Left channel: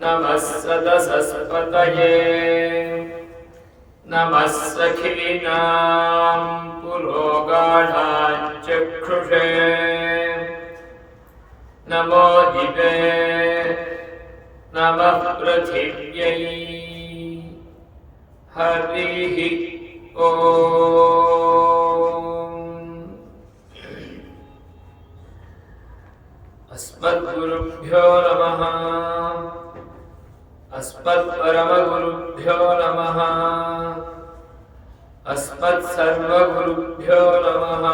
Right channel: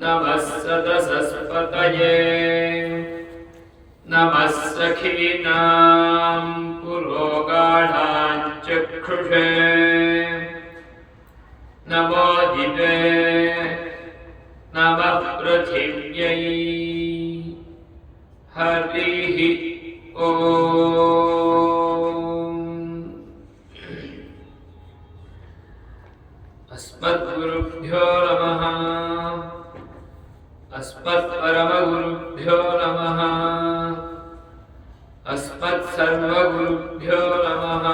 नमः सदसस्पतये नमः सखीनां पुरोगाढाञ्चक्षुषे नमो दिवे नमः पृथिव्यै हरिः ओम्। अस्मद्गुरुभ्यो नमः। अस्मत्परमगुरुभ्यो नमः। अस्मत्सर्वगुरुभ्यो नमः।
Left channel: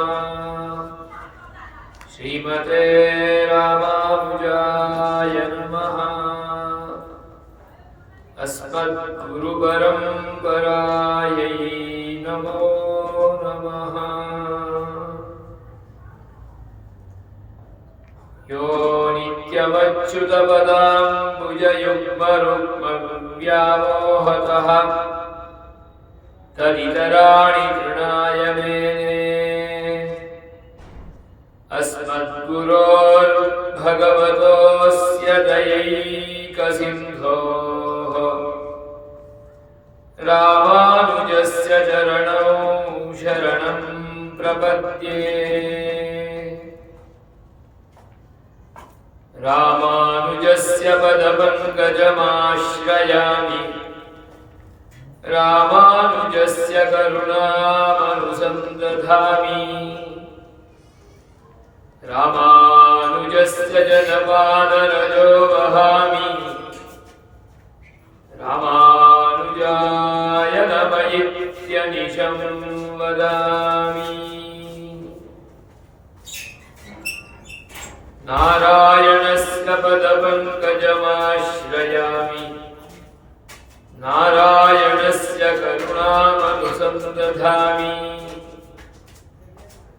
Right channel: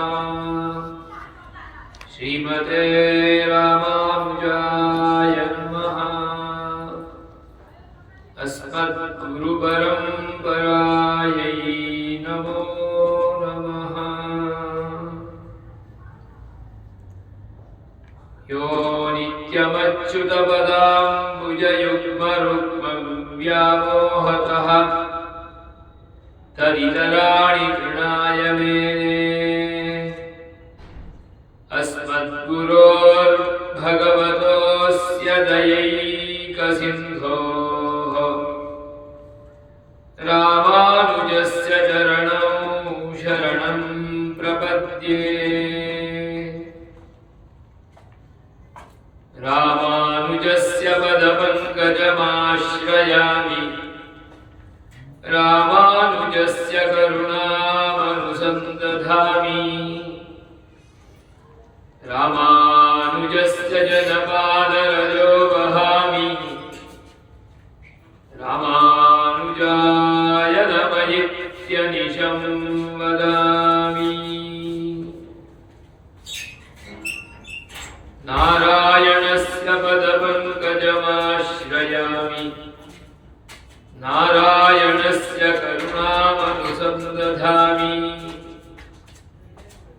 श्रीमते रामानुजाय नमः। अस्मद्गुरुपरम्परायै नमो नमः। यो नित्यमच्युतपदाम्बुजयुग्मरुक्मव्यामोहतः तदितराणि तृणाय मेने। अस्मद्गुरोर्भगवतोऽस्य दयैकसिन्धोः रामानुजस्य चरणौ शरणं प्रपद्ये। रामानुजस्य पदपङ्कजमाश्रयामि रामानुजस्य करुणामनुसन्दधामि। रामानुजस्य जनपादरजो वहामि रामानुजाय नमयित्यनिशं वदामि। नारायणस्य पदपङ्कजमाश्रयामि नारायणस्य करुणामनुसन्दधामि।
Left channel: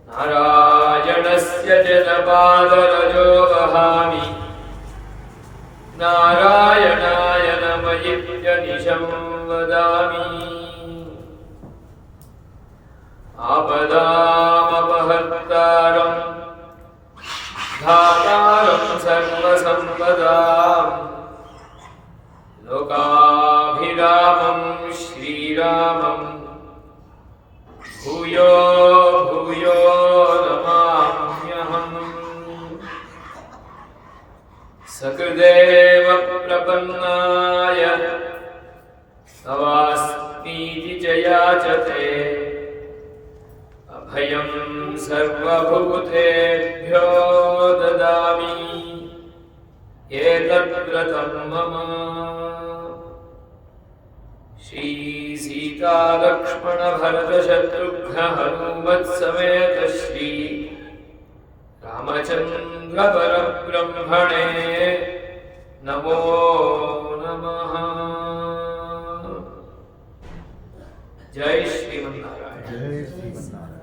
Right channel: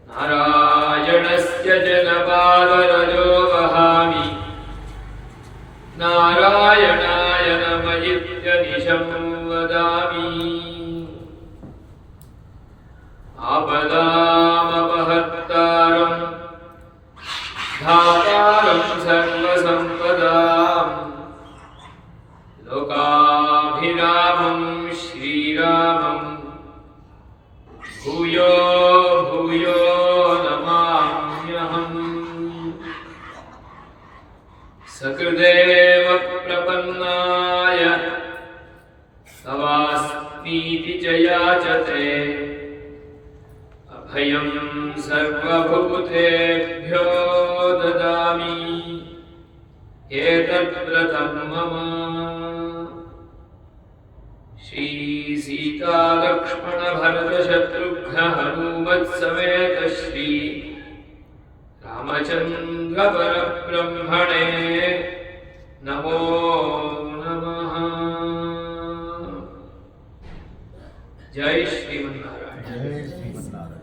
नारायणस्य जनपादरजो वहामि नारायणाय नमयित्यनिशं वदामि। आपदामपहर्तारम् धातारं सर्वसम्पदां लोकाभिरामं श्रीरामं भूयो भूयो नमाम्यहम्। सकृदेव प्रपन्नाय तवास्मीति च याचते अभयं सर्वभूतेभ्यो ददामि एतद्व्रतं मम। श्रीसीतालक्ष्मणभरतशत्रुघ्नहनुमत्समेत श्री रामचन्द्रपरब्रह्मणे नमो नमः। जय श्रीमन्नारायण। जय श्रीमन्नारायण।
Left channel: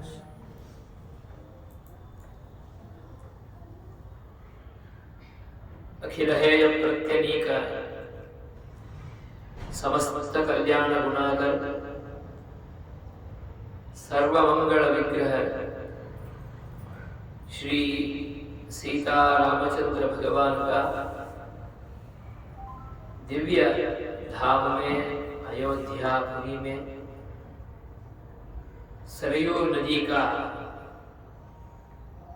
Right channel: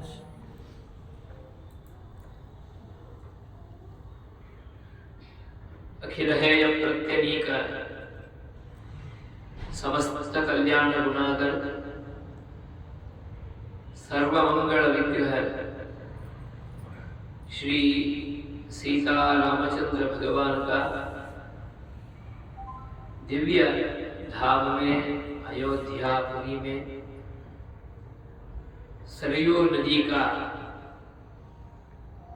अखिल हेय प्रत्यनीक समस्त कल्याण गुणाकर सर्वमंगल विग्रह श्री सीता रामचंद्र भगवान का दिव्य धाम में अयोध्यापुरी में सरयू नदी का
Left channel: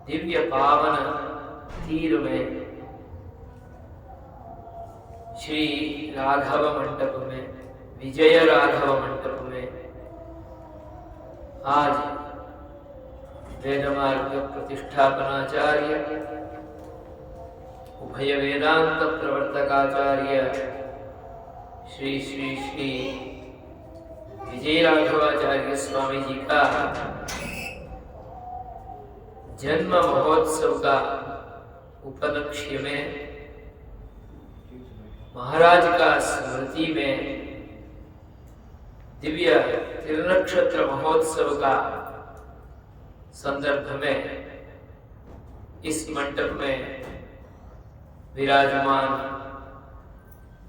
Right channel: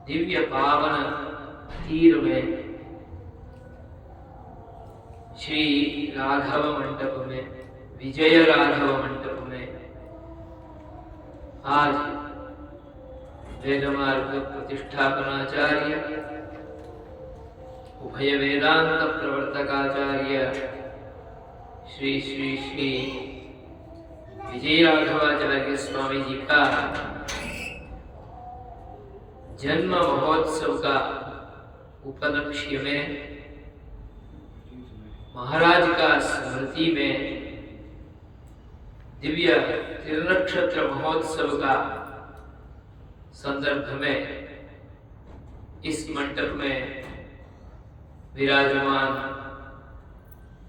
दिव्य पावन तीर में श्री राघव मंडप में विजय राघव मंडप में आज वेदमार्ग प्रतिष्ठापनाचार्य उभय वेदांत प्रवर्तकाचार्य श्री श्री श्री विजय राघवाचार्य स्वामी जी का जन्म महोत्सव का उपलक्ष्य में महाराज का स्मृति में दिव्य त्रिनक्षत्र महोत्सव का संदर्भ में इस मंडप में विराजमान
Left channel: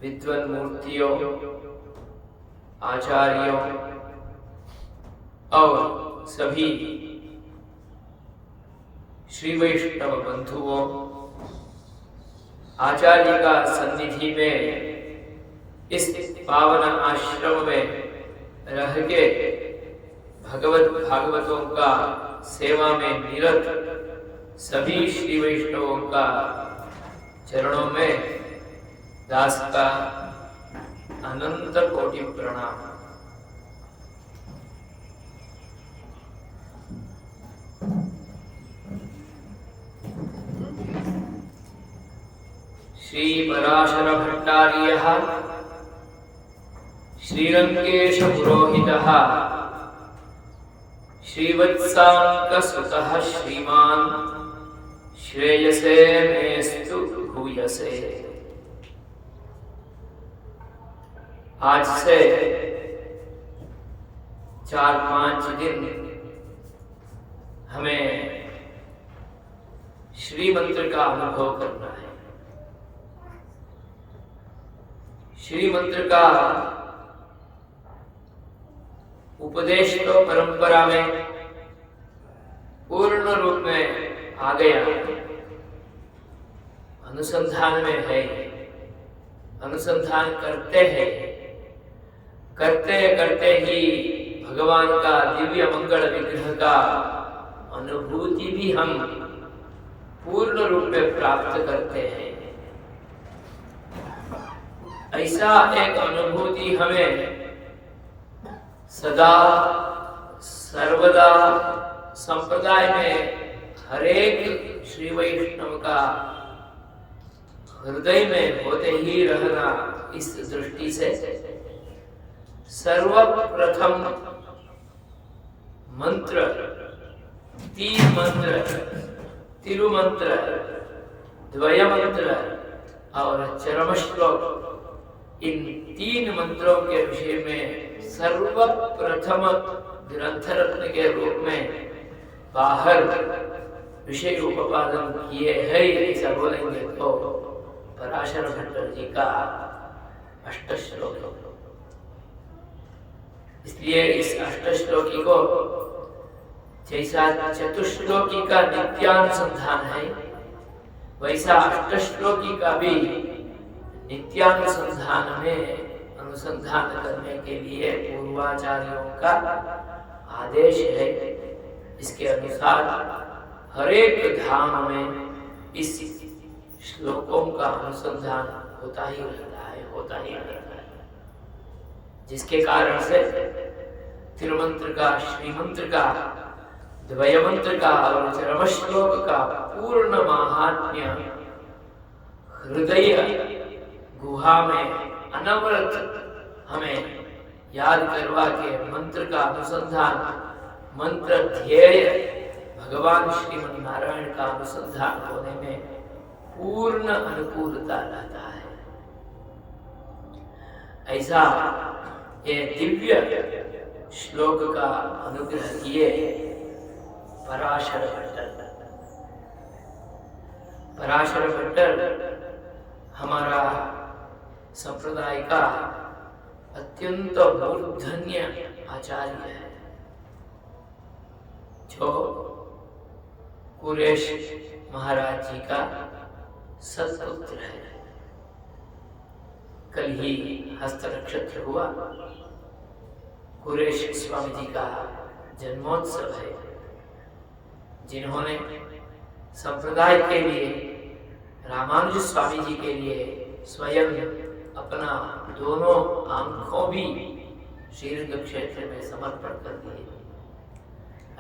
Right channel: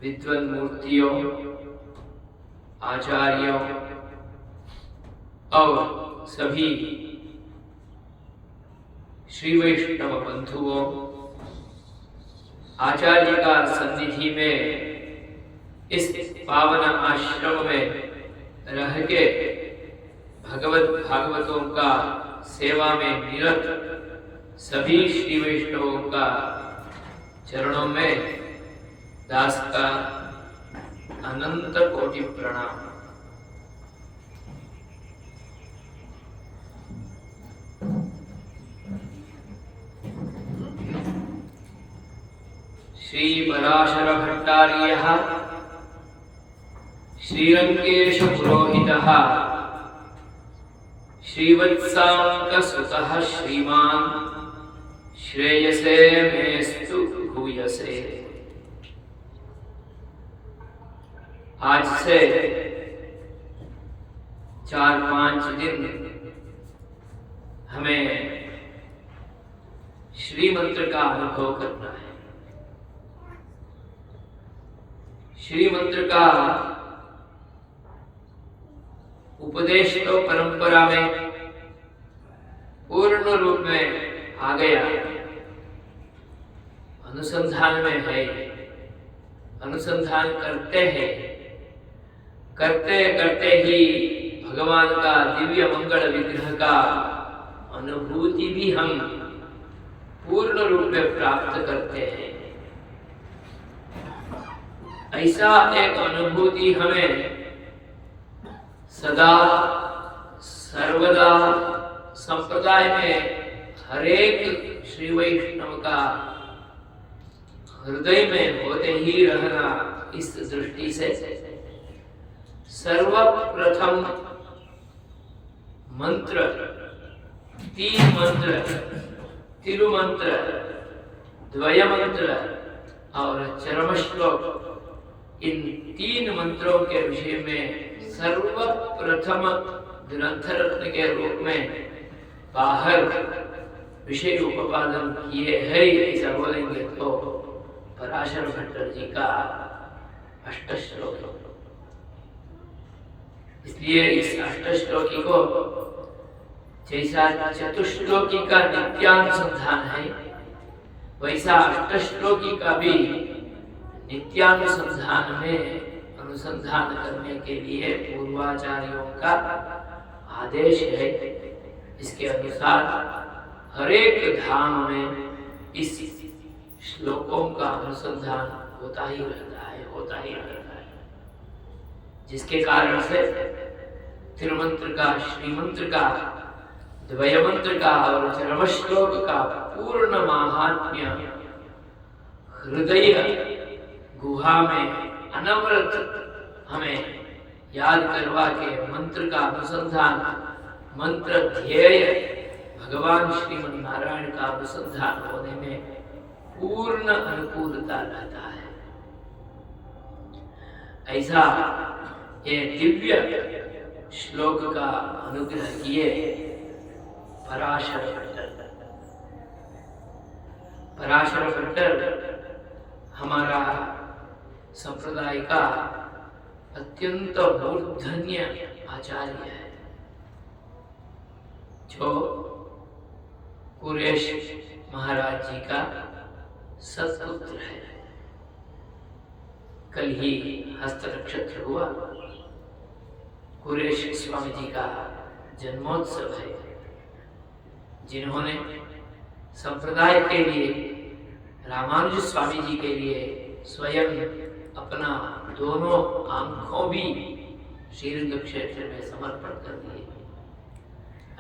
विद्वान मूर्तियों आचार्यों और सभी श्री वैष्णव बंधुओं आचार्य का सन्निधि में इस पावन आश्रम में रह के भगवत भागवतों का सेवा में निरत सभी श्री वैष्णवों का चरणों में दास का अनंत कोटि प्रणाम। श्री पराशर भट्टार्यः श्रीरंगेश पुरोहितः श्रीवत्सांकसुतः श्रीमान् श्रेयसे मेस्तु भूयसे। आज से 4-5 दिन हमें श्री मंत्र का अनुभव करना है। श्री मंत्र का उपदेश तो परंपरा में पूर्ण रूप में आ गया, अनुसंधान में है, अनुसंधान करते हैं, करते करते ही भगवान का दिव्य मंगल विग्रह का अनुभूति भी हम पूर्ण रूप में प्राप्त करते हैं। ऐसा एक अनुभूति हमें सदा सर्वदा संप्रदाय में हरेक श्री वैष्णव का हृदय में होते ही रहना। इस दृष्टि से सर्वप्रथम मंत्र, 3 मंत्र, तिरुमंत्र, द्वय मंत्र और चरम श्लोक, इन 3 मंत्रों के विषय में सर्वप्रथम ग्रंथ रत्न के रूप में बाहर विषय उपादन किए हैं। ऐसा बोलेंगे तो पराशर भट्टर जी का अष्टश्लोक। इसलिए इस अष्टश्लोकी को जैसा चतुश्लोकी का नित्यानुसंधान है, वैसा अष्टश्लोकी का भी नित्यानुसंधान में अनुसंधान करने के लिए पूर्वाचार्यों का आदेश है। इसके अनुसार हरेक धाम में इस श्लोकों का अनुसंधान होता ही रहता है, होता ही रहता है, जिसके कारण से तिरुमंत्र का, श्रीमंत्र का, द्वय मंत्र का और चरम श्लोक का पूर्ण महात्म्य हृदय गुहा में अनवरत हमें याद करवा के मंत्र का अनुसंधान, मंत्र ध्येय भगवान श्रीमन नारायण का अनुसंधान होने में पूर्ण अनुकूलता रहता है। ऐसा ये दिव्य श्लोक का अनुग्रह किए पराशर भट्टर। पराशर भट्टर हमारा संप्रदाय का अत्यंत मूर्धन्य आचार्य है, जो कुरेश महाराज जी का सत्पुत्र है। कल ही हस्त नक्षत्र हुआ, कुरेश स्वामी जी का जन्मोत्सव है, जिन्होंने संप्रदाय के लिए, रामानुज स्वामी जी के लिए स्वयं अपना दोनों आंखों भी श्रीरंग क्षेत्र में समर्पण कर दिए।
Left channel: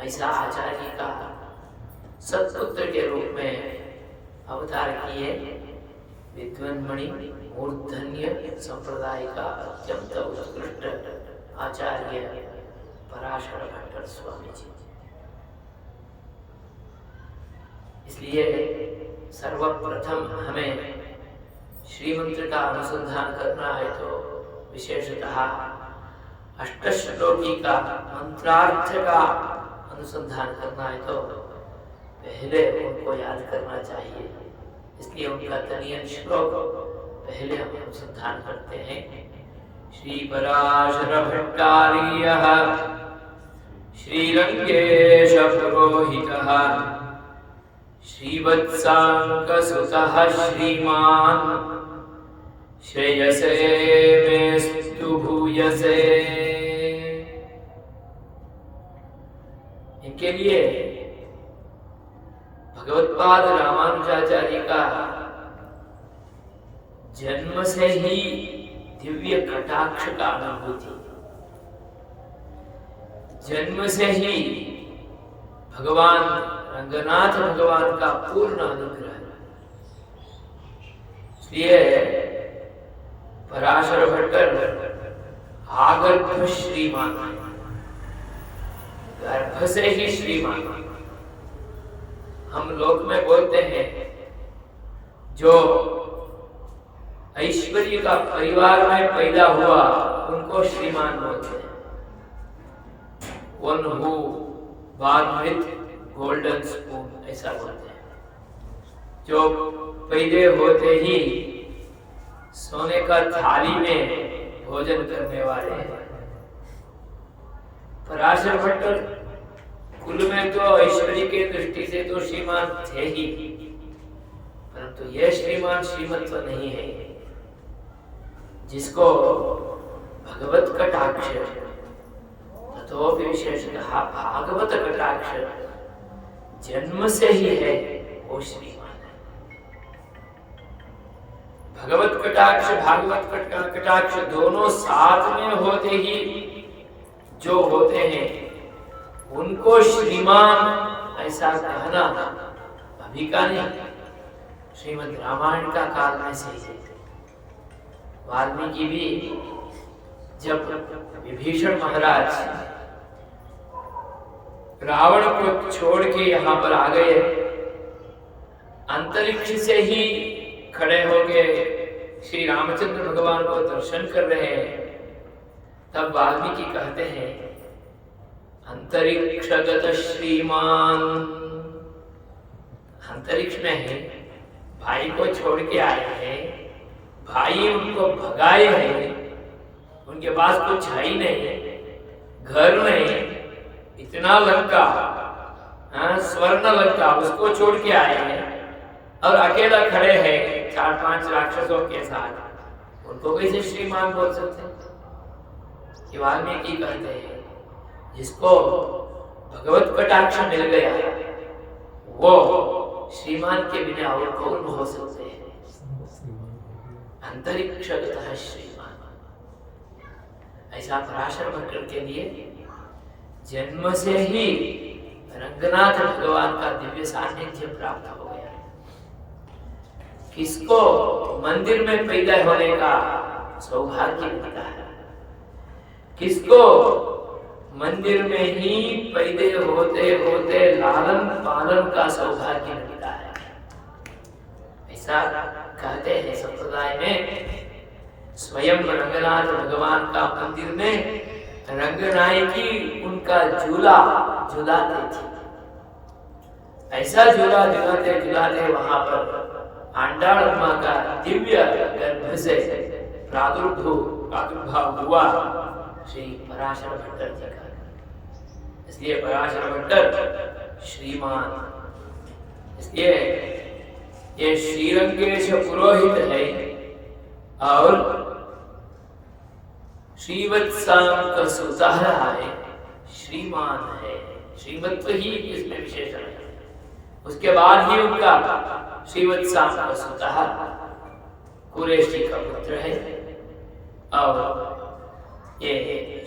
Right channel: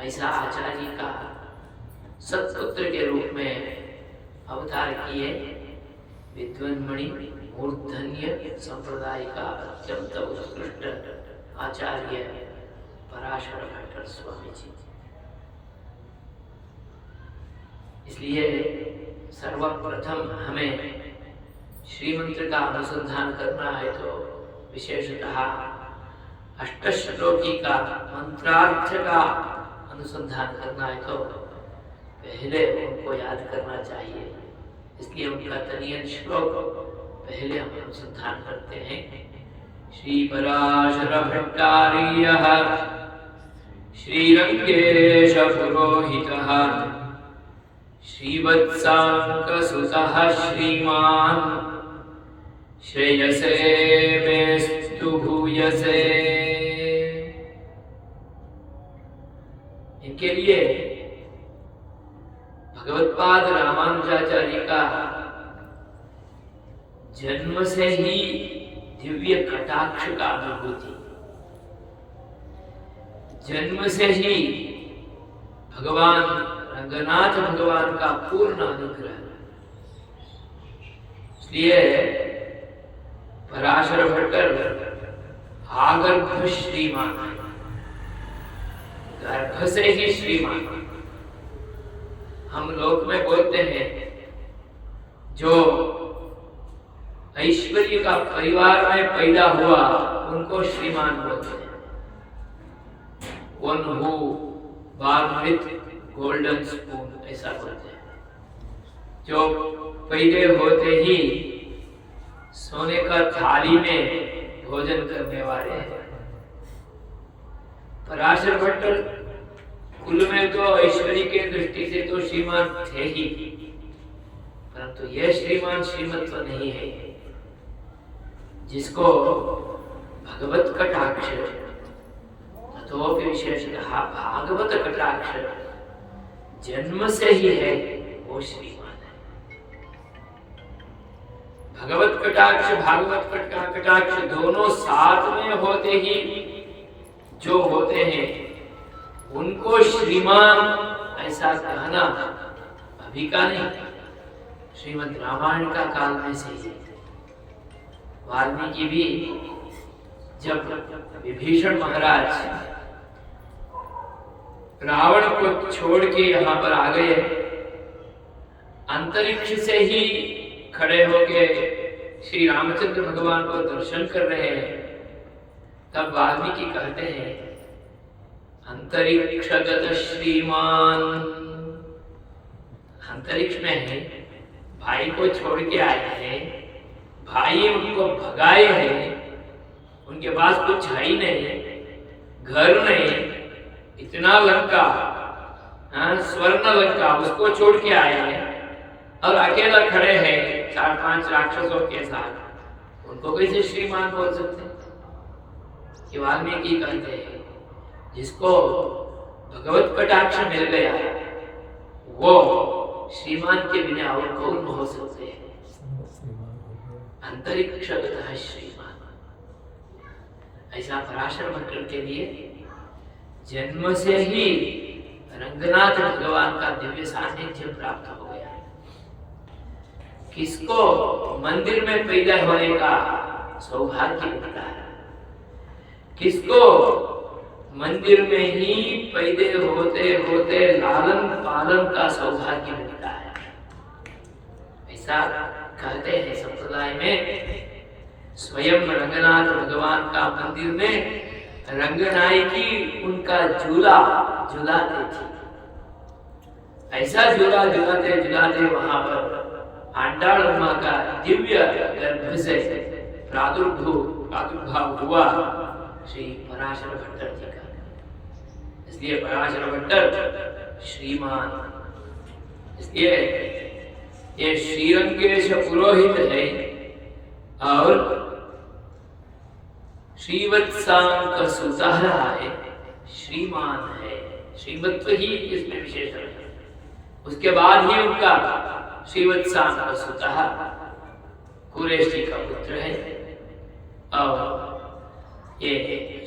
ऐसा आचार्य का सत्पुत्र के रूप में अवतार किए विद्वन्मणि मूर्धन्य संप्रदाय का अत्यंत उत्कृष्ट आचार्य पराशर भट्टर स्वामी जी। इसलिए सर्वप्रथम हमें श्रीमंत्र का अनुसंधान करना है तो विशेषतः अष्टश्लोकी का मंत्रार्थ का अनुसंधान करना है तो पहले उनको याद करना चाहिए। इसलिए उनका तनियन श्लोक पहले हम अनुसंधान करते हैं। श्री पराशर भट्टार्यः श्रीरंगेश पुरोहितः श्रीवत्साङ्कसुतः श्रीमान् श्रेयसे मेस्तु भूयसे। इनके लिए भगवत्पाद रामानुजाचार्य का जन्म से ही दिव्य कटाक्ष का अनुभूति, जन्म से ही भगवान रंगनाथ भगवान का पूर्ण अनुग्रह। इसलिए पराशर भट्टर आगर्भ श्रीमान, गर्भ से ही श्रीमान। हम लोक में बोलते हैं जो ऐश्वर्य का परिवार में पैदा हुआ उनको श्रीमान बोलते हैं। One who born with golden spoon, ऐसा बोलते हैं। जो पैदा होते ही सोने का थाली में भोजन करने वाले हैं। पराशर भट्टर कुल में तो ऐश्वर्य के दृष्टि से तो श्रीमान थे ही, परंतु यह श्रीमान श्रीमंत नहीं है जिसको भगवत कटाक्ष तो विशेषतः भागवत कटाक्ष जन्म से ही है, वो श्रीमान है। भगवत कटाक्ष भागवत कटाक्ष दोनों साथ में होते ही जो होते हैं उनको श्रीमान ऐसा कहना अभी का नहीं, श्रीमद् रामायण का काल में से ही। वाल्मीकि भी जब विभीषण महाराज रावण को छोड़ के यहाँ पर आ गए, अंतरिक्ष से ही खड़े होके श्री रामचंद्र भगवान को दर्शन कर रहे हैं, तब वाल्मीकि कहते हैं अंतरिक्षगत श्रीमान। अंतरिक्ष में है, भाई को छोड़ के आए हैं, भाई उनको भगाए हैं, उनके पास कुछ है ही नहीं, घर नहीं, इतना लंका, स्वर्ण लंका, उसको छोड़ के आए हैं और अकेला खड़े हैं 4-5 राक्षसों के साथ, उनको कैसे श्रीमान बोल सकते हैं? वाल्मीकि कहते हैं जिसको भगवत कटाक्ष मिल गया वो श्रीमान के बिना और कौन हो सकते हैं? अंतरिक्षगतः श्रीमान। ऐसा पराशर भट्टर के लिए जन्म से ही रंगनाथ भगवान का दिव्य सानिध्य प्राप्त हो गया। किसको मंदिर में पैदा होने का सौभाग्य मिलता है, किसको मंदिर में ही पैदा होते होते लालन पालन का सौभाग्य मिलता है। ऐसा कहते हैं संप्रदाय में, स्वयं रंगनाथ भगवान का मंदिर में रंगनायकी उनका झूला झुलाते थे। ऐसा झूला झुलाते झुलाते वहां पर आंडाल अम्मा का दिव्य गर्भ से प्रादुर्भाव हुआ श्री पराशर भट्टर जी का। इसलिए पराशर भट्टर श्रीमान, इसलिए ये श्रीरंगेश पुरोहित है और श्रीवत्सांक सुतः है, श्रीमान है। श्रीमत्व ही इसमें विशेषण है। उसके बाद ही उनका श्रीवत्सांक सुतः कुरेशी का पुत्र है और ये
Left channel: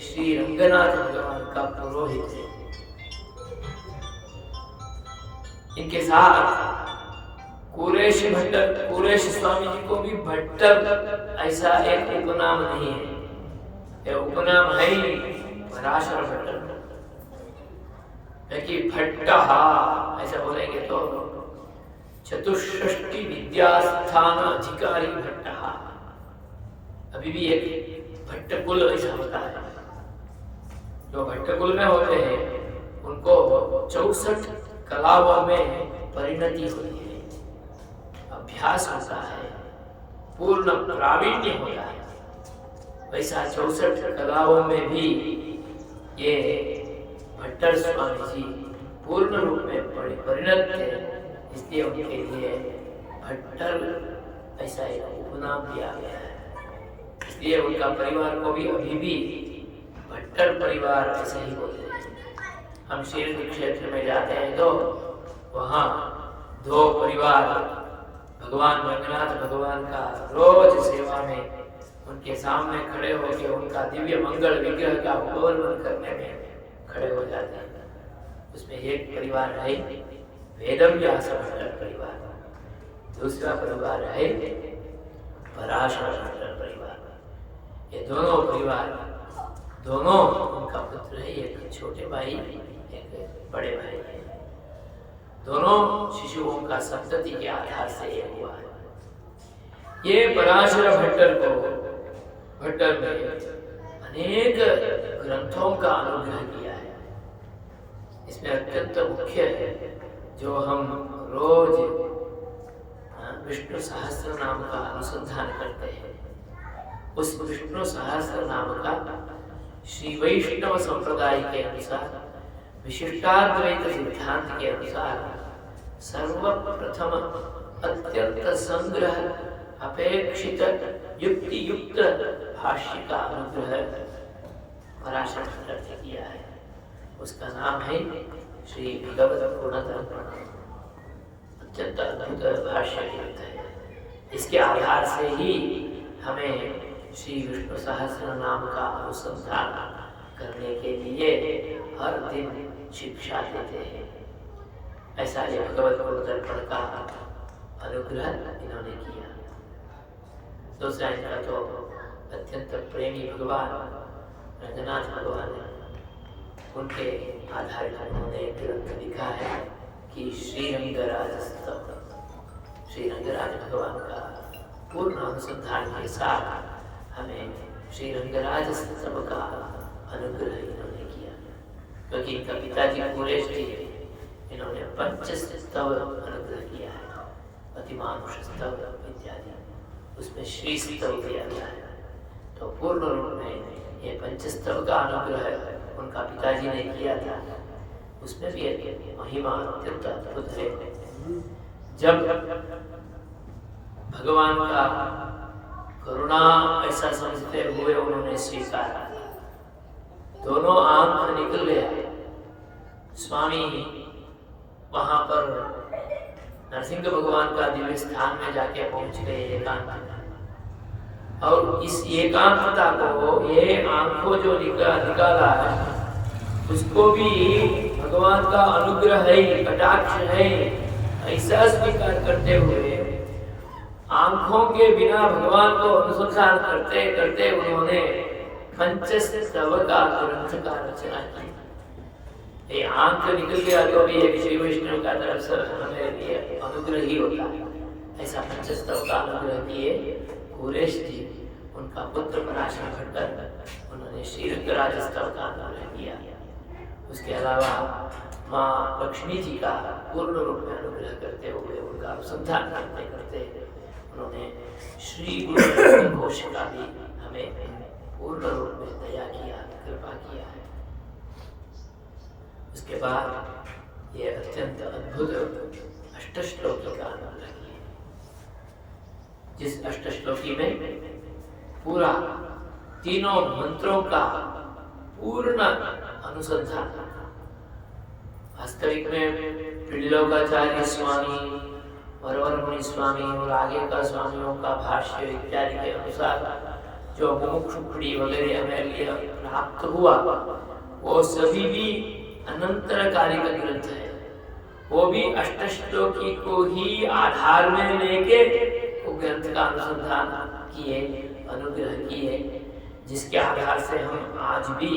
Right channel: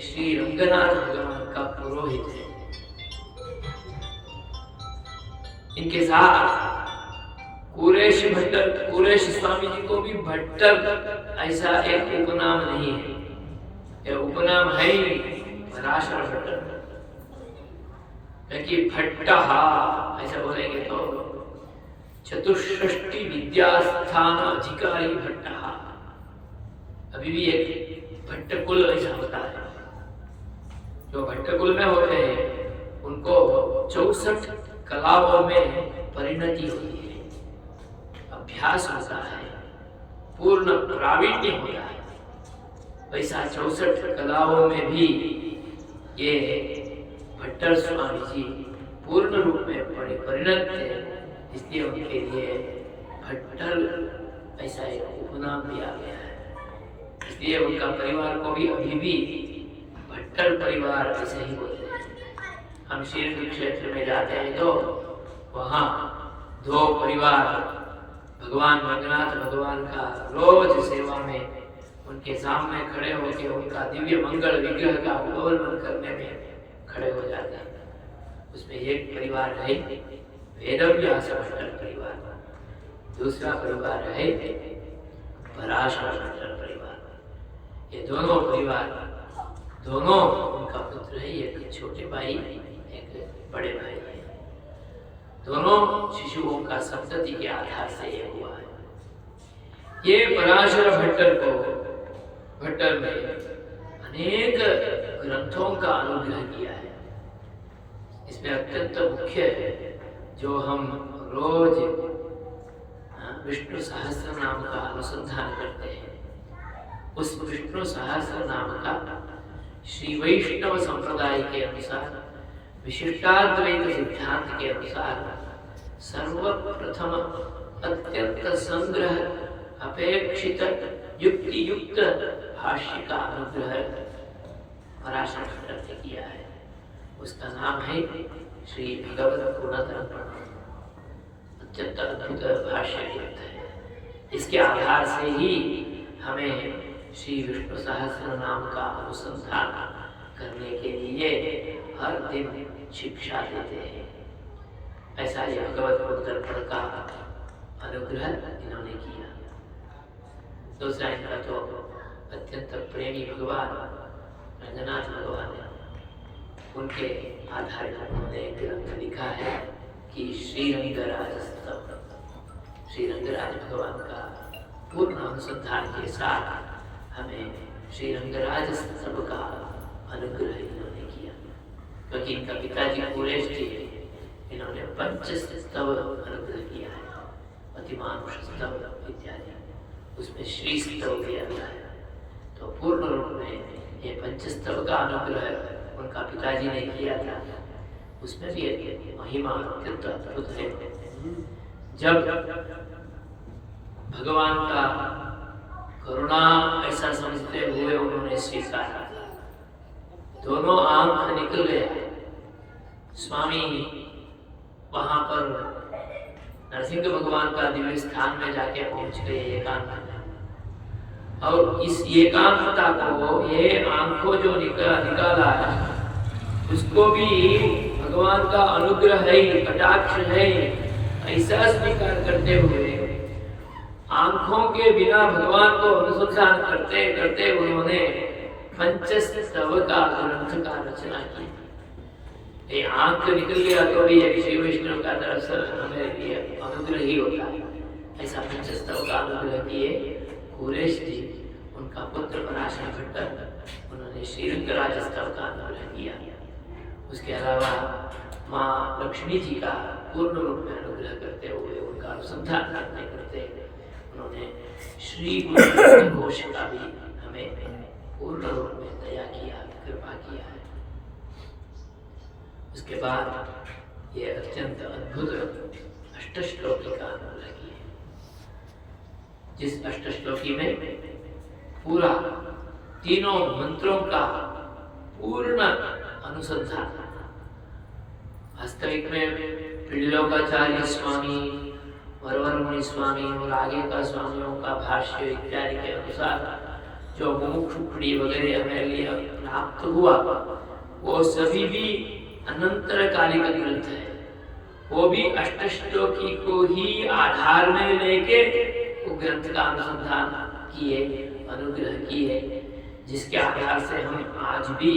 श्री रंगनाथ भगवान का पुरोहित है। इनके साथ कुरेश भट्टर, कुरेश स्वामी जी को भी भट्टर ऐसा एक उपनाम नहीं है, ये उपनाम है ही पराशर भट्टर। लेकिन भट्टहा ऐसा बोलेंगे तो चतुष्षष्टि विद्यास्थान अधिकारी भट्टहा, अभी भी एक भट्ट कुल ऐसा होता है। जो भट्ट कुल में होते हैं उनको 64 कलाओं में परिणति होती है, अभ्यास होता है, पूर्ण प्रावीण्य होता है। वैसा 64 कलाओं में भी ये भट्टर स्वामी जी पूर्ण रूप में परिणत थे इसलिए उनके लिए भट्टर ऐसा एक उपनाम दिया गया है। इसलिए उनका परिवार को भी अभी भी भट्टर परिवार ऐसे ही बोलते हैं। हम श्रीरंग क्षेत्र में जाते हैं तो वहाँ दो परिवार भगवान रंगनाथ भगवान का रोज सेवा में उनके सामने खड़े होकर उनका दिव्य मंगल विग्रह का अवलोकन करने में खड़े हो जाते हैं। उसमें एक परिवार है वेदव्यास भट्टर परिवार, दूसरा परिवार है पराशर भट्टर परिवार। ये दोनों परिवार दोनों उनका पुत्र है, एक छोटे भाई एक बड़े भाई है। दोनों शिशुओं का संतति के आधार से ये हुआ है। ये पराशर भट्टर ने अनेक ग्रंथों का अनुग्रह किया है। इसमें अत्यंत मुख्य है जो हम रोज विष्णु सहस्त्र नाम का अनुसंधान करते हैं। उस विष्णु सहस्त्र नाम का श्री वैष्णव संप्रदाय के अनुसार विशिष्टाद्वैत सिद्धांत के अनुसार सर्वप्रथम अत्यंत संग्रह अपेक्षित युक्ति युक्त भाष्य का अनुग्रह पराशर भट्टर ने किया है। उसका नाम है श्री भगवत गुणधर्म। अत्यंत अद्भुत भाष्य ग्रंथ है। इसके आधार से ही हमें श्री विष्णु सहस्त्र नाम का अनुसंधान करने के लिए हर दिन शिक्षा देते हैं। ऐसा ये भगवत गुणधर्म का अनुग्रह इन्होंने किया। दूसरा इनका तो अत्यंत प्रेमी भगवान रंगनाथ भगवान है, उनके आधार पर उन्होंने ग्रंथ लिखा है कि श्री रंगराज भगवान का पूर्ण अनुसंधान के साथ हमें श्री रंगराज स्तव का अनुग्रह इन्होंने किया। क्योंकि इनका पिताजी कुरेश जी, इन्होंने पंचस्तव अनुग्रह किया है, अतिमानुष स्तव इत्यादि, उसमें श्री स्तव किया गया है। तो पूर्ण रूप में ये पंचस्तव का अनुग्रह उनका पिताजी ने किया था। उसमें भी महिमा अत्यंत अद्भुत है। जब भगवान का करुणा ऐसा समझते हुए उन्होंने स्वीकारा, दोनों आंख निकल गया। स्वामी वहां पर नरसिंह भगवान का दिव्य स्थान में जाके पहुंच गए एकांत में। और इस एकांतता को, ये आंखों जो निकाला है, उसको भी भगवान का अनुग्रह है, कटाक्ष है, ऐसा स्वीकार करते हुए आंखों के बिना भगवान को अनुसंधान करते करते उन्होंने पंचस्तव का ग्रंथ का रचना की। ये आंख निकल गया तो भी एक श्री विष्णु का तरफ से हमें ये अनुग्रह ही होता है। ऐसा पंचस्तव का अनुग्रह किए कुरेश जी, उनका पुत्र पराशर भट्टर, उन्होंने श्री रंगराज स्तव का अनुग्रह किया। उसके अलावा माँ लक्ष्मी जी का पूर्ण रूप में अनुग्रह करते हुए उनका अनुसंधान करते करते उन्होंने श्री गुरु घोष का भी हमें पूर्ण रूप में दया किया, कृपा किया है। उसके बाद ये अत्यंत अद्भुत अष्टश्लोकी का अनुग्रह किया, जिस अष्टश्लोकी में पूरा तीनों मंत्रों का पूर्ण अनुसंधान। वास्तविक में त्रिलोकाचार्य स्वामी, वरवर मुनि स्वामी और आगे का स्वामियों का भाष्य इत्यादि के अनुसार जो मुमुक्षुखड़ी वगैरह हमें लिए प्राप्त हुआ, वो सभी भी अनंतरकालिक ग्रंथ है। वो भी अष्टश्लोकी को ही आधार में लेके वो ग्रंथ का अनुसंधान किए, अनुग्रह किए, जिसके आधार से हम आज भी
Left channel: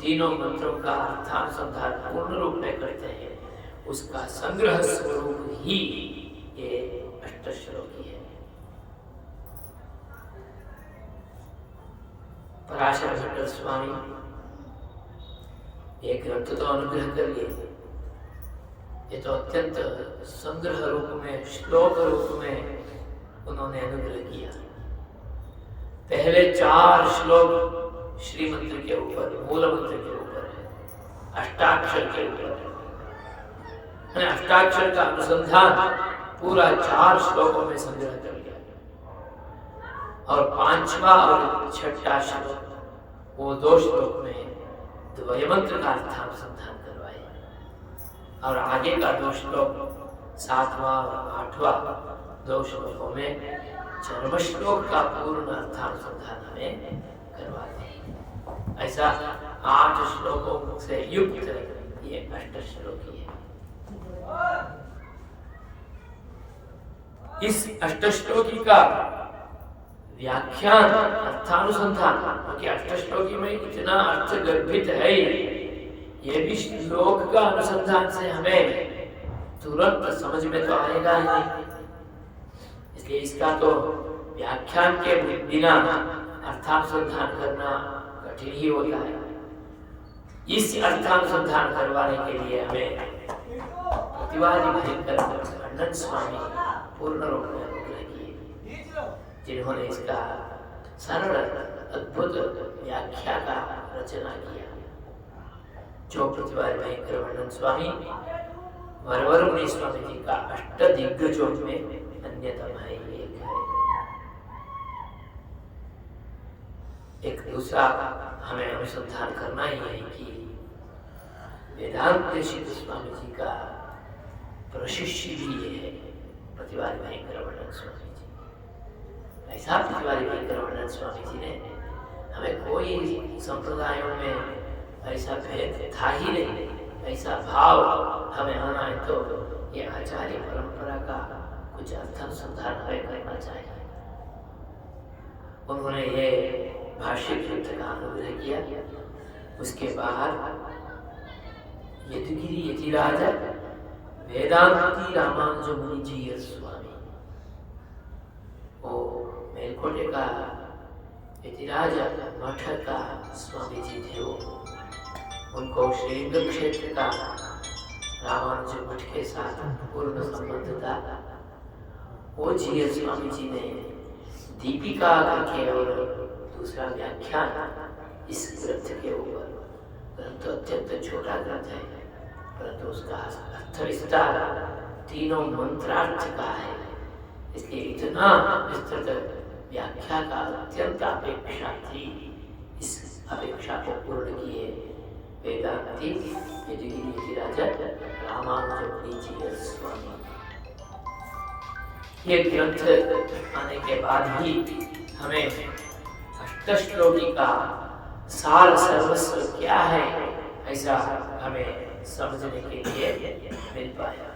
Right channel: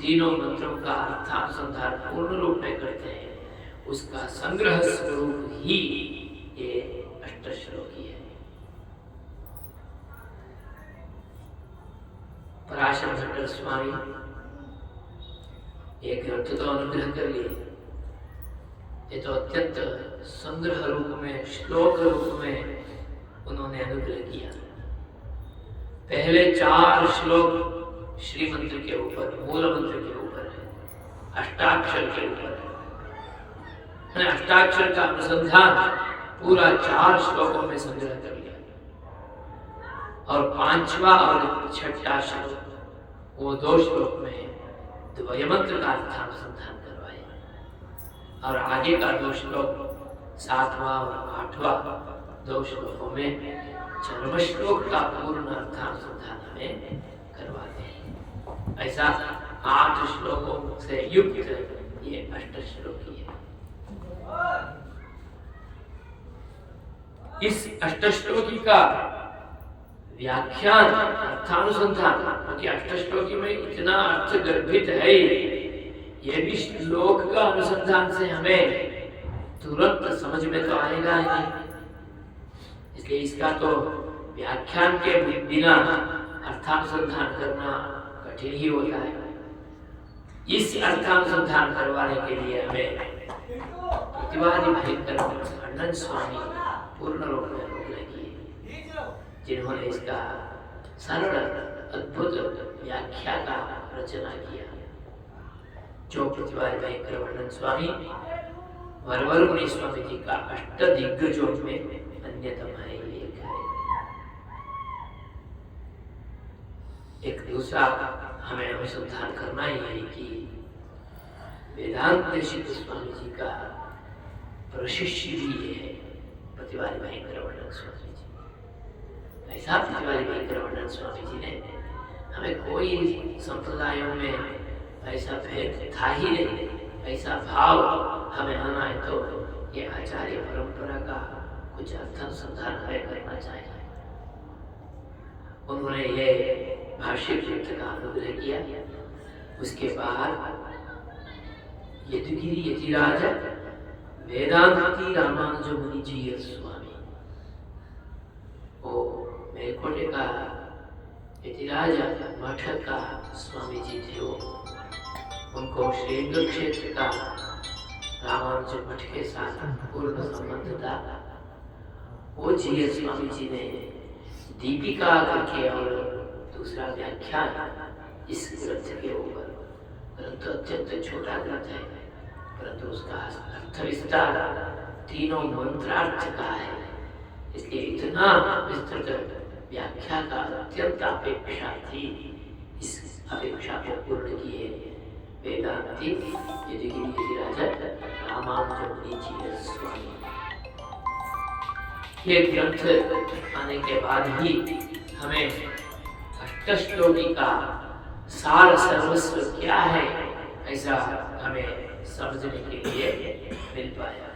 तीनों मंत्रों का अर्थानुसंधान पूर्ण रूप में करते हैं। उसका संग्रह स्वरूप ही ये अष्टश्लोकी है। पराशर भट्टर स्वामी ये ग्रंथ तो अनुग्रह कर लिए, ये तो अत्यंत संग्रह रूप में, श्लोक रूप में उन्होंने अनुग्रह किया। पहले 4 श्लोक श्री मंत्र के ऊपर, मूल मंत्र के ऊपर है, अष्टाक्षर के ऊपर है। अष्टाक्षर का अनुसंधान पूरा 4 श्लोकों में संग्रह कर लिया, और 5वां और 6ठा श्लोक वो 2 श्लोक में द्वयमंत्र का अर्थानुसंधान करवाए, और आगे का 2 श्लोक 7वां और 8वां 2 श्लोकों में चरम श्लोक का पूर्ण अर्थानुसंधान हमें करवाते हैं। ऐसा 8 श्लोकों से युक्त ये अष्टश्लोकी है। इस अष्टश्लोकी का व्याख्यान अर्थानुसंधान, क्योंकि अष्टश्लोकी में इतना अर्थ गर्भित है, ये भी श्लोक का अनुसंधान से हमें तुरंत समझ में तो आएगा नहीं, इसलिए इसका तो व्याख्यान के बिना अर्थानुसंधान करना कठिन ही होता है। इस अर्थानुसंधान करवाने के लिए हमें प्रतिवादी भयंकर आनंद स्वामी पूर्ण रूप में अनुग्रह किए, जिन्होंने इसका सरल अद्भुत व्याख्या का रचना किया। जो प्रतिवादी भयंकर आनंद स्वामी वरवर मुनि स्वामी जी का अष्टदिग्गजों में अन्यतम है। एक दूसरा हमें अनुसंधान करना ही है कि वेदांत देशिक स्वामी जी का प्रशिष्य भी ये है प्रतिवादी भयंकर आनंद स्वामी जी। ऐसा प्रतिवादी भयंकर आनंद स्वामी जी ने हमें कोई संप्रदायों में ऐसा भेद था ही नहीं, ऐसा भाव हमें आना है तो ये आचार्य परंपरा का कुछ अर्थानुसंधान हमें करना चाहिए। उन्होंने ये भाष्य ग्रंथ का अनुग्रह किया। उसके बाद यदुगिरी यतिराज वेदांती रामानुज मुनि जी स्वामी, वो मेलकोटे का यतिराज मठ का स्वामी जी थे। वो उनको श्रीरंग क्षेत्र का रामानुज मठ के साथ पूर्ण संबंध था। वो जी स्वामी जी ने दीपिका करके और दूसरा व्याख्यान इस ग्रंथ के ऊपर, ग्रंथ अत्यंत छोटा ग्रंथ है परंतु उसका अर्थ विस्तार 3 मंत्रार्थ का है, इसलिए इतना विस्तृत व्याख्या का अत्यंत अपेक्षा थी। इस अपेक्षा को पूर्ण किए वेदांती यदुगिरी यतिराज रामानुज मुनि जी स्वामी। ये ग्रंथ आने के बाद ही हमें अष्टश्लोकी का सार सर्वस्व क्या है ऐसा हमें समझने के लिए मिल पाया।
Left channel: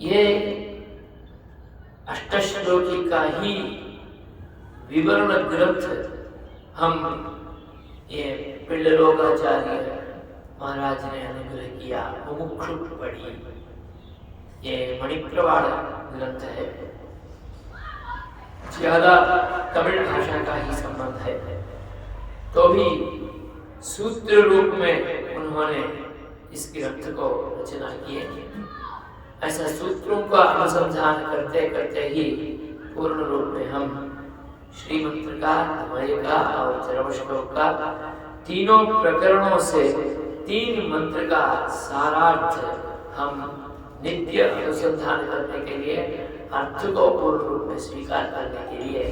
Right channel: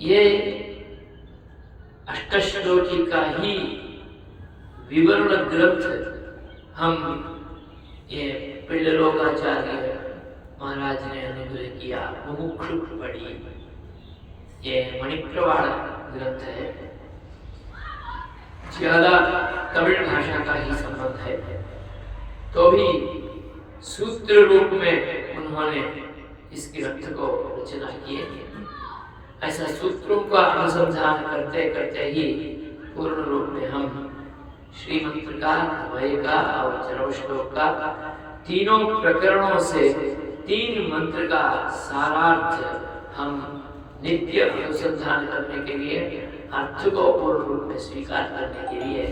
ये अष्टश्लोकी का ही विवरण ग्रंथ हम ये पिल्लरोगाचार्य महाराज ने अनुग्रह किया, मुमुक्षु पढ़ी। ये मणिप्रवाल ग्रंथ है, ज्यादा तमिल भाषा का ही संबंध है, तो भी सूत्र रूप में उन्होंने इस ग्रंथ को रचना किए। ऐसा सूत्रों का अनुसंधान करते करते ही पूर्ण रूप में हम श्रीमंत्र का, द्वय का और चरम श्लोक का तीनों प्रकरणों से 3 मंत्र का सारार्थ हम नित्य अनुसंधान करने के लिए, अर्थ को पूर्ण रूप में स्वीकार करने के लिए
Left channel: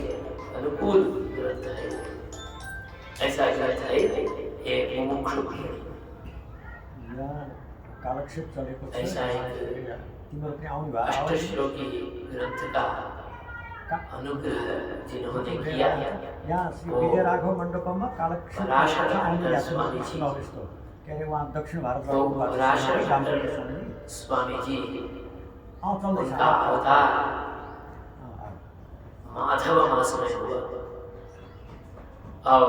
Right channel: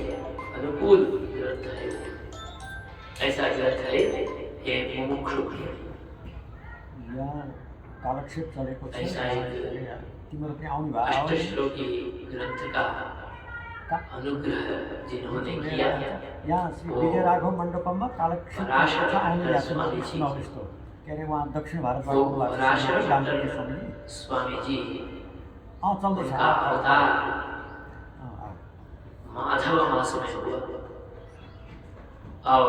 अनुकूल ग्रंथ है। ऐसा ग्रंथ है ये मुमुक्षु कालक्षेप चलेको छ। ऐसा तिम्रो त्यहाँ आउनु भयो अष्टश्लोकी ग्रंथ का अनुग्रह जिन्होंने किया, यहाँ श्री विजय राघव मण्डपममा कालक्षेप आउनु भएको छ। के अरे वहाँ दक्षिण भारत स्वामी जी चल्दैछ। उनका अवतार माधव मास में हुआ और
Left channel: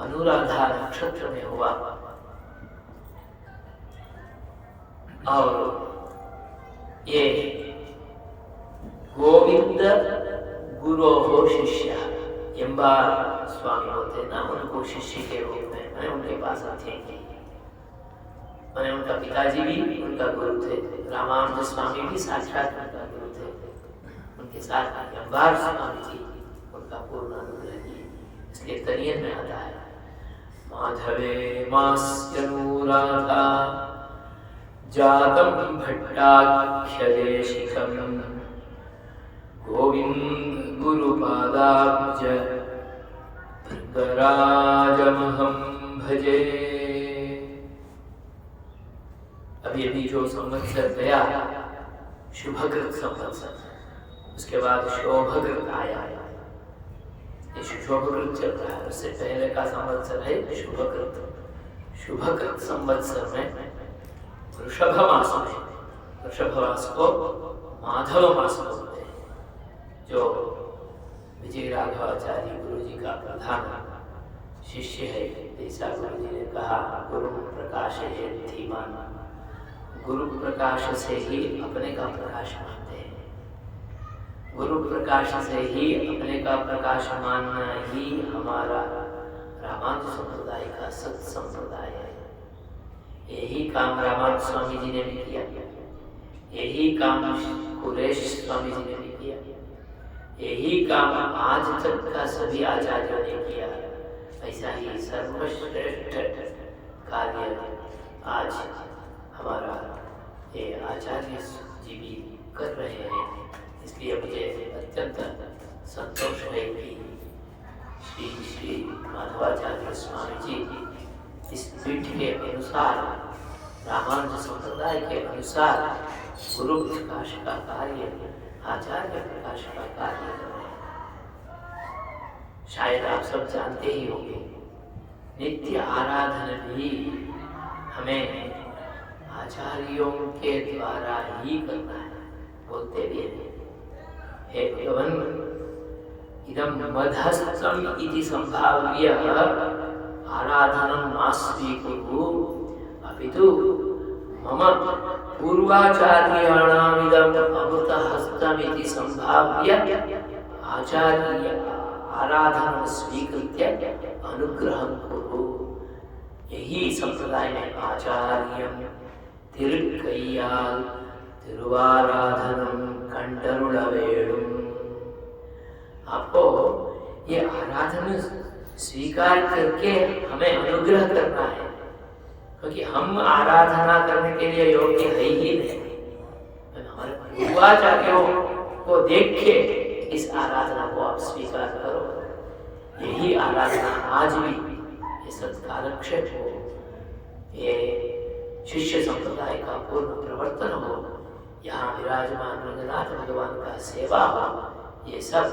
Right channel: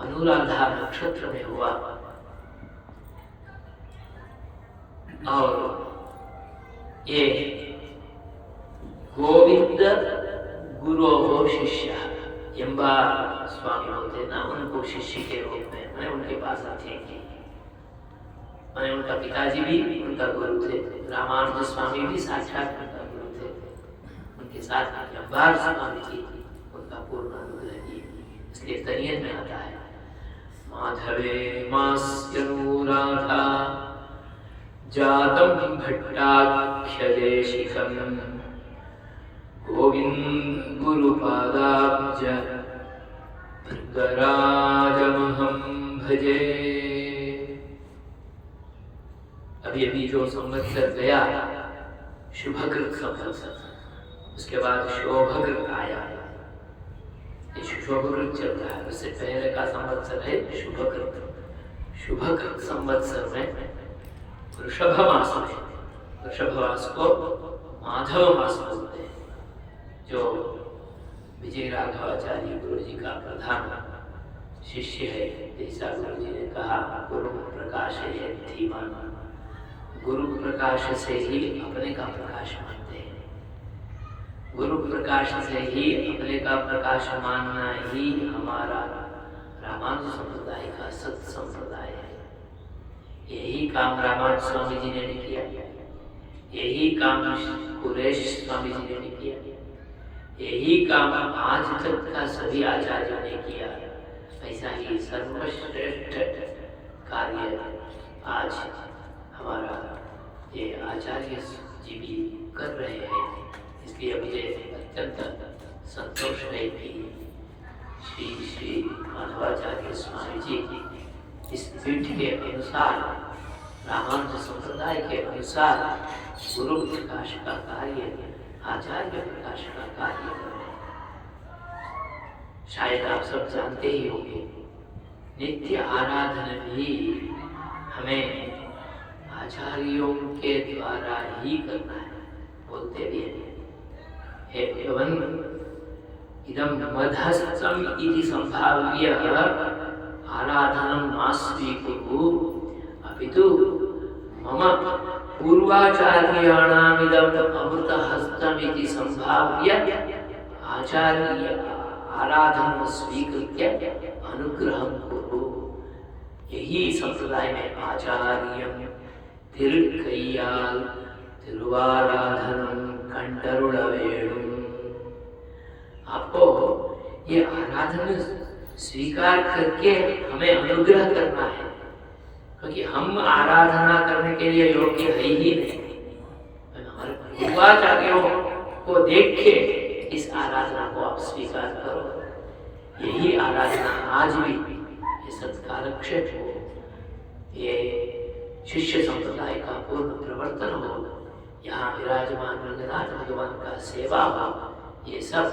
अनुराधा नक्षत्र में हुआ, और ये गोविंद गुरो हो शिष्य एम्बा स्वामी होते ना, उनको शिष्य के रूप में मैं उनके पास आते हैं। मैंने उनका पिताजी भी उनका गुरु थे, रामानुज स्वामी भी साक्षात उनका गुरु थे। उनके साथ अम्बार स्वामी जी उनका पूर्ण अनुग्रह किए, इसलिए तनियन में आता है माधवे मास्यनुराधा जातं भट्टाख्यदेशिकं गोविन्द गुरुपादाब्ज भृंगराजमहं भजे। अभी अभी जो संवत्सर गया शुभकृत संवत्सर, उसके बाद शोभकृत आया। ये शुभकृत चल रहा है, उससे पहले का संवत्सर है शुभकृत। शुभकृत संवत्सर में वृषभ मास में, वृषभ मास को माधव मास बोलते हैं, जो विजय राघवाचार्य गुरु जी का प्रधान शिष्य है। जैसा गुरु जी ने कहा, गुरु प्रकाश है धीमान, गुरु प्रकाश से ही अपने का प्रकाश मानते हैं। गुरु प्रकाश से ही अपने का प्रकाश मानना ही हमारा रामानुज संप्रदाय का सत संप्रदाय है। यही काम रामानुज स्वामी जी ने भी किया, यही काम कुरेश स्वामी जी ने भी किया, यही काम आज तक का सभी आचार्यों ने किया। ऐसा ही सर्वश्रेष्ठ कार्य आज हमारा ये आचार्य जी भी कर रहे हैं। इसलिए मुझे अत्यंत संतोष है कि श्री श्री माधवाचार्य स्वामी जी इस पीठ के अनुसार, रामानुज संप्रदाय के अनुसार गुरु प्रकाश का कार्य, आचार्य प्रकाश का कार्य कर रहे हैं। शायद आप सब जानते ही होंगे, नित्य आराधना भी हमें आचार्यों के द्वारा ही करना है। बोलते भी हैं, हे भगवन् इदं मधस्तम इति संभाव्य आराधनं मा स्वीकुरु अपितु मम पूर्वाचार्याणामिदं अमृतहस्तमिति संभाव्य आचार्य आराधनं स्वीकृत्य अनुग्रहं कुरु। यही संप्रदाय में आचार्यं तिरुक्कैयाल तिरुवाराधनम कंटरुड़वेणुम। आपको ये आराधना स्वीकार करके हमें अनुग्रह करना है, क्योंकि हम आराधना करने के लिए योग्य है ही नहीं। हमारे पूर्वाचार्यों को देख के इस आराधना को आप स्वीकार करो। यही आराधना आज भी ये सत्कारक्षेप हो, ये शिष्य संप्रदाय का पूर्ण प्रवर्तन हो, यहाँ विराजमान रंगनाथ भगवान का सेवा हो, ये सब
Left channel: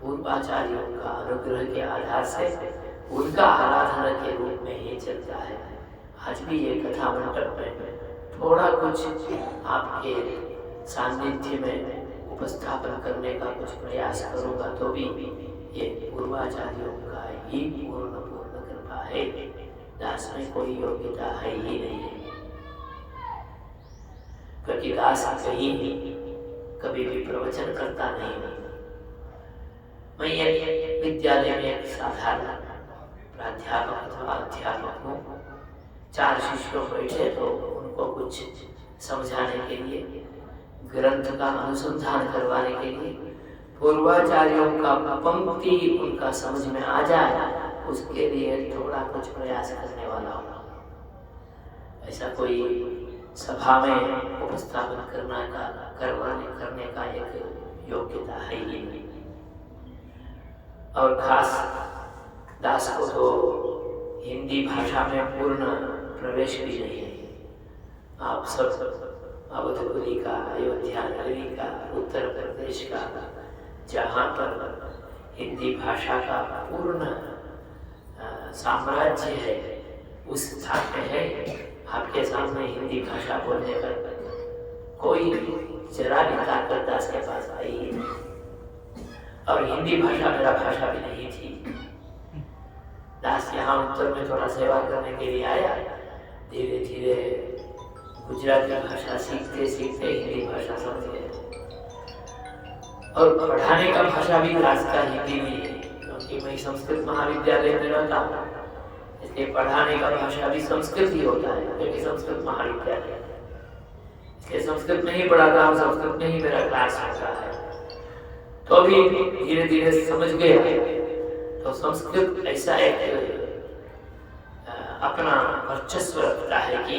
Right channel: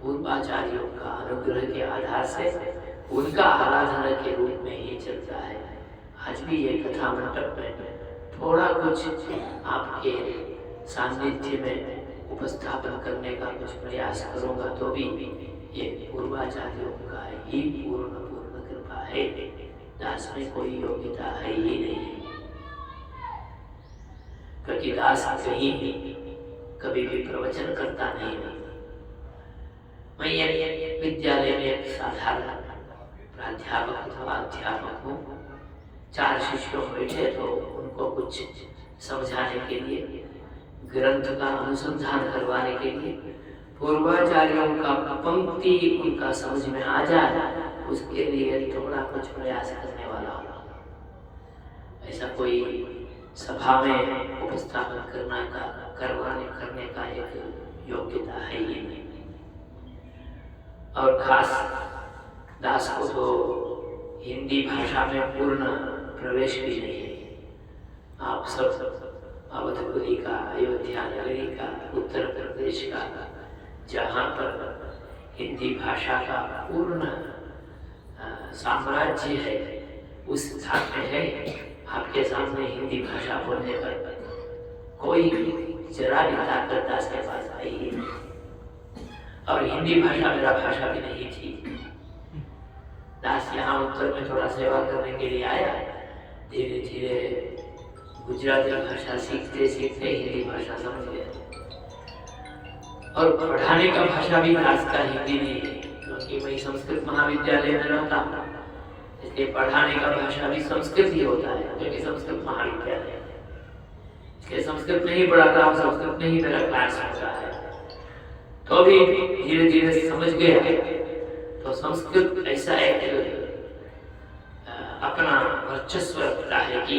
पूर्वाचार्यों का अनुग्रह के आधार से उनका आराधना के रूप में ही चलता है। आज भी ये कथा मंडप में थोड़ा कुछ आपके सानिध्य में उपस्थापन करने का कुछ प्रयास करूँगा, तो भी ये पूर्वाचार्यों का ही पूर्ण कृपा है। दास में कोई योग्यता है ही नहीं, क्योंकि दास कहीं कभी भी प्रवचन करता नहीं। मैं विद्यालय में एक साधारण प्राध्यापक अथवा अध्यापक हूँ। 4 शिष्यों बैठे तो उनको कुछ समझाने के लिए, ग्रंथ का अनुसंधान करवाने के लिए, पूर्वाचार्यों का पंक्ति उनका समझ में आ जाए, उसके लिए थोड़ा कुछ प्रयास करने वाला हूँ। ऐसा कोई सभा में उपस्थापन करने का एक योग्यता है ही नहीं। और खास दास को तो हिंदी भाषा में पूर्ण प्रवेश भी नहीं है। आप सब अवधपुरी का, अयोध्या नगरी का, उत्तर प्रदेश का, जहाँ पर हिंदी भाषा का पूर्ण साम्राज्य है, उस स्थान में है। आपके सामने हिंदी भाषा बोलने पर कोई जरा भी ताकत दास के पास आई ही नहीं। और हिंदी भाषा मेरा भाषा भी नहीं थी। दास यहाँ उत्तर में थोड़ा सेवा करने के लिए आया, धीरे धीरे गुजराती भाषा सीखते सीखते हिंदी भाषा समझ गया। और पढ़ाने का भाषा भी दास का हिंदी नहीं है, क्योंकि मैं संस्कृत महाविद्यालय में रहता हूँ, इसलिए पढ़ाने का भाषा भी संस्कृत ही होता है, क्योंकि संस्कृत महाविद्यालय है। इसलिए संस्कृत में ही पढ़ाता हूँ, संस्कृत में ही मेरा क्लास होता है। तो भी धीरे धीरे समझ गया। तो संस्कृत ऐसा एक अपना वर्चस्व रखता है कि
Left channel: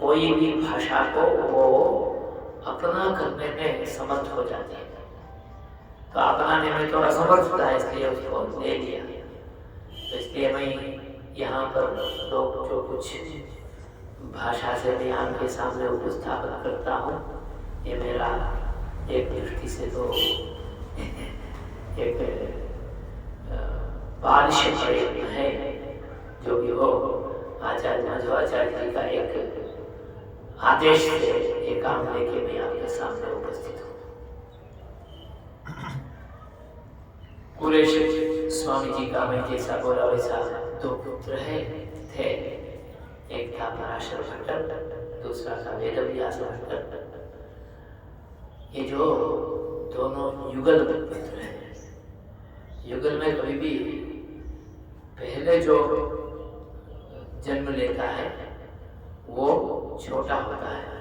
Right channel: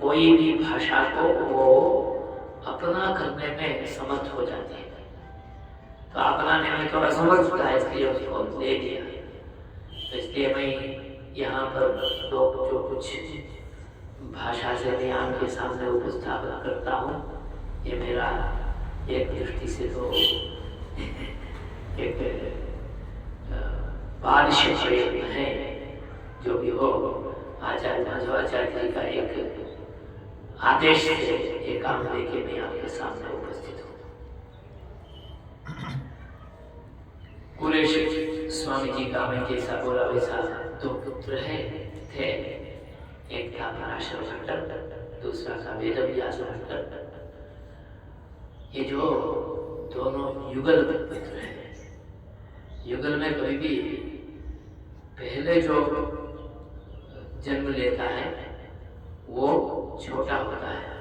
कोई भी भाषा को वो अपना करने में समर्थ हो जाते हैं। तो अपनाने में थोड़ा समर्थ था, इसलिए उसको ले लिया। तो इसलिए मैं यहाँ पर लोग जो कुछ भाषा से मैं आपके सामने उपस्थापन करता हूँ, ये मेरा एक दृष्टि से तो एक बालिश प्रयत्न है। जो भी हो, आचार्य माधवाचार्य जी का एक आदेश से ये काम लेके मैं आपके सामने उपस्थित हूँ। कुरेश स्वामी जी का मैं जैसा बोला वैसा दो पुत्र थे। एक था पराशर भट्ट, दूसरा था वेदव्यास भट्ट। ये जो दोनों युगल पुत्र हैं, युगल में कभी भी पहले जो जन्म लेता है वो छोटा होता है,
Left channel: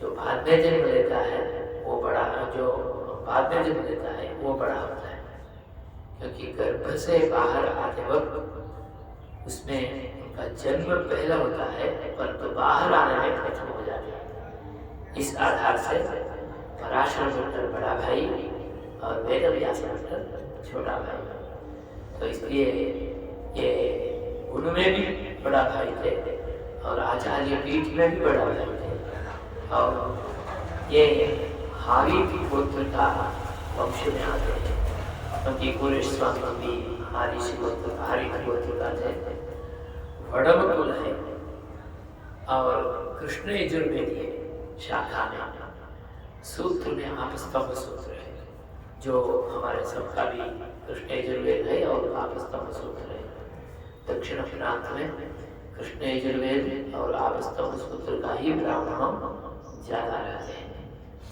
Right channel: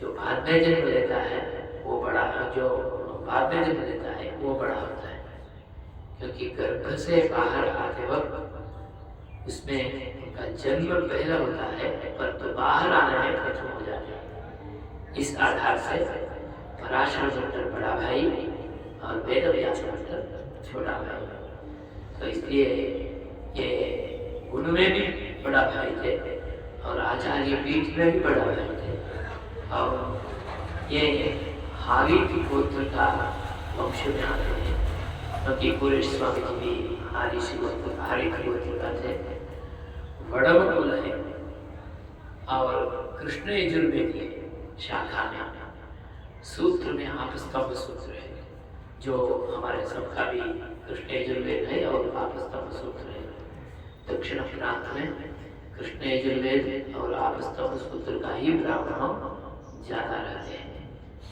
जो बाद में जन्म लेता है वो बड़ा, जो बाद में जन्म लेता है वो बड़ा होता है। क्योंकि गर्भ से बाहर आते वक्त उसमें उनका जन्म पहला होता है, पर तो बाहर आने में प्रथम हो जाते हैं। इस आधार से पराशर भट्ट बड़ा भाई और वेदव्यास भट्ट छोटा भाई। तो इसलिए ये उनमें भी बड़ा भाई थे और आचार्य पीठ में भी बड़ा भाई थे। और ये हारित गोत्र का वंश में आते हैं, क्योंकि कुरेश स्वामी भी हारित गोत्र का थे। वड़म कुल है और कृष्ण यजुर्वेदी शाखा में सूत्र में आपस्तंभ सूत्र है, जो हमारे सबका भी कृष्ण यजुर्वेद है और आपस्तंभ सूत्र है। दक्षिण प्रांत में कृष्ण यजुर्वेद और आपस्तंभ सूत्र का ही ब्राह्मण ज्यादा रहते हैं।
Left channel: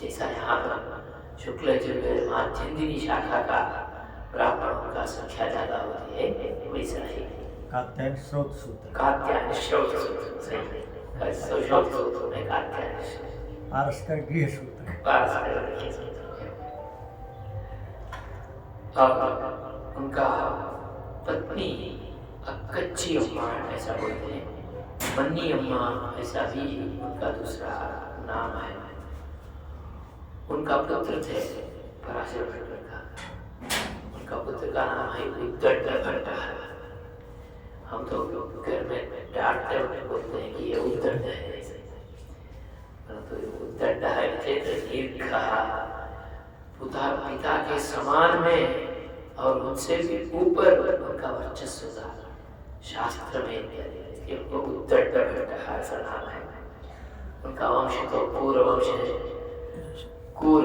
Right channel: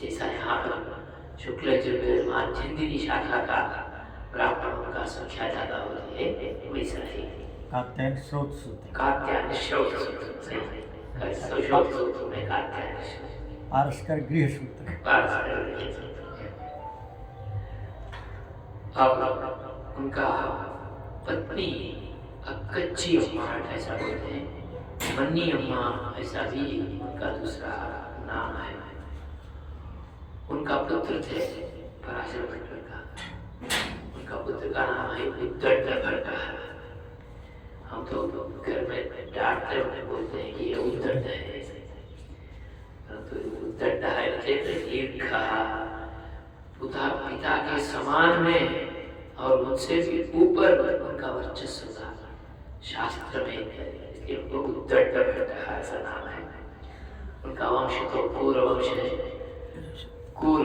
जैसा यहाँ पर शुक्ल यजुर्वेद माध्यन्दिनी शाखा का ब्राह्मणों का संख्या ज्यादा होती है, वैसा ही कात्यायन श्रोत सूत्र, कात्यायन श्रोत सूत्र में कात्यायन पारस्कर गृह सूत्र, अब उनका पत्नी अक्कच्ची अम्मा ऐसा बोलते हैं, मन्नी अम्मा ऐसा भी उनका दूसरा नाम है। उनका पुत्र थे पराशर भट्ट का, उनका पुत्र का नाम है उद्दंड भट्ट। हम तो घर में डांटते हुए बोलते हैं कि ये उद्दंड है, परंतु उद्दंड है दीर्घ पिता के समान में और उनसे भी ऊपर उनका वर्चस्व था शास्त्र में, इसलिए उनको उद्दंड भट्ट ऐसा नाम है। उनका वंश तो कूर वंश है। कूर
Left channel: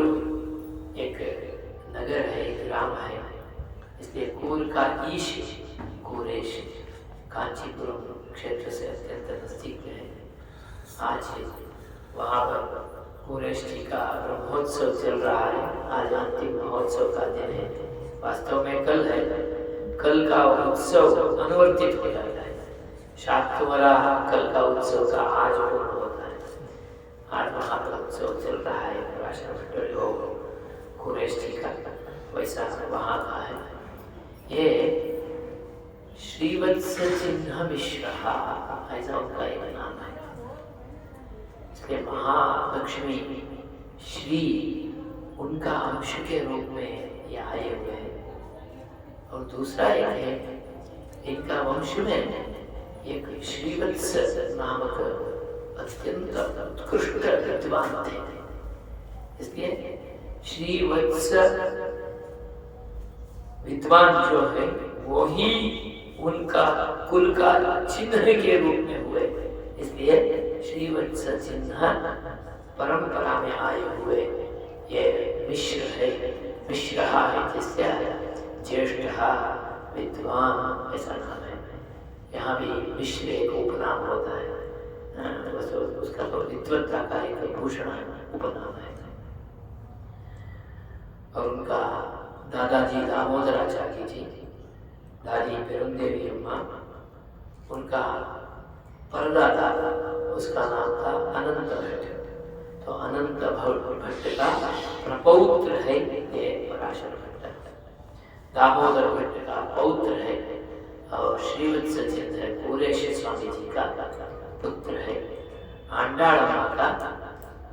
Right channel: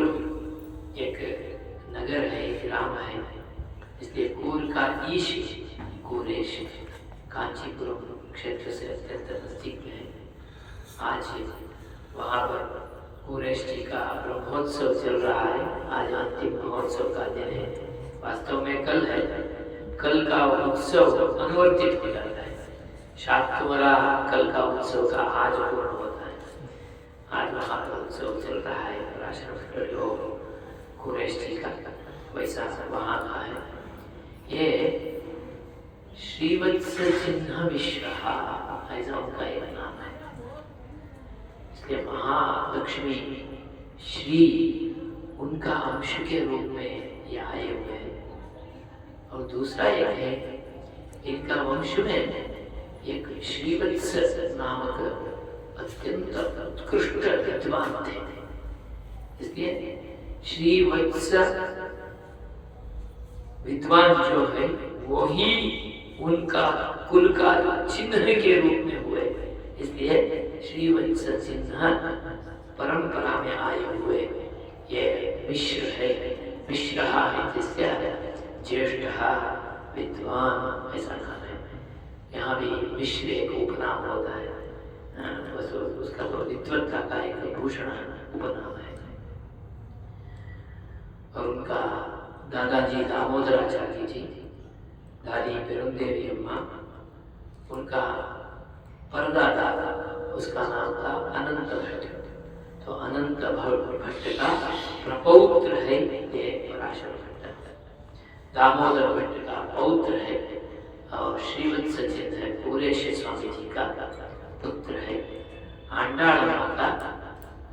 एक नगर है, एक ग्राम है, इसलिए कूर का ईश कूरेश कांचीपुरम क्षेत्र से अत्यंत नजदीक में है। आज वहाँ पर कुरेश जी का ब्रह्मोत्सव चल रहा है। आज अंतिम महोत्सव का दिन है, वास्तव में कल है। कल का उत्सव अनुवर्तित हो जाता है, शायद तुम्हारा कल का उत्सव का आज पूर्ण होता है। आज वहाँ पर उत्सव चल रहा है पराशर भट्ट जो कुरेश जी का, वैसा वहाँ का है। ये श्रीवत्स चिन्ह मिश्र ऐसा उनका एक नाम है। इसलिए महालक्ष्मी श्री उनका अंश के रूप में ये आए हुए हैं। और दूसरा एक है, इनका वंश में एक श्रीवत्स नामक अत्यंत उत्कृष्ट विद्वान थे, इसलिए श्रीवत्स विद्वान जो है वो ही उनका कुल का चिन्ह के रूप में हुए, इसलिए श्रीवत्स चिन्ह परंपरा में आए हुए ये मिश्र है। मिश्र जिससे ज्येष्ठ विद्वान ऐसा नाम है। यहाँ भी मिश्र एक उपनाम होता है, बस उसका तो विद्वत्ता का एक भूषण उपनाम है। और उनका दादाजी दामोदराचार्य जी, दादी पेरुंदेवी अम्मा, उनका परदादा उसका नाम था अनंत भट्ट। तो अनंत भट्ट का प्रपौत्र है ये पराशर भट्ट। दामोदर भट्ट का पौत्र है और श्रीवत्स चिन्ह पूरेश स्वामी जी का पुत्र है, आंडाल माँ का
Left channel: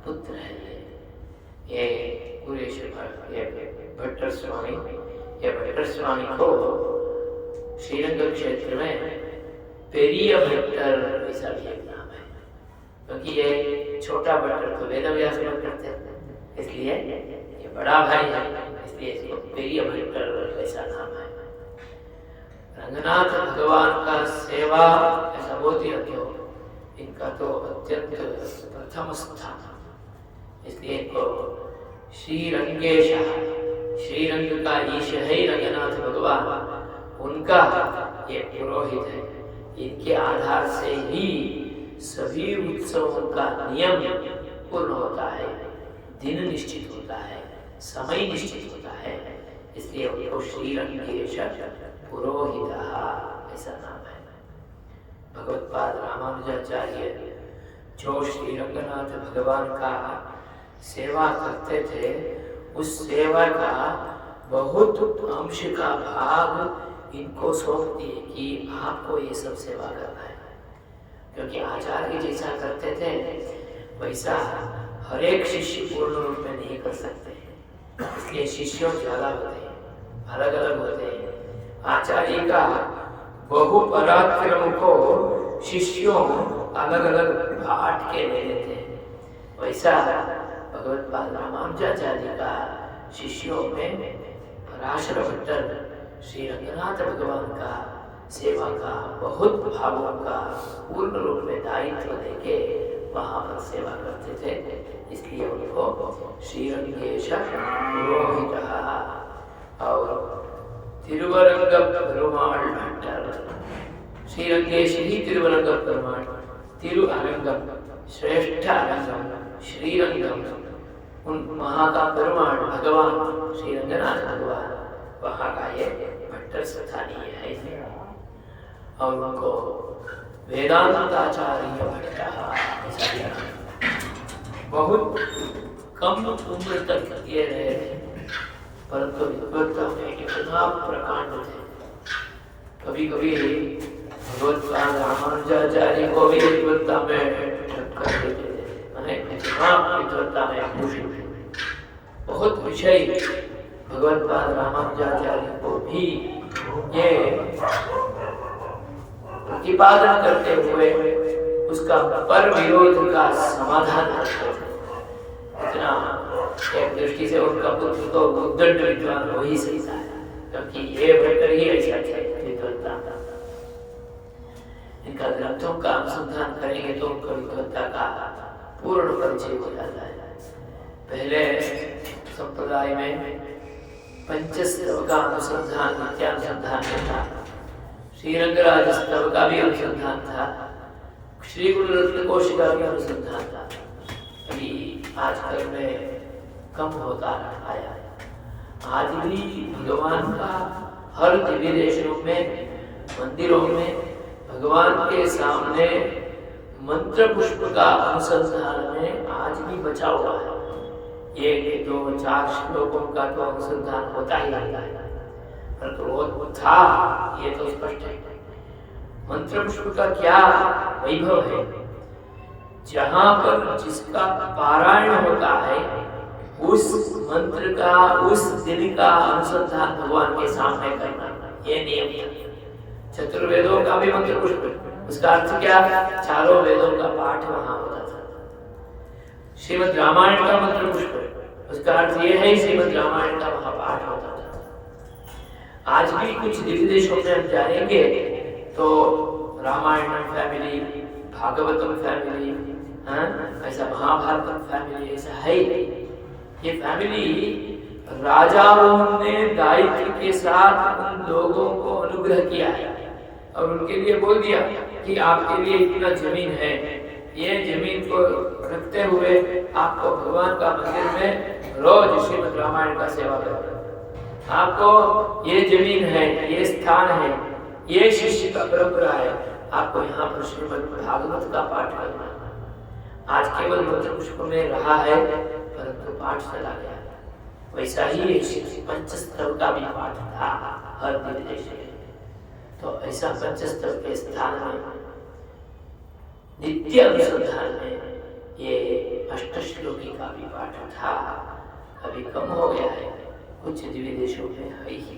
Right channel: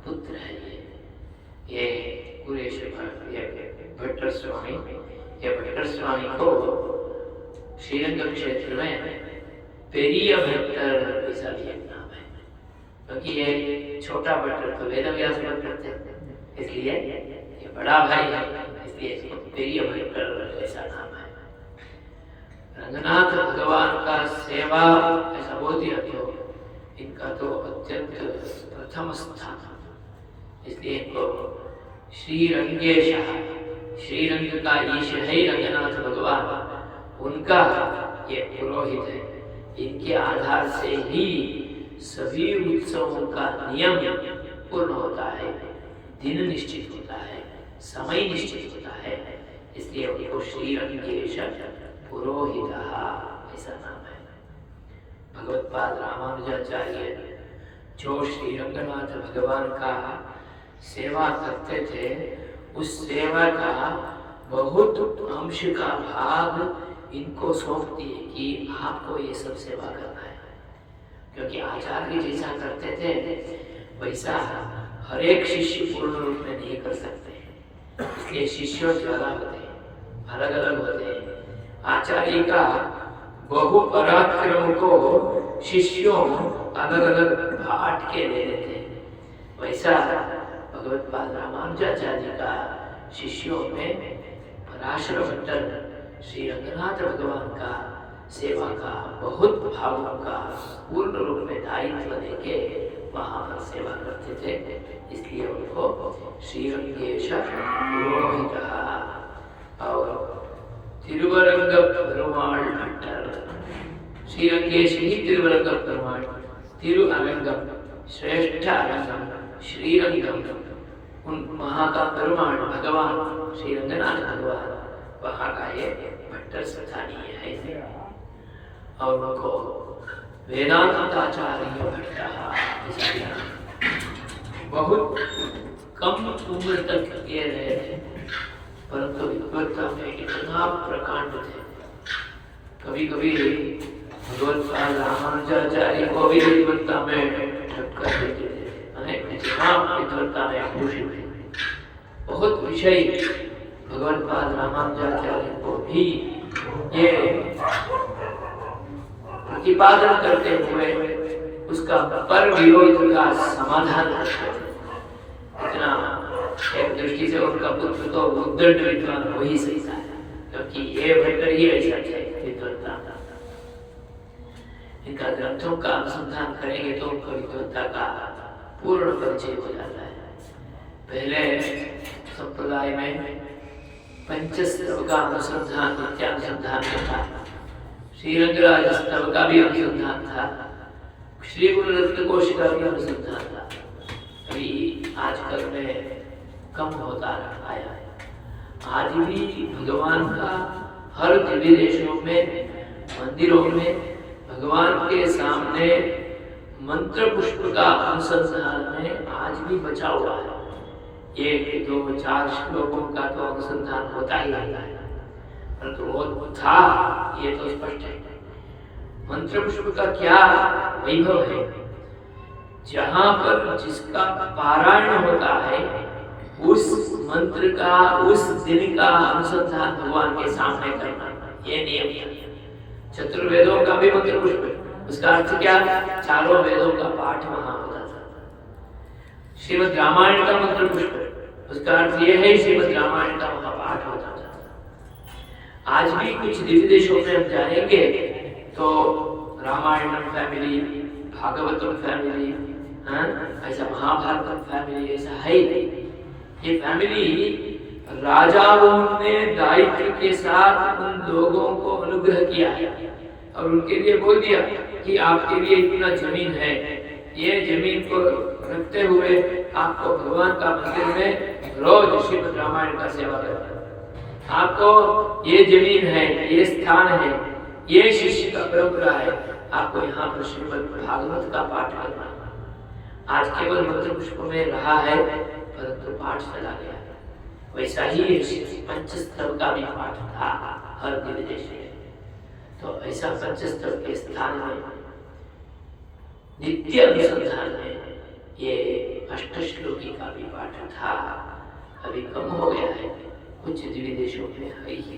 पुत्र है। ये पूरेश भट्टर स्वामी, ये भट्टर स्वामी को श्रीरंग क्षेत्र में पेरिया भट्टर ऐसा भी एक नाम है, क्योंकि ये छोटा भट्टर तो वेदव्यास भट्टर थे, इसलिए ये बड़ा भाई है, इसलिए इसको पेरिया भट्टर ऐसा नाम है। रंगनाथ भगवान का सेवा ऐसा बोल दिया तो इनका तो अत्यंत प्रथम स्थान, इसलिए इनको श्रीरंगेश, श्रीरंग का ईश है रंगनाथ भगवान, उनका ये पुरोहित है। इनके आधार से ही सभी उत्सवों का नियम पूर्ण होता है, दिन निश्चित होता है, समय निश्चित होता है, इसलिए उनको श्रीरंगेश पुरोहित ऐसा नाम है। भगवत्पाद रामानुजाचार्य जो श्री रंगनाथ भगवान का सेवा करते थे, उस सेवा का बहुत अंश का भाग इनको सौंप दिए कि आपको ये सब सेवा करना है, क्योंकि आचार्य जैसा करते थे वैसा हर एक शिष्य पूर्ण रूप में नहीं कर सकते, इसलिए शिष्यों ज्यादा होते हैं, अलग अलग होते हैं। आचार्य का बहु पराक्रम को शिष्यों अलग अलग बांट के ले लेते हैं, वैसा भगवत्पाद रामानुजाचार्य का शिष्यों में पराशर भट्टर श्री रंगनाथ भगवान का सेवा का बहुत भावों का पूर्ण रूप में दायित्व लेके वहाँ पर सेवा करते थे, इसलिए उनको श्रीरंगेश पुरोहित और तिरुवरंग पेरुमाल भट्टर, श्रीरंगेश ही तिरुवरंग पेरुमाल, तिरुअरंगम श्रेष्ठ अरंगम श्रीरंगम, उन वहाँ का पेरुमाल भगवान श्री रंगनाथ भगवान वहाँ का ये भट्टर स्थानीय है। और उनको वेदांताचार्य भट्ट बहुत कम उम्र तक ये रहे थे, परंतु विद्वत्ता में इतना प्रकांड थे, कभी कभी भगवत्पाद रामानुजाचार्य को भी विद्वत्ता में टक्कर देते थे, इतना विद्वत्ता में भूषित थे। बहुत विषय भगवत्पाद रामानुजाचार्य को भी ये प्रतिपादन करते हुए उसका पर विरोध का समाधान करते थे। इतना एक दृष्टि से उनका पुत्र तो उद्दंड विद्वान हो ही सकता है, क्योंकि ये भट्टर ही ऐसा विद्वत्ता। इनका ग्रंथों का अनुसंधान करेंगे तो उनका विद्वत्ता का पूर्ण परिचय हो जाता है। पहले संप्रदाय में पंचस्तव का अनुसंधान, नित्यानुसंधान था, श्रीरंगराज स्तव का भी अनुसंधान था, श्री गुरु रत्न कोश का भी अनुसंधान था। अभी आजकल में कम होता आया है। आज भी भगवान का हर दिव्य देशों में, मंदिरों में भगवान के सामने मंत्र पुष्प का अनुसंधान में आज भी बचा हुआ है। 1, 2, 4 श्लोकों का तो अनुसंधान होता ही रहता है, परंतु वो था ये तो स्पष्ट है। मंत्र पुष्प का क्या वैभव है, जहाँ पर जिसका पारायण होता है उस मंत्र का, उस दिन का अनुसंधान भगवान के सामने करना, ये नियम है। चतुर्वेदों का भी मंत्र पुष्प है, उसका अर्थ क्या, चारों वेदों का पाठ वहां होता था। श्रीमद् रामायण का मंत्र पुष्प है, उसका अर्थ यह है श्रीमद् रामायण का वहां पाठ होता था। आज भी कुछ दिव्य देशों में हम जाएंगे तो रामायणम फैमिली, भागवतम फैमिली, ऐसा महाभारतम फैमिली ऐसा है। ये फैमिली राजाओं ने दायित्व के साथ उन लोगों को अनुग्रह किया है और उनके लिए बोल दिया कि आपके लिए इतना जमीन है, ये जमीन को रखते हुए आपको भगवान का मंदिर में रोज श्रीमद् रामायण का सेवा करना, आपको ये जमीन है, ये स्थान है, ये शिष्य का परंपरा है, आपको यहाँ पर श्रीमद् भागवत का पाठ करना। आज केवल मंत्र पुष्प में रहा है, परंतु पाठ चला गया। वैसा ही पंचस्तव का भी पाठ था हर दिव्य देश में। तो ऐसा पंचस्थल के स्थान में नित्य अनुसंधान में ये अष्टश्लोकी का भी पाठ था, अभी कम हो गया है, कुछ दिव्य देशों में है ही।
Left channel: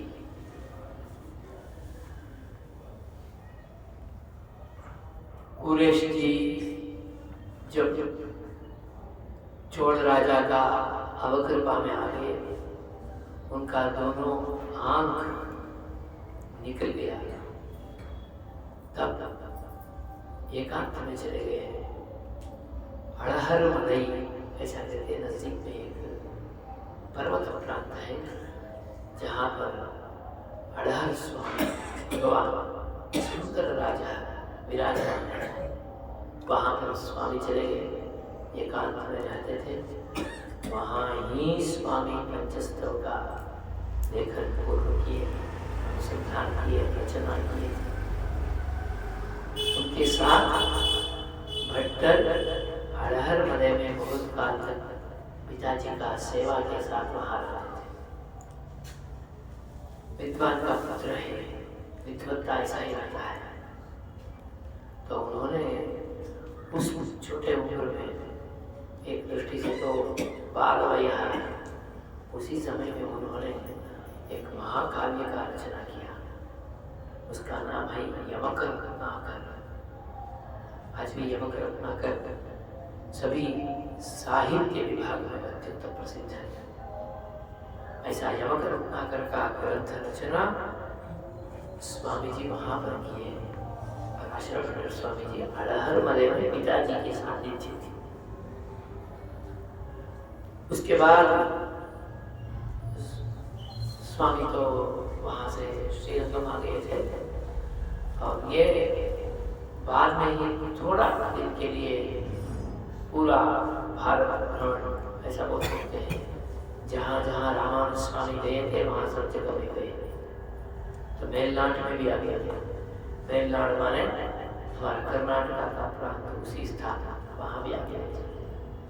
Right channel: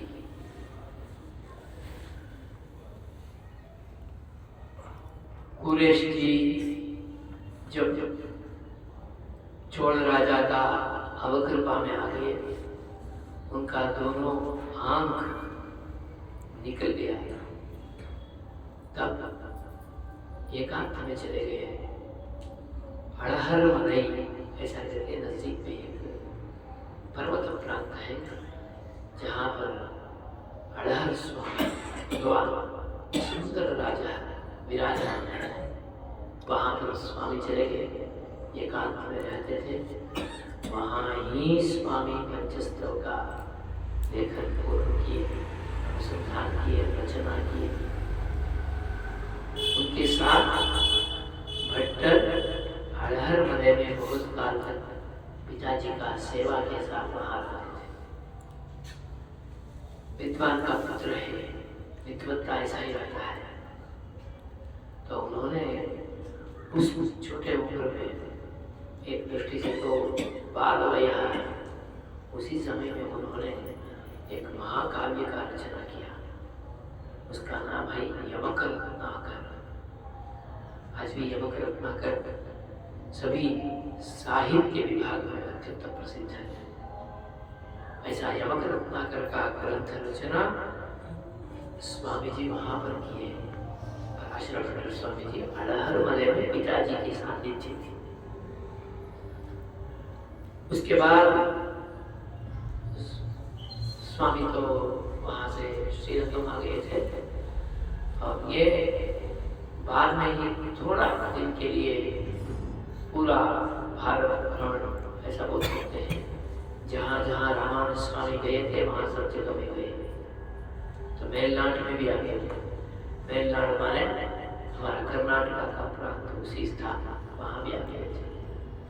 कुरेश जी जब चोल राजा का अवकृपा में आ गए, उनका दोनों आंख निकल गया, तब एकांत में चले गए। अड़हर मनई ऐसा कहते हैं, नजदीक में एक पर्वत प्रांत है जहाँ पर अड़हर स्वामी भगवान सुंदर राजा विराजमान है, वहाँ पर स्वामी चले गए, एकांत में रहते थे। वहाँ ही स्वामी पंचस्थल का लेखन पूर्ण किए, अनुसंधान किए, रचना किए। उनके साथ भट्टर अड़हर मने में बहुत काल तक पिताजी का सेवा के साथ वहाँ रहते थे। विद्वान का पुत्र है, विद्वत्ता ऐसा ही रहता है। तो उन्होंने उस छोटे उम्र में एक दृष्टि से तो बाल वया, उसी समय में उन्होंने एक महाकाव्य का रचना किया, उसका नाम है यमक रत्नाकर। आज भी यमक रत्नाकर सभी साहित्य विभाग में अत्यंत प्रसिद्ध है। ऐसा यमक रत्नाकर का ग्रंथ रचना स्वामी जी वहां पर किए। आश्रम स्वामी जी अड़हर मले में पिताजी की सानिध्य थी। उसके बाद स्वामी तो वहां से श्रीरंगम आ गए थे, और ये बाद में ही थोड़ा दिन के लिए पूरा भारत भ्रमण ऐसा बोल सकते हैं, जहाँ जहाँ रामानंद स्वामी गए थे वहाँ सब जगह में गए। तो मेलनाड में भी आ गए थे। मेलनाड माने हमारा कर्नाटक का प्रांत, उसी स्थान वहाँ भी आ गए थे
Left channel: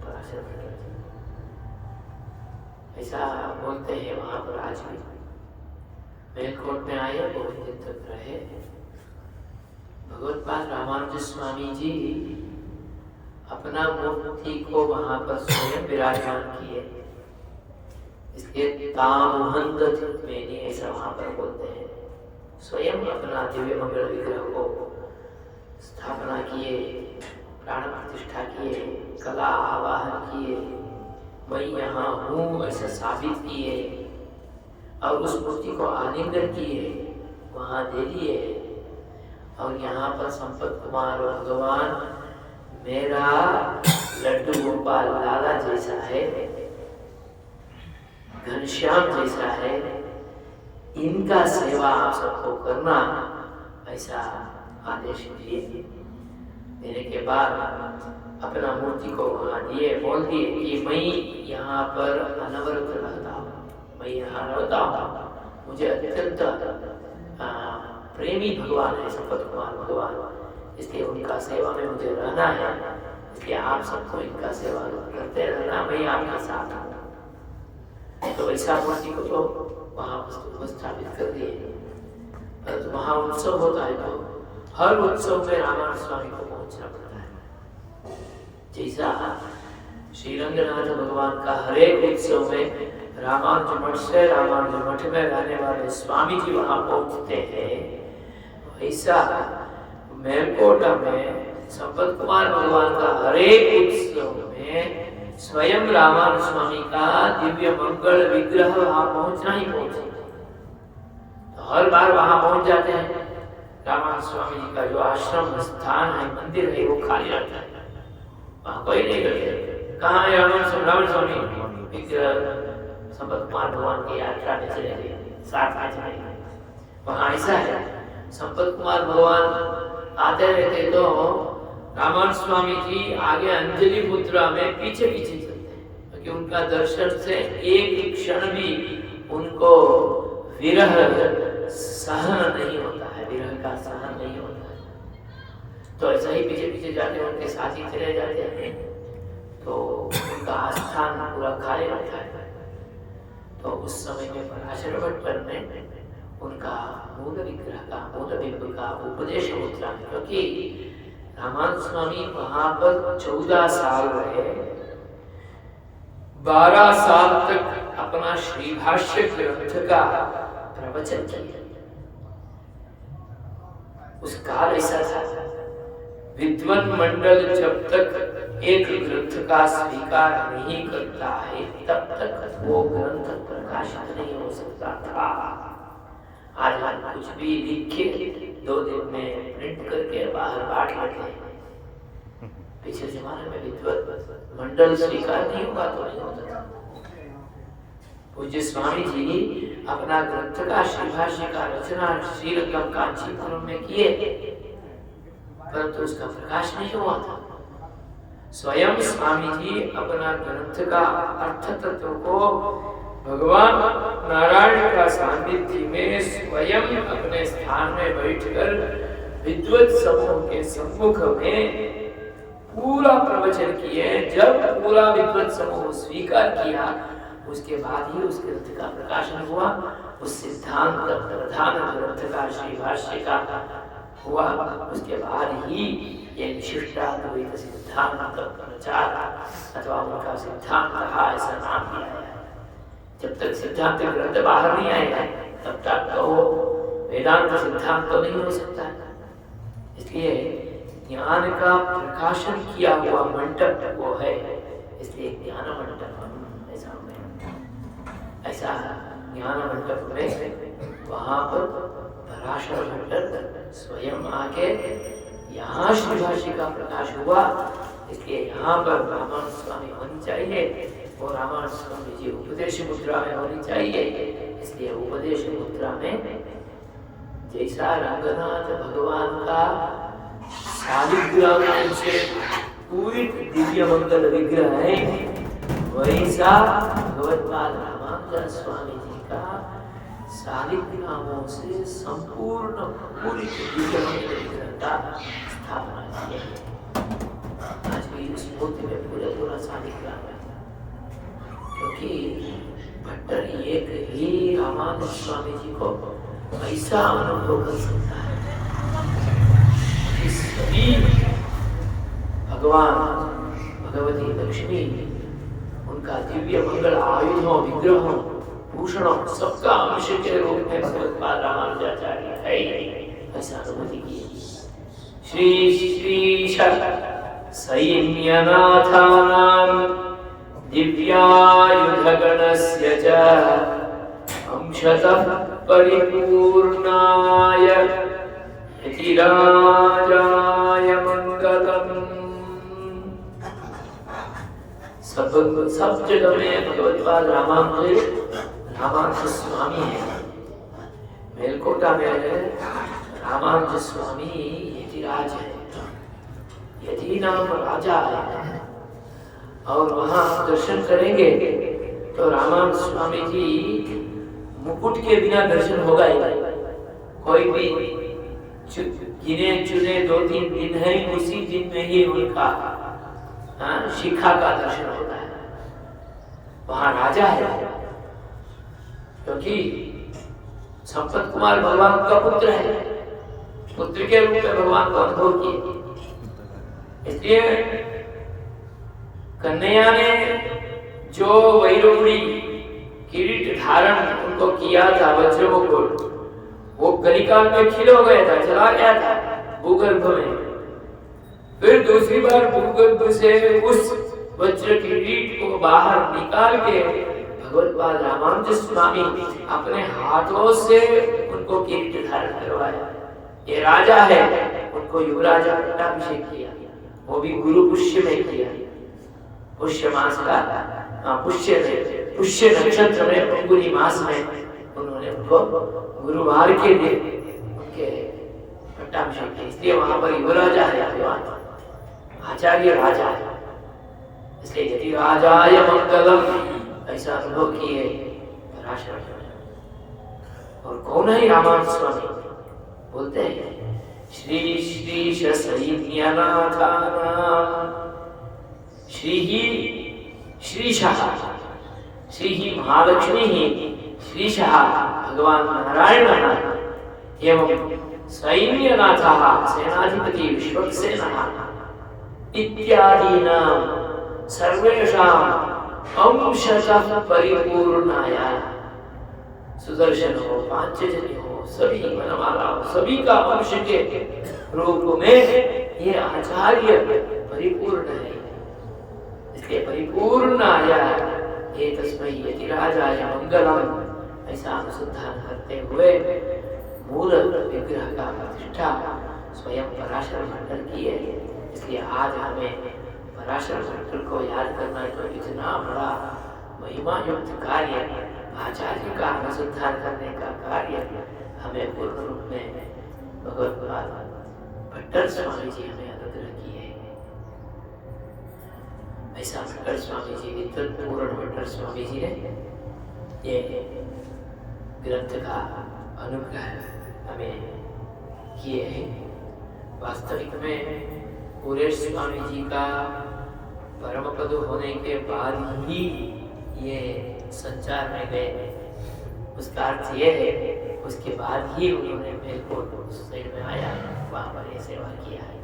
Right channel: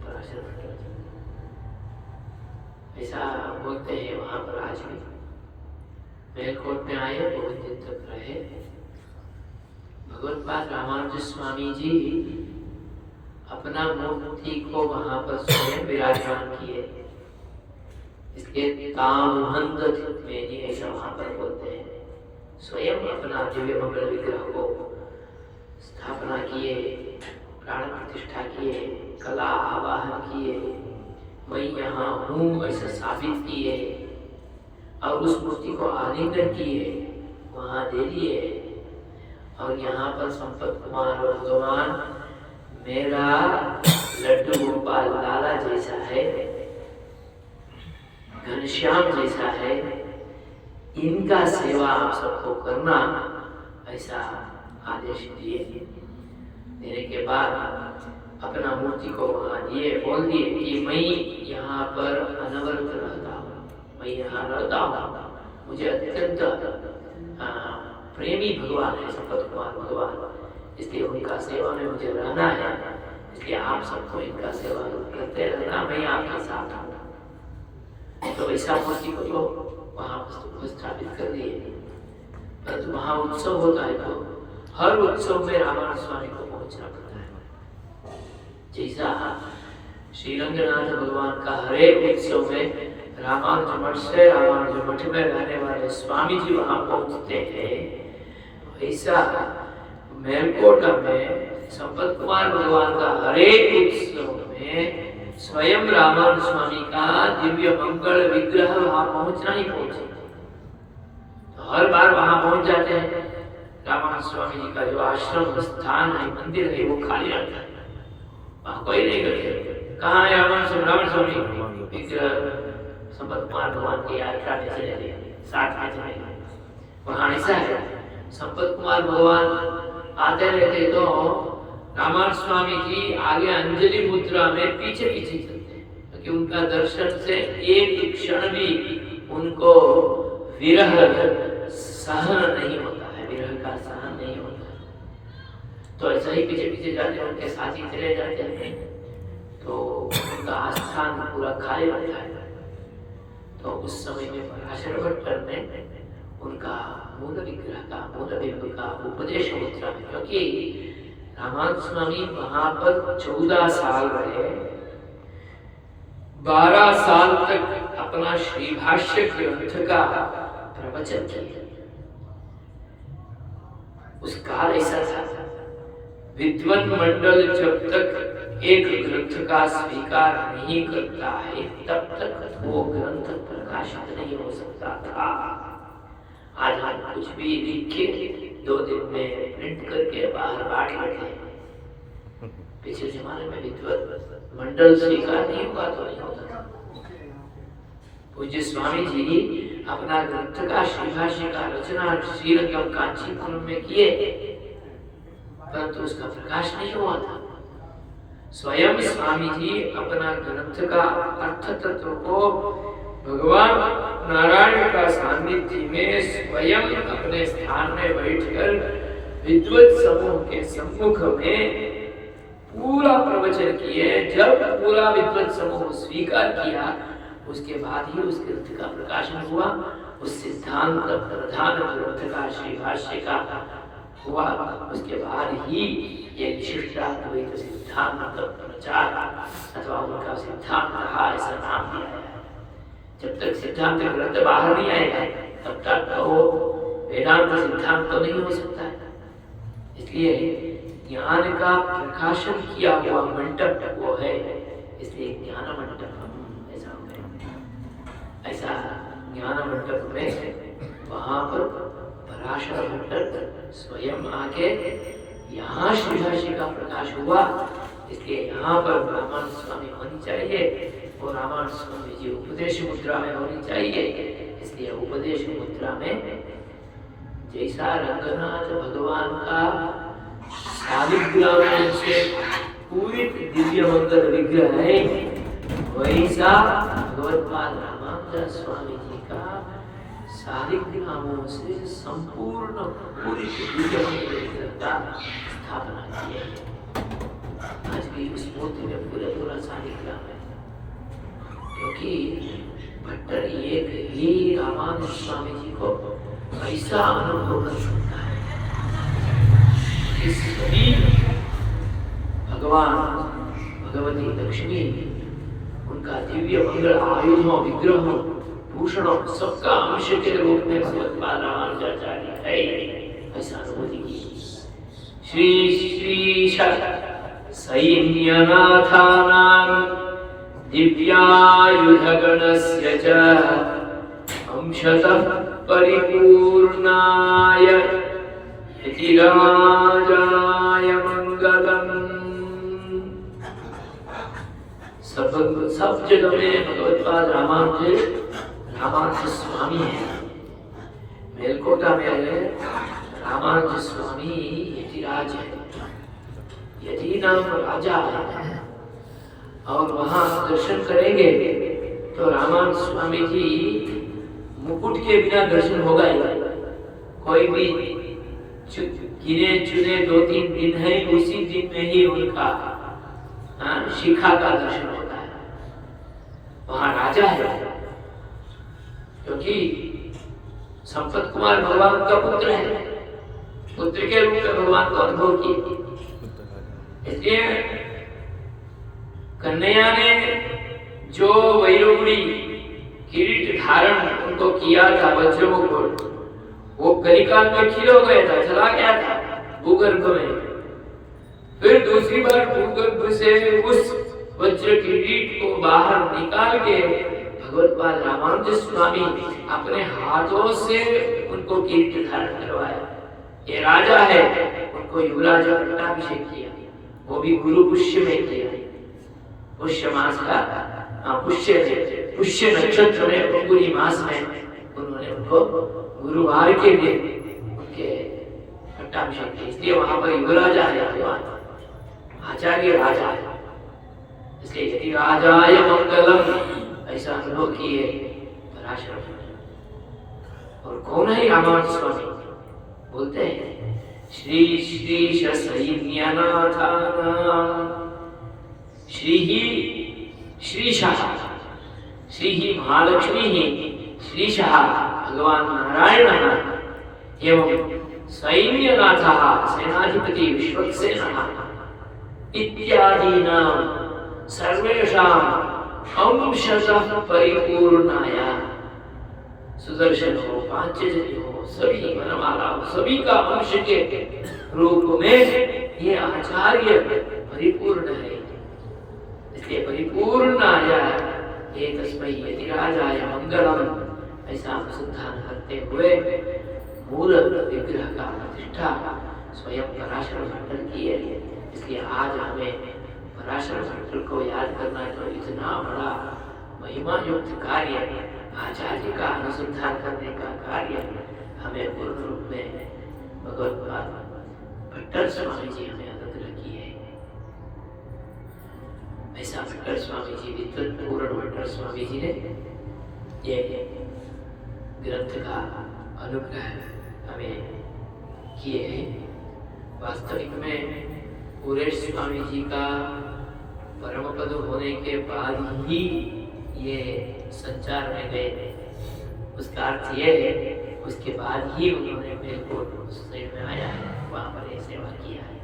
पराशर भट्ट। ऐसा बोलते हैं वहाँ पर आज भी। मेलकोट में आए, बहुत दिन तक रहे। भगवत्पाद रामानुज स्वामी जी अपना मूर्ति को वहां पर स्वयं विराजमान किए, इसके तामहंद में ऐसा वहां पर बोलते हैं। स्वयं अपना दिव्य मंगल विग्रह को स्थापना किए, प्राण प्रतिष्ठा किए, कला आवाहन किए, मैं यहाँ हूँ ऐसा साबित किए, और उस मूर्ति को आलिंगन किए, वहाँ दे दिए। और यहाँ पर संपत कुमार और भगवान मेरा लड्डू गोपाल लाला जैसा है, घनश्याम जैसा है, इनका सेवा आप सबको करना, ऐसा आदेश दिए। देने के बाद अपना मूर्ति को वहाँ दिए, बोल दिए कि मैं यहाँ पर अनवरत रहता हूँ, मैं यहाँ रहता हूँ, मुझे अत्यंत प्रेमी भगवान है संपत कुमार भगवान, इसलिए उनका सेवा में मुझे रहना है, इसलिए आप सबको इनका सेवा करते रहना, मैं आपके साथ हूँ। तो ऐसा मूर्ति को तो वहाँ स्थापित कर दिए। परंतु वहाँ उत्सव होता है तो हर उत्सव में रामानंद स्वामी को पहुँचना पड़ता है। जैसा श्रीरंगनाथ भगवान का हर एक उत्सव में रामानुज मठ से रामानुज मठ में रहने वाले स्वामी जी वहाँ पहुँचते हैं, ऐसा मेलकोटा में संपत कुमार भगवान का हर एक उत्सव में स्वयं रामानुज स्वामी का दिव्य मंगल विग्रह वहाँ पहुँचना ही पहुँचे। तो हर बार वहाँ पहुँच जाते हैं। रामानुज स्वामी जी का जो आश्रम स्थान है, मंदिर है, वो खाली रहता है, वहाँ कोई नहीं करते। कहाँ है रामानुज स्वामी विग्रह? संपत कुमार भगवान की यात्रा में चले गए, साथ में चले गए। वहाँ ऐसा है, संपत कुमार भगवान आते रहते तो रामानंद स्वामी जी आगे अंजलि मुद्रा में पीछे पीछे चलते हैं, क्योंकि उनका दर्शन से एक क्षण भी उनको विरह सहन नहीं होता है, विरह का सहन नहीं होता है। तो ऐसा ही पीछे पीछे जाते हैं, उनके साथ ही चले जाते हैं, तो उनका आस्थान पूरा खाली रहता है। तो उस समय में पराशर भट्ट ने उनका मूल विग्रह का मूल बिंब का उपदेश मुद्रा में, क्योंकि रामानंद स्वामी वहां पर 14 साल रहे, 12 साल तक अपना श्री भाष्य ग्रंथ का प्रवचन किया। उस काल ऐसा था, विद्वान मंडल जब तक एक ग्रंथ का स्वीकार नहीं करता है तब तक वो ग्रंथ प्रकाशित नहीं हो सकता था। आज हम कुछ भी लिख के 2 दिन में प्रिंट करके बाहर बांट लेते हैं। पिछले जमाने में विद्वान मंडल स्वीकार नहीं हुआ तो नहीं होता था। पूज्य स्वामी जी अपना ग्रंथ का श्री भाष्य का रचना श्रीरंगम कांचीपुरम में किए, परंतु उसका प्रकाश नहीं हुआ था। स्वयं स्वामी जी अपना ग्रंथ का अर्थ तत्व को भगवान नारायण का सानिध्य में स्वयं अपने स्थान में बैठकर विद्वत समूह के सम्मुख में पूरा प्रवचन किए। जब पूरा विद्वत समूह स्वीकार किया, उसके बाद ही उस ग्रंथ का प्रकाशन हुआ। उस सिद्धांत प्रधान ग्रंथ का श्री भाष्य का हुआ, उसके बाद ही ये विशिष्टाद्वैत सिद्धांत प्रचार अथवा उनका सिद्धांत रहा, ऐसा नाम दिया है। जब तक सिद्धांत ग्रंथ बाहर नहीं आएगा तब तक तो वेदांत सिद्धांत तो नहीं हो सकता है। इसलिए ज्ञान का प्रकाशन किया हुआ मंडप वो है, इसलिए ज्ञान मंडप ऐसा ज्ञान मंडप में वहां पर पराशर भट्ट स्वयं आके यहाँ श्री भाष्य का प्रकाश हुआ। इसलिए यहाँ पर रामानंद स्वामी होनी चाहिए और रामानंद स्वामी जी उपदेश मुद्रा में होनी चाहिए। इसलिए उपदेश मुद्रा में जैसा रंगनाथ भगवान का शालिग्राम से पूरी दिव्य मंगल विग्रह है, वैसा भगवत्पाद रामानंद स्वामी जी का शालिग्रामों से संपूर्ण पूरी दिव्य मंगल विग्रह का स्थापना की है। आज की इस मूर्ति में पूरा शालिग्राम है, क्योंकि भट्टर एक ही रामानंद स्वामी जी को ऐसा अनुभव कर सकता है कि सभी भगवान भगवती लक्ष्मी उनका दिव्य मंगल आयुधों विग्रहों भूषणों सबका अंश के रूप में भगवत्पाद रामानुजाचार्य है, ऐसा अनुभूति की। श्री श्री सैन्यनाथानां दिव्यायुधगणस्य च अंशतः परिपूर्णाय यतिराजाय मंगलम्। सब जगह में भगवत्पाद रामानुज स्वामी है। मेलकोटा में रामानुज स्वामी यतिराज है, यति नाम राजा है। और वहां दर्शन करेंगे तो रामानंद स्वामी जी मुकुट के बिना दर्शन होगा ही नहीं। कोई भी गिने चुने 2-3 दिन है, उसी दिन में ही उनका शिखा का दर्शन होता है। वहां राजा है, क्योंकि संपत कुमार भगवान का पुत्र है, पुत्र के रूप में भगवान को अनुभव किए। इसलिए कन्हैया ने जो वैरोगुड़ी किरीट धारण उनको किया था वज्रमुकुट, वो कलिकाल में खिल हो गया था, चला गया था भूगर्भ में। फिर दूसरी बार भूगर्भ से उस वज्र किरीट को बाहर निकाल के भगवत्पाद रामानुज स्वामी अपने हाथों से उनको किरीट धारण करवाया। ये राजा है, उनको युवराज पट्टाभिषेक किया, वो भी गुरु पुष्य में किया। पुष्य मास का पुष्य नक्षत्र में फल्गुनी मास में उन्होंने उनको गुरुवार के दिन उनके पट्टाभिषेक किया। इसलिए वहां पर युवराजा है भगवान, आचार्य राजा है। इसलिए यदि राजाय मंगलम ऐसा अनुभव किए पराशर। और कौन है रामानंद स्वामी? बोलते हैं श्री श्री सैन्यनाथानां श्री ही श्रीशः, श्री ही महालक्ष्मी ही, श्रीशः भगवान् नारायणः एवं सैन्यनाथः सेनाधिपति विश्वक्सेनः इत्यादीनां सर्वेषाम् अंशतः परिपूर्णाय सुदर्शन हो, पांचजन्य हो, सभी वनमाला हो, सभी का अंश के रूप में ये आचार्य परिपूर्ण है। इसलिए परिपूर्णाय एतस्मै यतिराजाय मंगलम ऐसा अनुसंधान करते हुए मूल विग्रह का प्रतिष्ठा स्वयं पराशर भट्टर की है। इसलिए आज हमें पराशर भट्टर को याद करना जो इतना बड़ा महिमा युक्त कार्य, आचार्य का अनुसंधान करने का कार्य हमें पूर्ण रूप में भगवत भट्टर स्वामी जी हमें अनुग्रह किए। ऐसा भट्टर स्वामी जी, विद्वत पूर्ण भट्टर स्वामी जी ने ये ग्रंथ का अनुग्रह हमें किए हैं। वास्तविक में पूरे स्वामी जी का परम पद होने के बाद ही ये संचार में गए। उसका अर्थ ये है उसके बाद ही उन्होंने मेरे को शरीर में आया, वहां पर ये सेवा किया है।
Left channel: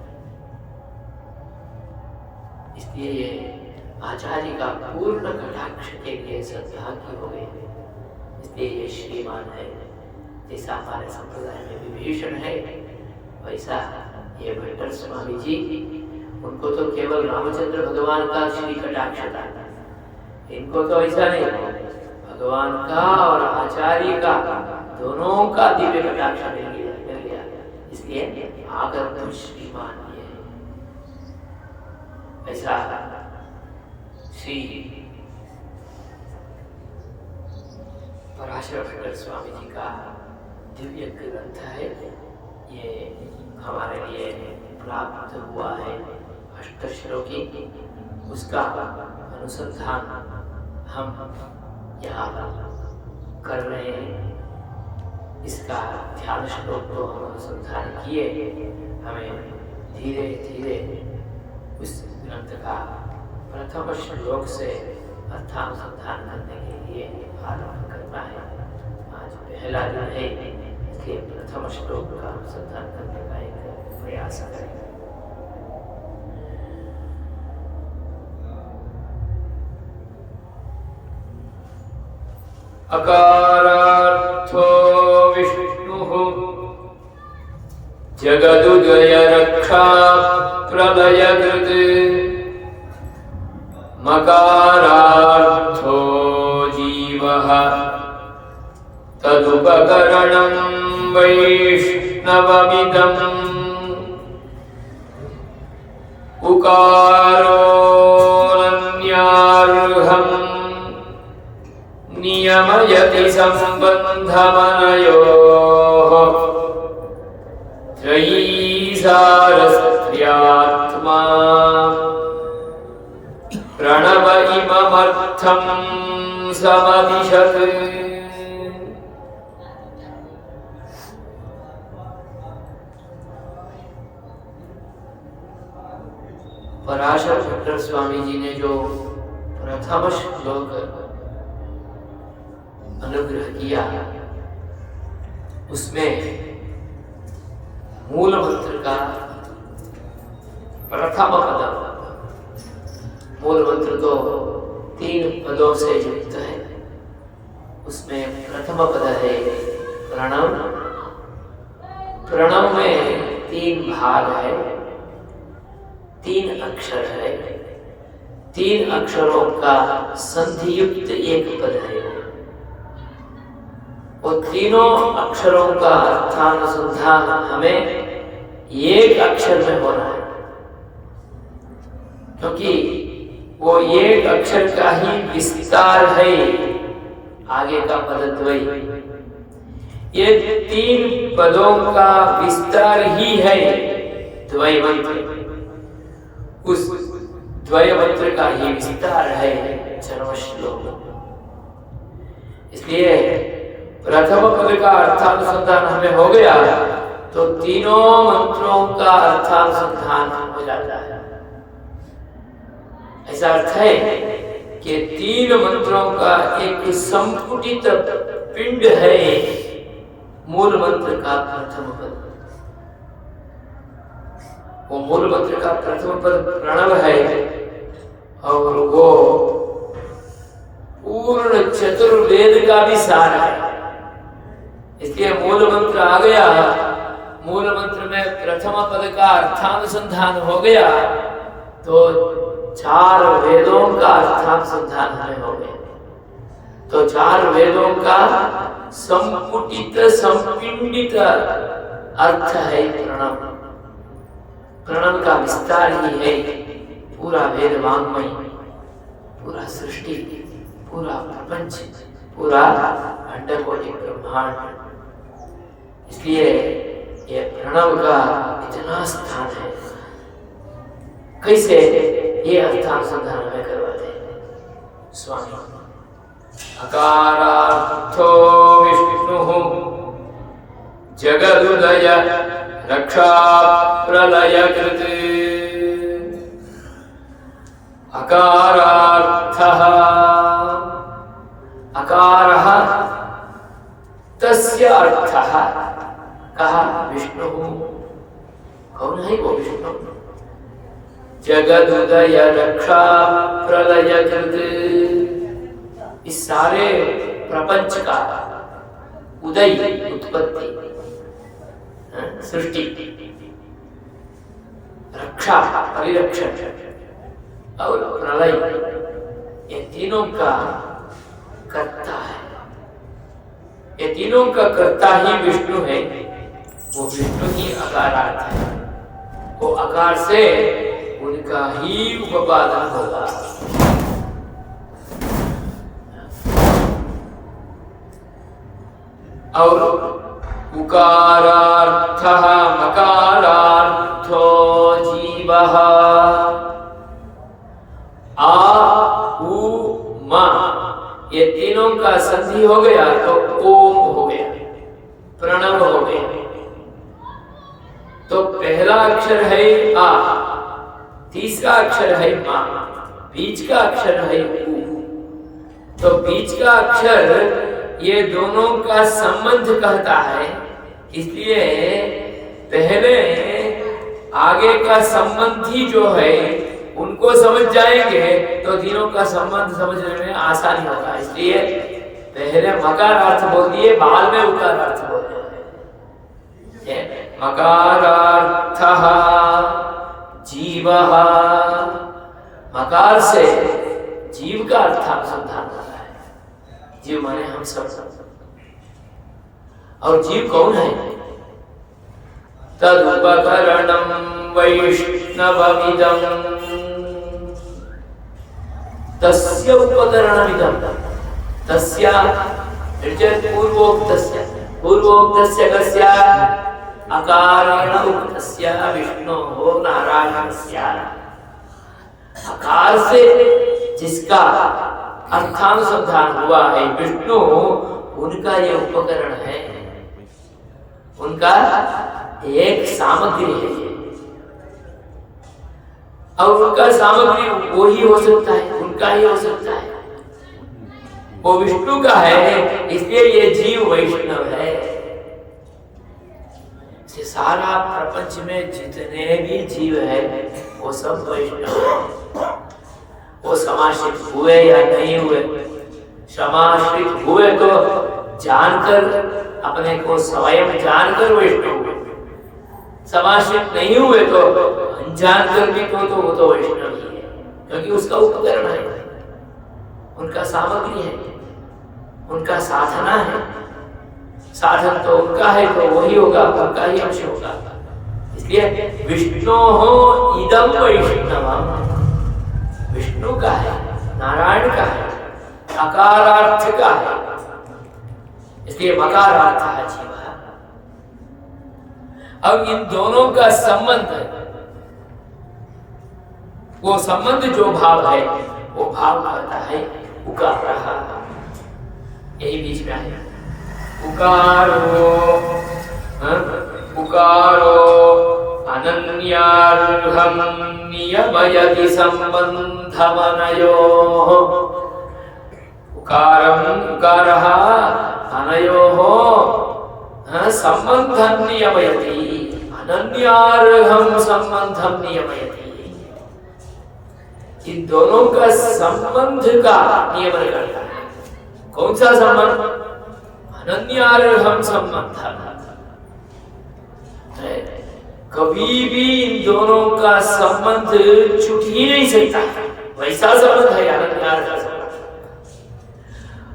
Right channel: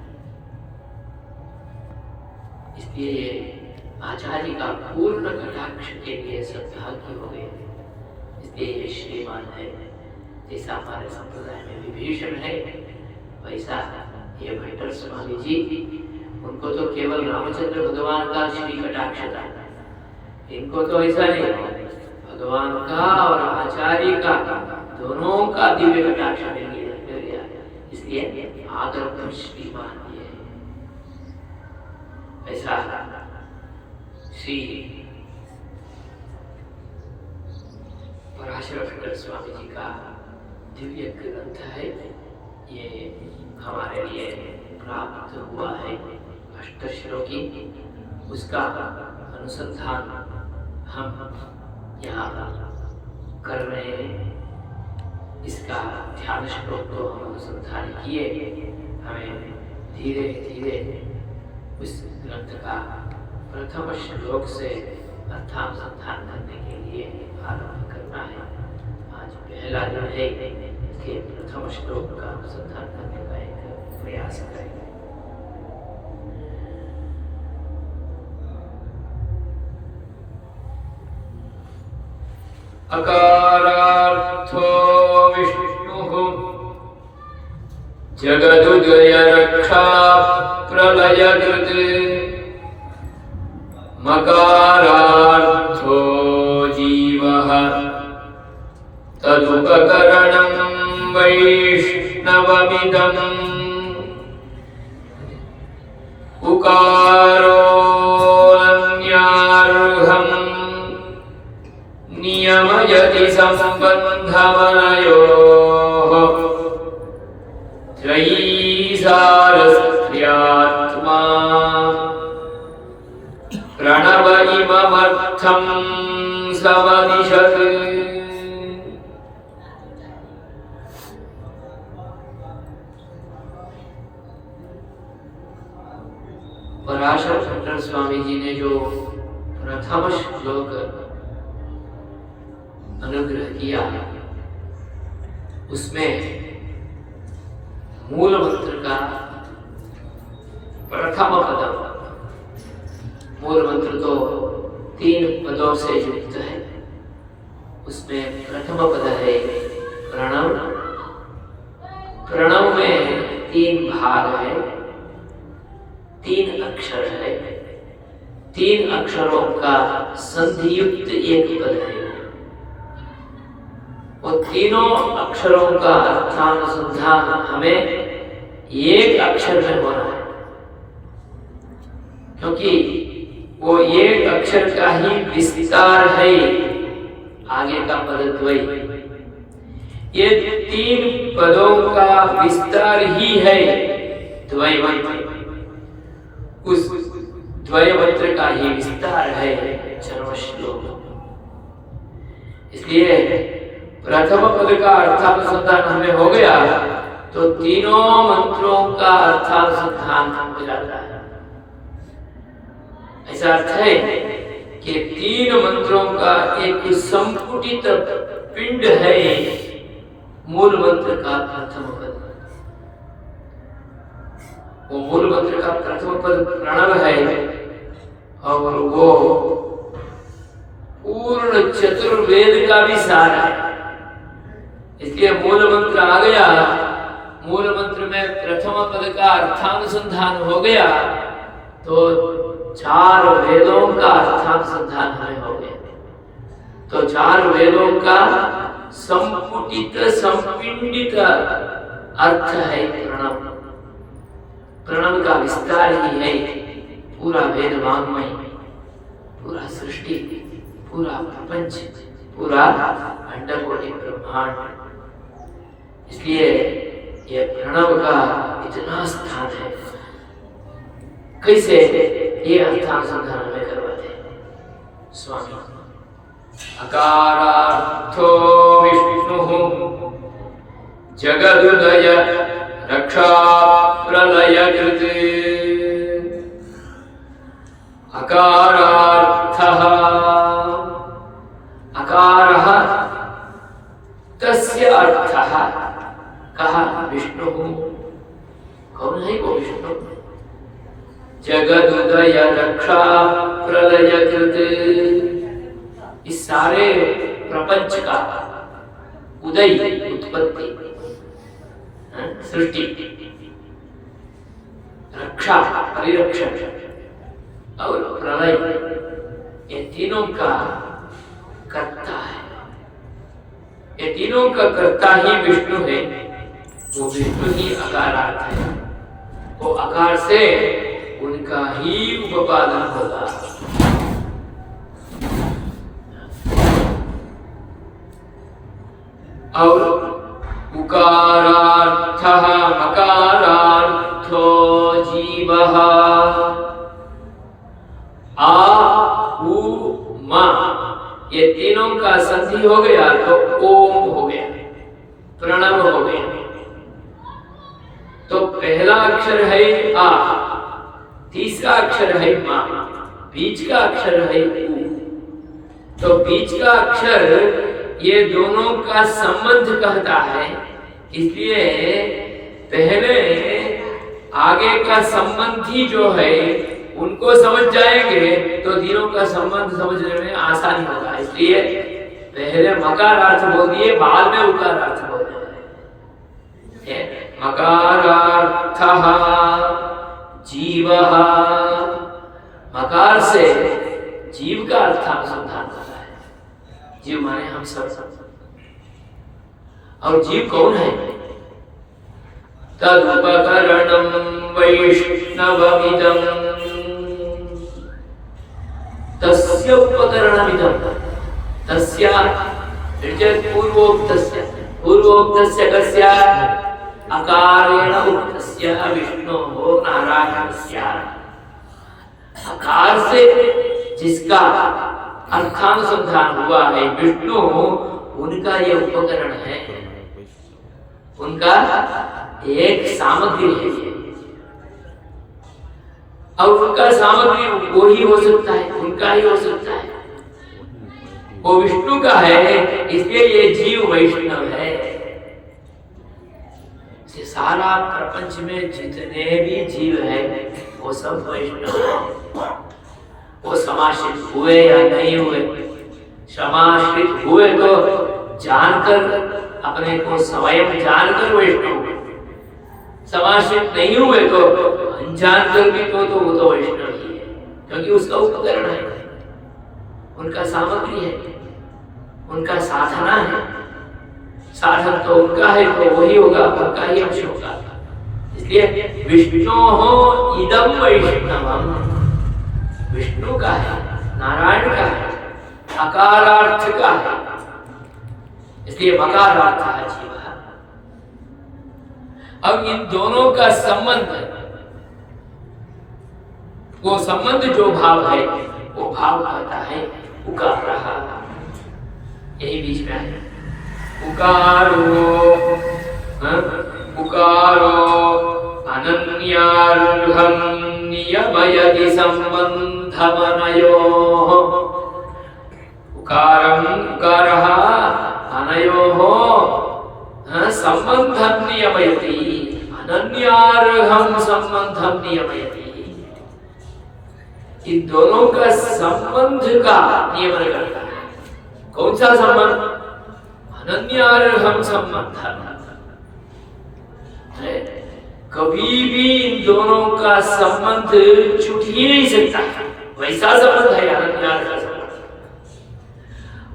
इसलिए ये आचार्य का पूर्ण कटाक्ष के लिए सद्भाग्य हो गए। इसलिए ये श्रीमान है। जैसा हमारे संप्रदाय में विभीषण है, वैसा ये भट्टर स्वामी जी, उनको तो केवल रामचंद्र भगवान का श्री कटाक्ष था, इनको तो ऐसा नहीं, भगवान का और आचार्य का दोनों का दिव्य कटाक्ष मिल गया। इसलिए आकर तुम श्रीमान ये ऐसा श्री पराशर भट्टर स्वामी जी का दिव्य ग्रंथ है। ये हमारे लिए प्राप्त हुआ है अष्टश्लोकी, उसका अनुसंधान हम यहाँ कर रहे हैं। इसका ध्यान श्लोक को हम अनुसंधान किए, हमें धीरे धीरे उस ग्रंथ का प्रथम श्लोक से अर्थानुसंधान करने के लिए आरंभ करना है। आज पहला दिन है, इसलिए प्रथम श्लोक का अनुसंधान करने का एक प्रयास करें। अकारार्थो विष्णुः जगदुदय रक्षा प्रलयकृत् मकारार्थो जीवः तदुपकरणं वैष्णवमिदम् उकारोऽनन्यार्हम् नियमयति सम्बन्धमनयोः त्रयीसारस्त्र्यात्मा प्रणव इममर्थं समदिशत्। पराशर भट्टर स्वामी जी ने जो प्रथम श्लोक अनुग्रह किया, उसमें मूल मंत्र का प्रथम पद, मूल मंत्र तो 3 पदों से युक्त है। उसमें प्रथम पद है प्रणव। प्रणव में 3 भाग है, 3 अक्षर है, 3 अक्षरों का संधियुक्त एक पद है। वो तीनों अक्षरों का अर्थानुसंधान हमें एक अक्षर में हो रहा है, क्योंकि वो एक अक्षर का ही विस्तार है। आगे का पद द्वय, ये 3 पदों का विस्तार ही है द्वय मंत्र। उस द्वय मंत्र का ही विस्तार है चरम श्लोक। इसलिए प्रथम पद का अर्थानुसंधान हमें हो गया तो तीनों मंत्रों का अर्थानुसंधान हो जाता है। ऐसा अर्थ है कि 3 मंत्रों का एक संपुटित पिंड है मूल मंत्र का प्रथम पद। वो मूल मंत्र का प्रथम पद प्रणव है और वो पूर्ण चतुर्वेद का भी सार है। इसलिए मूल मंत्र आ गया, मूल मंत्र में प्रथम पद का अर्थानुसंधान हो गया तो 4 वेदों का अर्थानुसंधान हमें हो गया। तो 4 वेदों का संपुटित संपिंडित अर्थ है प्रणव। प्रणव का विस्तार ही है पूरा वेद वाङ्मय, पूरा सृष्टि, पूरा प्रपंच, पूरा अंडकोटि ब्रह्मांड। इसलिए ये प्रणव का इतना स्थान है। कैसे ये अर्थानुसंधान हमें करवाते हैं स्वामी। अकारार्थो विष्णुः जगदुदय रक्षा प्रलय कृते। अकारार्थः, अकारः तस्य अर्थः कहा विष्णुः। कौन है वो विष्णु? जगदुदय रक्षा प्रलय कृत। इस सारे प्रपंच का उदय, उत्पत्ति, सृष्टि, रक्षा, परिरक्षण और प्रलय, ये तीनों का कर्ता है। ये तीनों का कर्ता ही विष्णु है। वो विष्णु ही अकारार्थ है। वो अकार से उनका ही उपादान होगा। और उकारार्थः मकारार्थो जीवः। आ उ मा ये तीनों का संधि हो गया तो ओम हो गया, प्रणव हो गया। तो पहला अक्षर है आ, तीसरा अक्षर है मा, बीच का अक्षर है उ। तो बीच का अक्षर ये दोनों का संबंध कहता है। इसलिए पहले आगे का संबंधी जो है उनको समझ जाएंगे तो तीनों का संबंध समझने में आसानी होगा। इसलिए पहले मकार अर्थ बोल दिए, बाद में उकार अर्थ बोल दिए। मकारार्थः जीवः। मकार से जीव का अर्थानुसंधान कर रहा है। जीव माने हम सब। और जीव कौन है? तदुपकरणं वैष्णवमिदं तस्य उपकरणमिदं। तस्य पूर्वोक्तस्य कस्य अकारेण उक्तस्य विष्णोः नारायणस्य। अकार से जिसका अर्थानुसंधान हुआ है विष्णु, उनका ये उपकरण है, उनका एक सामग्री है ये। और उनका सामग्री वो ही हो सकता है, उनका ही हो सकता है। वो विष्णु का है, इसलिए ये जीव वैष्णव है। सारा प्रपंच में जितने भी जीव है वो सब वैष्णव है। वो समाश्रित हुए या नहीं हुए, समाश्रित हुए तो जानकर, अपने को स्वयं जानकर वैष्णव हुए। समाश्रित नहीं हुए तो अनजान कर भी तो वो तो वैष्णव ही है, क्योंकि उसका उपकरण है, उनका सामग्री है, उनका साधना है। साधन तो उनका है तो वही होगा, उनका ही अंश होगा। इसलिए विष्णोः इदं वैष्णवम्, विष्णु का है, नारायण का है, अकारार्थ का है। इसलिए मकारार्थ है जीव। अब इन दोनों का संबंध, वो संबंध जो भाव है वो भाव करता है उकार रहा, यही बीच में है। उकारो अनन्यार्हं नियमयति सम्बन्धमनयोः उकारः अनयोः संबंधं नियमयति, अनन्यार्हं संबंधं नियमयति। इन दोनों का संबंध का नियमन करता है। कौन सा संबंध? अनन्यार्हं संबंध। कभी भी इन दोनों का संबंध छूट ही नहीं सकता, वैसा संबंध है अनन्यार्ह संबंध।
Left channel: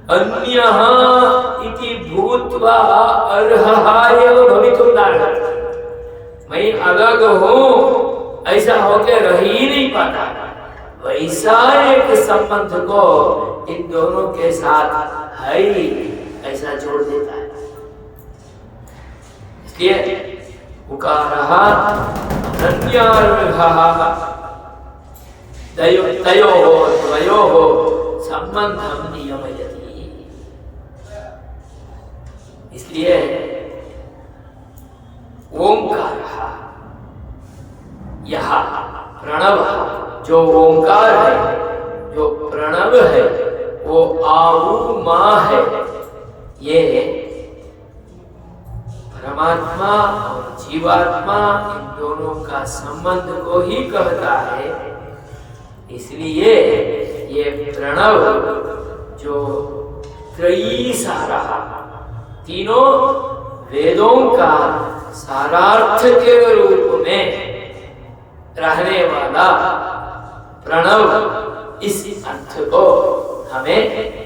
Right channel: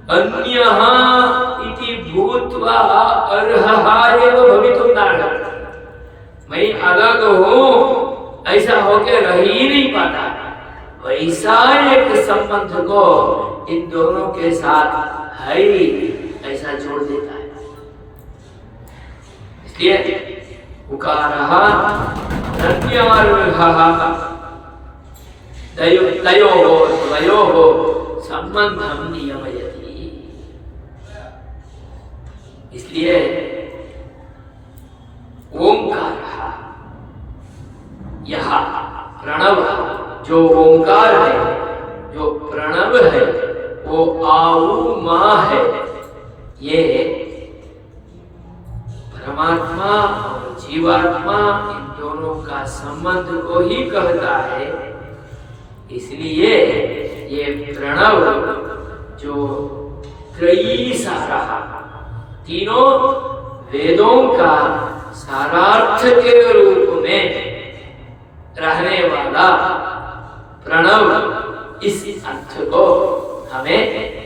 अन्यः इति भूत्वा अर्हः एव भवितुं नार्हति। मैं अलग हूँ ऐसा होके रह ही नहीं पाता, वैसा एक संबंध को इन दोनों के साथ है ही ऐसा जोड़ देता है। इसलिए उकारः अनन्यार्हः द्वयोः संबंधं नियमयति। इसलिए ओंकारः, यह प्रणव जो ओंकार है, जो प्रणव है, वो आऊ मां है। ये परमात्मा और जीवात्मा इन दोनों का संबंध को ही कहता है। इसलिए ये प्रणव जो त्रयी सारा, तीनों वेदों का सारार्थ के रूप में रहने वाला प्रणव इस अर्थ को हमें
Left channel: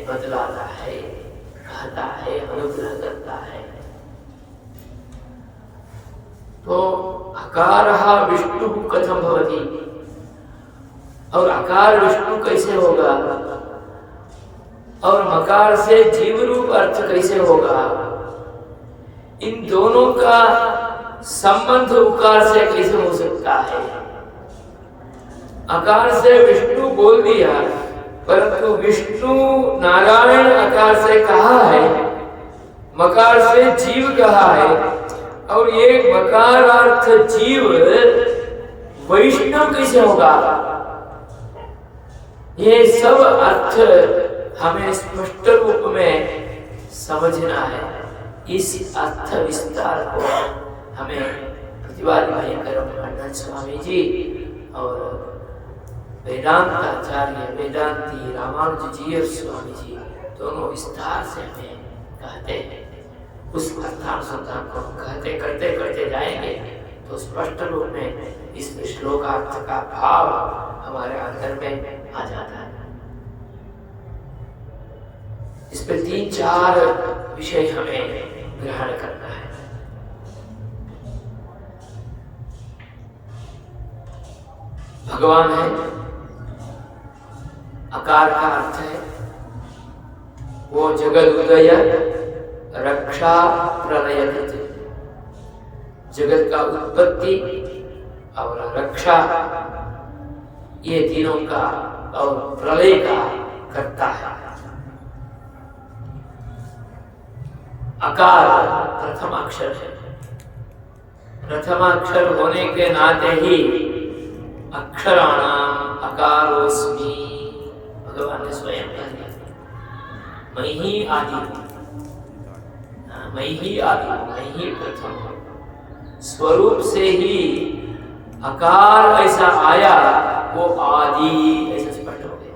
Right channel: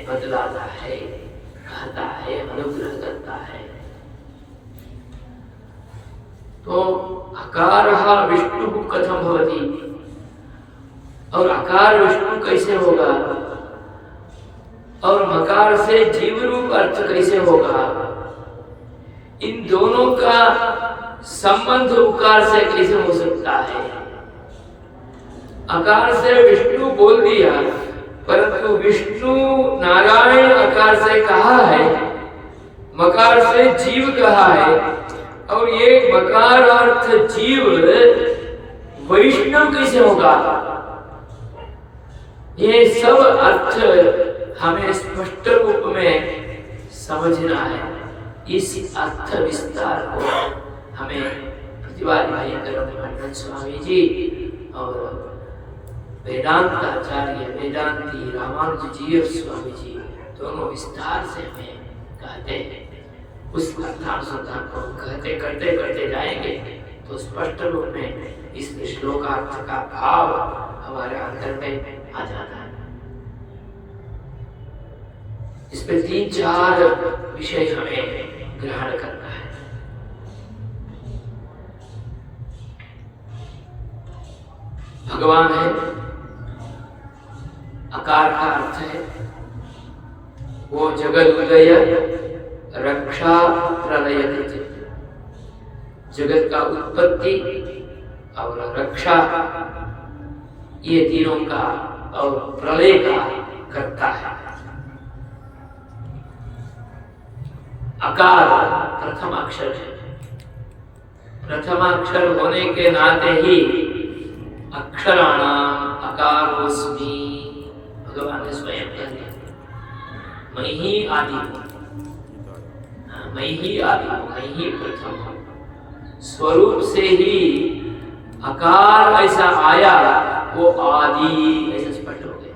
बतलाता है, कहता है, अनुग्रह करता है। तो अकारः विष्णु कथम भवति, और अकार विष्णु कैसे होगा, और मकार से जीव रूप अर्थ कैसे होगा? इन दोनों का संबंध उकार से कैसे हो सकता है? अकार से विष्णु बोल दिया, परंतु विष्णु नारायण अकार से कहा है, मकार से जीव कहा है, और ये मकार अर्थ जीव वैष्णव कैसे होगा? ये सब अर्थ हमें स्पष्ट रूप में समझना है। इस अर्थ विस्तार को हमें प्रतिवादी भयंकर खंडन स्वामी जी और वेदांताचार्य वेदांती रामानुज जी और स्वामी जी दोनों विस्तार से हमें कहते हैं। उस अर्थानुसंधान को कहते करते जाएंगे तो स्पष्ट रूप में इस श्लोकार्थ का भाव हमारे अंदर में आ जाता है। इस पे 3-4 विषय हमें ग्रहण करना है। भगवान है, अकार का अर्थ है वो जगत उदय रक्षा प्रलय कृत, जगत का उत्पत्ति और रक्षा ये तीनों का और प्रलय का करता है। अकार प्रथमाक्षर है, प्रथमाक्षर होने के नाते ही अक्षराणाम अकारोस्मि भगवान ने स्वयं कह दिया, मैं ही आदि हूं, मैं ही आदि हूं, मैं ही प्रथम हूं। स्वरूप से ही अकार ऐसा आया, वो आदि ऐसा स्पष्ट हो गया।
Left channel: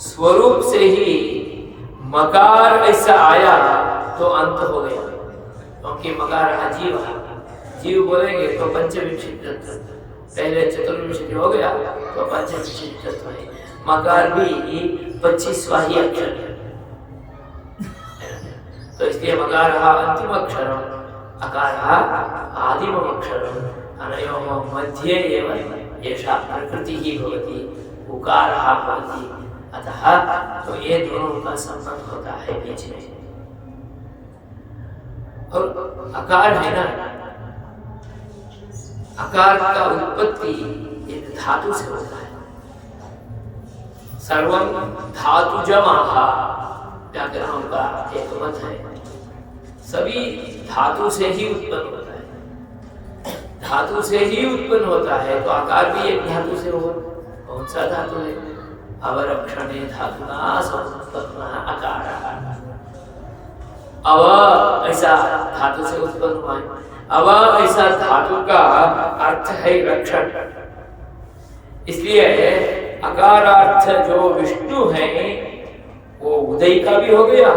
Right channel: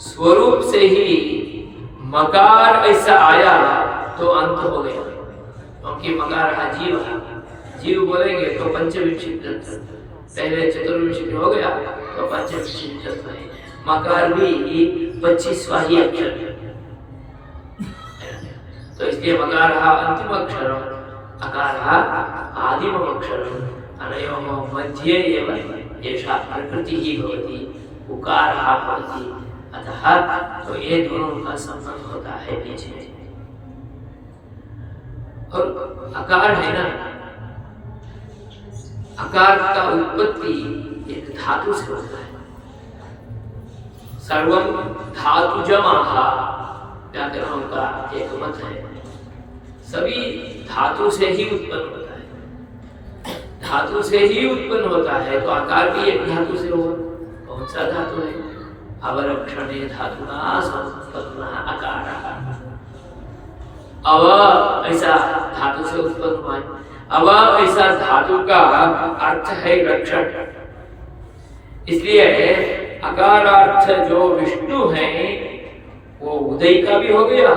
स्वरूप से ही मकार ऐसा आया तो अंत हो गया, क्योंकि मकार अजीव है। जीव बोलेंगे तो पंचविंशति तत्व, पहले चतुर्विंशति हो गया तो पंचविंशति तत्व है। मकार भी 25वां ही अक्षर है, तो इसलिए मकार अंतिम अक्षर, अकार आदिम अक्षर, अनयोः मध्ये एव एषा प्रकृति ही भवति, उकारः भवति। अतः तो ये दोनों का संबंध होता है बीच में। और अकार है ना, अकार का उत्पत्ति एक धातु से होता है। सर्वं धातुजमाः व्याकरणों का एक मत है, सभी धातु से ही उत्पन्न होता है। धातु से ही उत्पन्न होता है तो आकार भी एक धातु से होगा। कौन सा धातु है? अवरक्षणे धातुना समुत्पन्नः अकारः। अव ऐसा धातु से उत्पन्न हुआ है। अव ऐसा धातु का अर्थ है रक्षण, इसलिए अकारार्थ जो विष्णु है वो उदय का भी हो गया,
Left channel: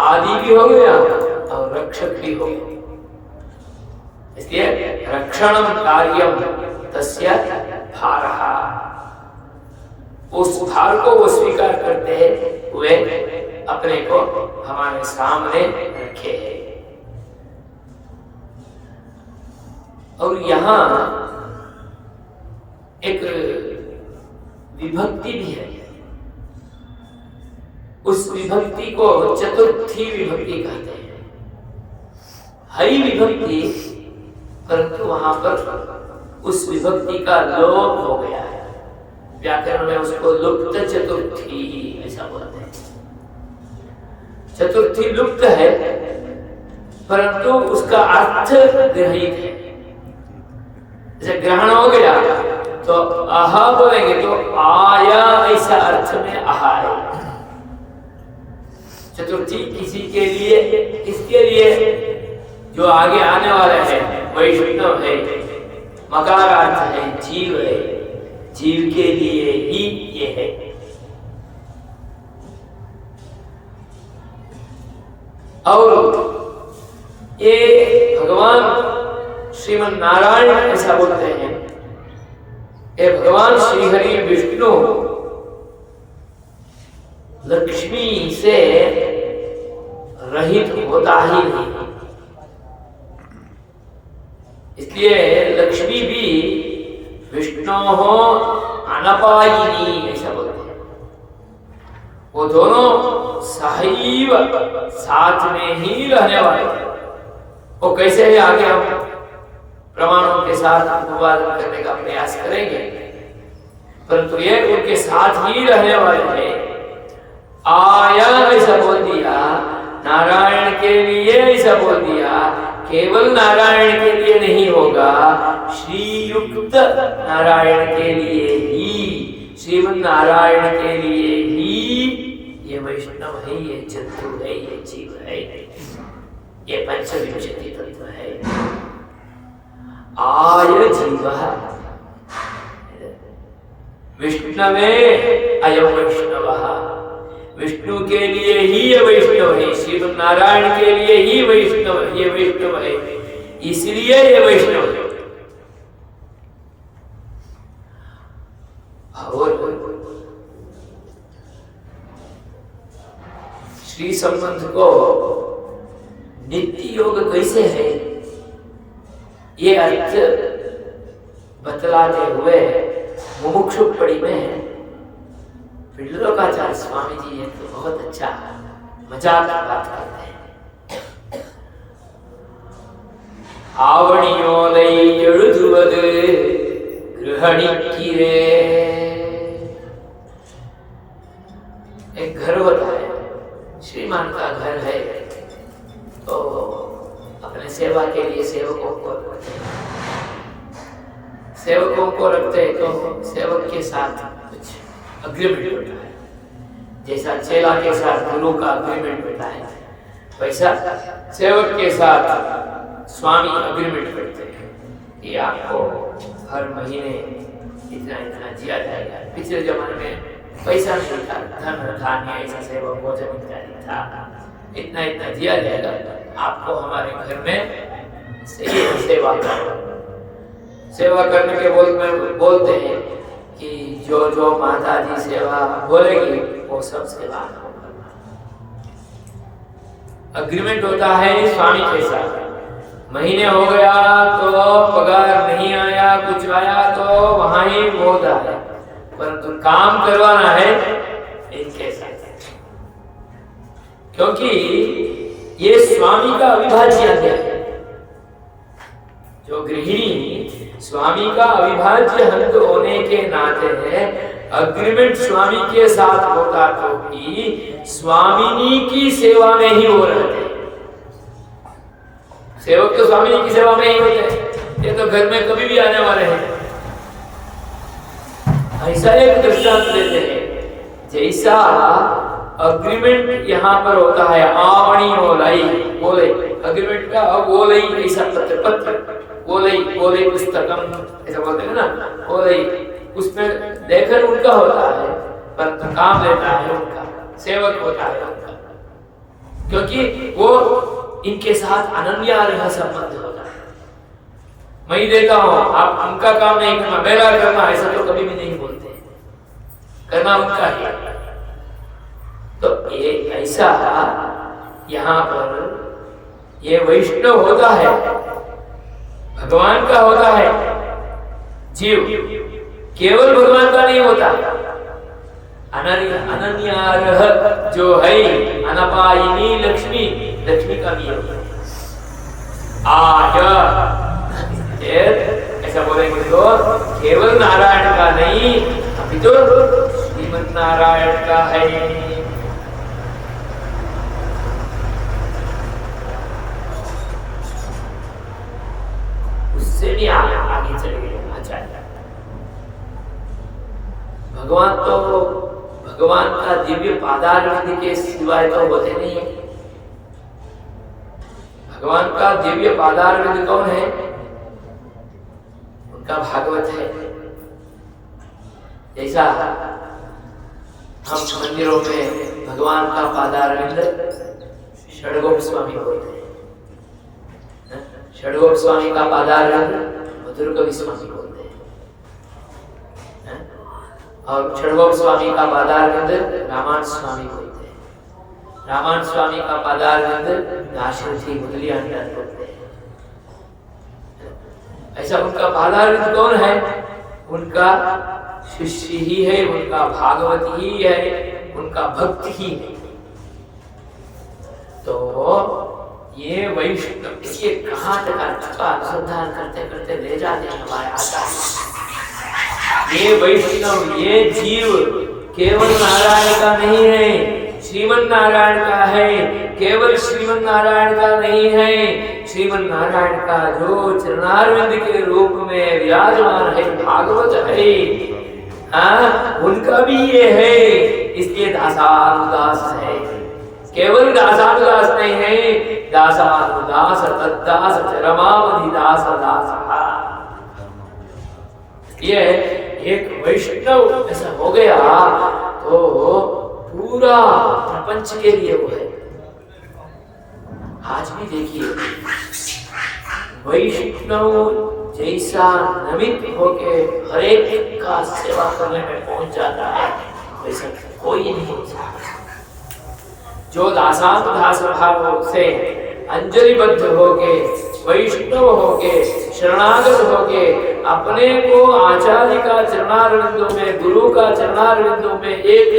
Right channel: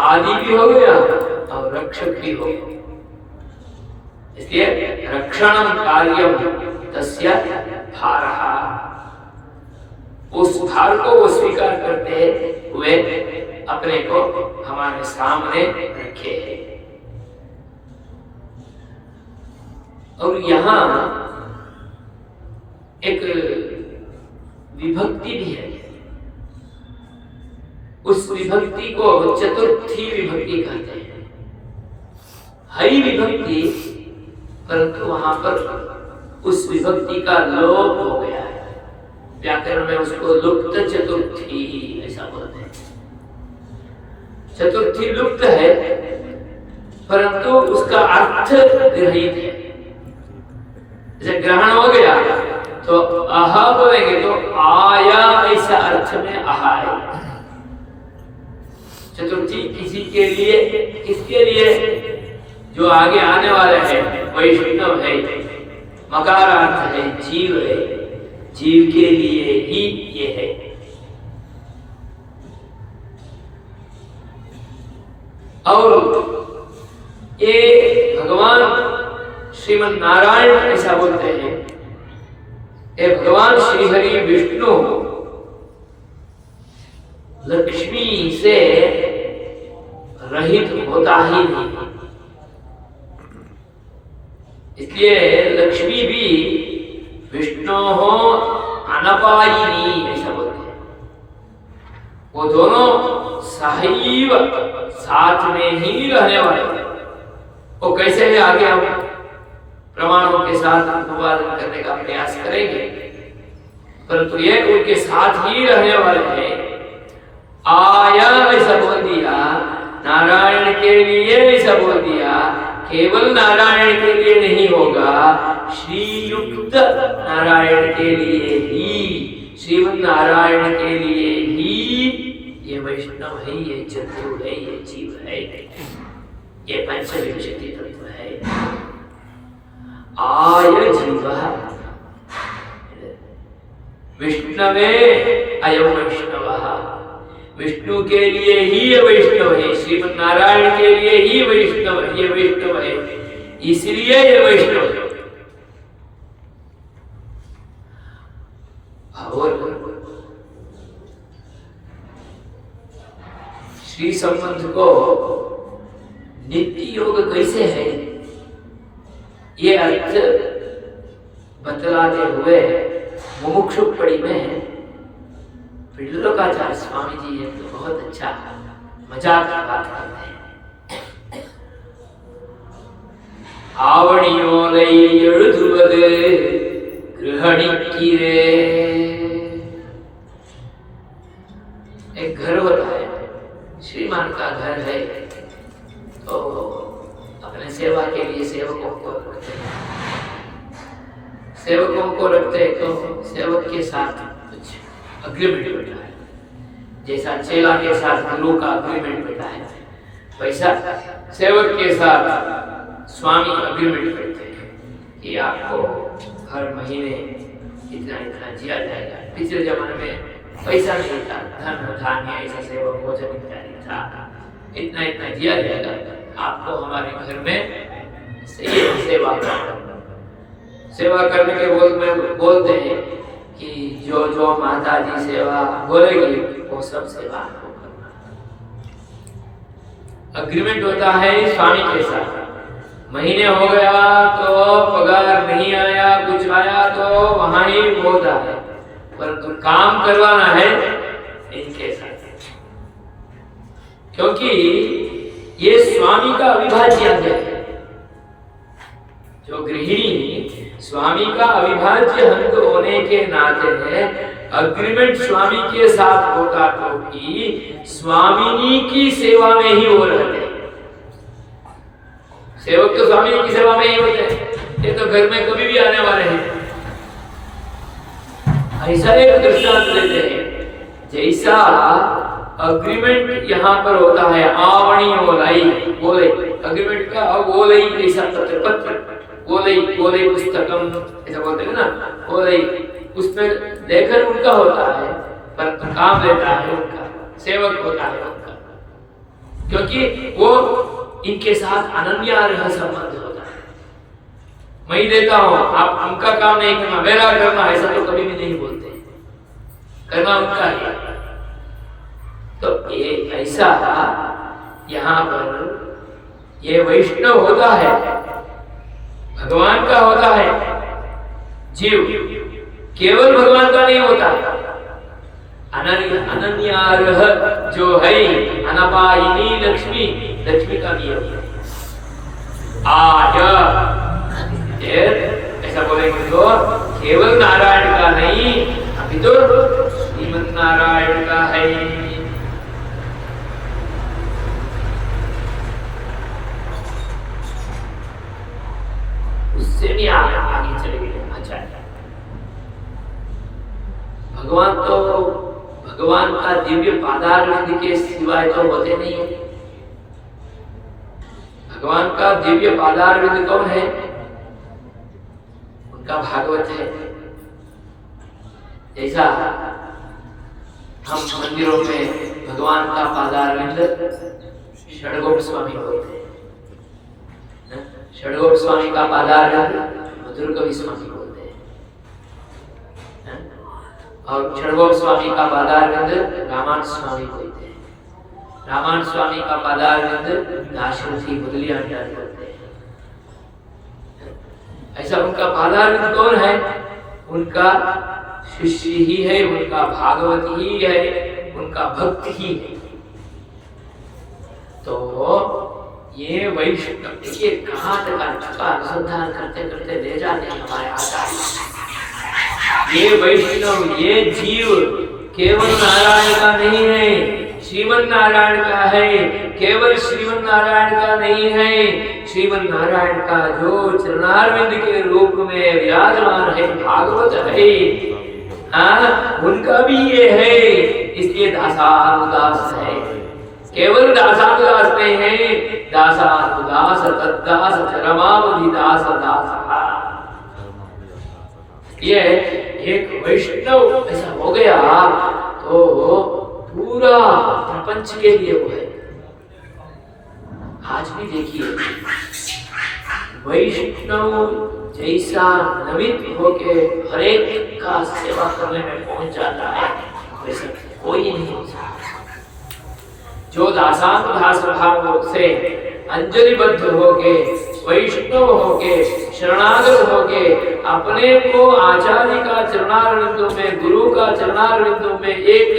आदि भी हो गया और रक्षक भी हो गया। इसलिए रक्षणं कार्यम तस्य भारः, उस भार को वो स्वीकार करते हुए अपने को हमारे सामने रखे हैं। और यहाँ एक विभक्ति भी है, उस विभक्ति को चतुर्थी विभक्ति कहते हैं। हई विभक्ति, परंतु वहां पर उस विभक्ति का लोप हो गया है। व्याकरण में उसको लुप्त चतुर्थी ऐसा बोलते हैं। चतुर्थी लुप्त है परंतु उसका अर्थ ग्रहित है। जैसे ग्रहण हो गया तो अह बोलेंगे तो आया, ऐसा अर्थ में अह है। चतुर्थी किसी के लिए, किसके लिए? जो आगे आने वाला है, वैष्णव है, मकारार्थ है, जीव है, जीव के लिए ही ये है। और ये भगवान श्रीमन नारायण ऐसा बोलते हैं, ये भगवान श्री हरि विष्णु लक्ष्मी से रहित होता ही नहीं, इसलिए लक्ष्मी भी विष्णु हो अनपायिनी ऐसा बोलते हैं। वो दोनों सहैव साथ में ही रहने वाले। वो कैसे है आगे हम प्रमाणों के साथ अनुवादन करने का प्रयास करेंगे, परंतु ये उनके साथ ही रहने वाले हैं। आया ऐसा बोल दिया, नारायण के लिए ऐसा बोल दिया, केवल नारायण के लिए नहीं होगा, श्रीयुक्त नारायण के लिए ही, श्रीमन नारायण के लिए ही ये वैष्णव है, ये चतु है, ये जीव है, ये पंचविंशति तत्व है। आय जीव विष्णवे अयम वैष्णवः, विष्णु के लिए ही ये वैष्णव है, श्रीमन नारायण के लिए ही वैष्णव, ये वैष्णव है, इसलिए ये वैष्णव है। और श्री संबंध को नित्य योग कैसे है, ये अर्थ बतलाते हुए मुमुक्षुपड़ी में विल्लोकाचार्य स्वामी जी है तो बहुत अच्छा मजाक बात करते हैं। आवणियोलै எழுதுவது गृहणिक्किरे, एक घर होता है, श्रीमान का घर है, तो अपने सेवा के लिए सेवकों को रखते हैं। सेवकों को रखते हैं तो सेवक के साथ कुछ अग्रीमेंट होता है, जैसा चेला के साथ गुरु का अग्रीमेंट होता है, वैसा सेवक के साथ स्वामी अग्रीमेंट करते हैं कि आपको हर महीने इतना इतना दिया जाएगा। पिछले जमाने में पैसा नहीं था, धन धान्य ऐसा सेवक भोजन इत्यादि था, इतना इतना दिया जाएगा, आपको हमारे घर में सेवा करना। सेवा करने के बोलते हैं कि जो जो माता जी सेवा बोलेगी वो सब सेवा आपको करना। अग्रीमेंट होता है स्वामी के साथ, महीने हो गया तो पगार नहीं आया, कुछ आया तो वहां ही बोलता है, परंतु काम करवाना है इनके साथ, क्योंकि ये स्वामी का अविभाज्य अंग है। जो गृहिणी स्वामी का अविभाज्य अंग होने के नाते अग्रीमेंट स्वामी के साथ होता तो कि स्वामिनी की सेवा में ही वो रहते। सेवक तो स्वामी की सेवा में ही होते हैं, ये तो घर में कभी भी आने वाले हैं। ऐसा एक दृष्टांत देते हैं जैसा अग्रीमेंट यहाँ पर होता है आवणी ओलाई बोले अग्रीमेंट का ओलाई ऐसा पत्र ओलाई पुस्तकम ऐसा बोलते हैं ना ओलाई उसमें लेखन उनका होता है पर काम लेता है उनका सेवक होता है उनका क्योंकि वो इनके साथ अनन्य संबंध होता है। मैं ही देता हूँ आप उनका काम नहीं करना मेरा करना ऐसा तो कभी भी नहीं बोलते करना उनका है। तो ये ऐसा यहाँ पर ये वैष्णव होता है भगवान का होता है जीव केवल भगवान का नहीं होता अनन्यार्ह जो है अनपायिनी लक्ष्मी लक्ष्मी का भी होता है ऐसा बोलेंगे तो केवल नारायण का नहीं अभी तो श्रीमन नारायण का है। उससे भी आगे चले गए आचार्य भगवान का दिव्य पादारविंद के सिवाय तो होते नहीं है। भगवान का दिव्य पादारविंद कौन है उनका भागवत है। जैसा हम मंदिरों में भगवान का पादारविंद षडगोप स्वामी बोलते हैं षडगोप स्वामी का पादारविंद मधुर कवि स्वामी बोलते हैं और षडगोप स्वामी का पादारविंद रामायण स्वामी बोलते हैं रामायण स्वामी का पादारविंद दाशरथी मुदलियार बोलते हैं। ऐसा उनका पादारविंद कौन है उनका शिष्य ही है उनका भागवत ही है उनका भक्त ही है। तो ये वैष्णव ये कहाँ तक अनुसंधान करते करते ले जाते हैं हमारे आचार्य। ये वैष्णव ये जीव केवल नारायण का नहीं है श्रीमन नारायण का है केवल श्रीमन नारायण का नहीं है श्रीमन नारायण का जो चरणारविंद के रूप में विराजमान है भागवत है उनका भी ये है। इसलिए दासानुदास है केवल दासानुदास नहीं है दासानुदास तद्दास चरमावधि दास दास। ये एक वैष्णव ऐसा हो गया तो पूरा प्रपंच के लिए वो है। आज भी देखिए वैष्णव जैसा नमित होके हर एक का सेवा करने में पहुंच जाता है वैसा कोई नहीं हो सकता। जो दासानुदास भाव से अंजलिबद्ध होके वैष्णव होके शरणागत होके अपने को आचार्य का चरणारविंदों में गुरु का चरणारविंदों में एक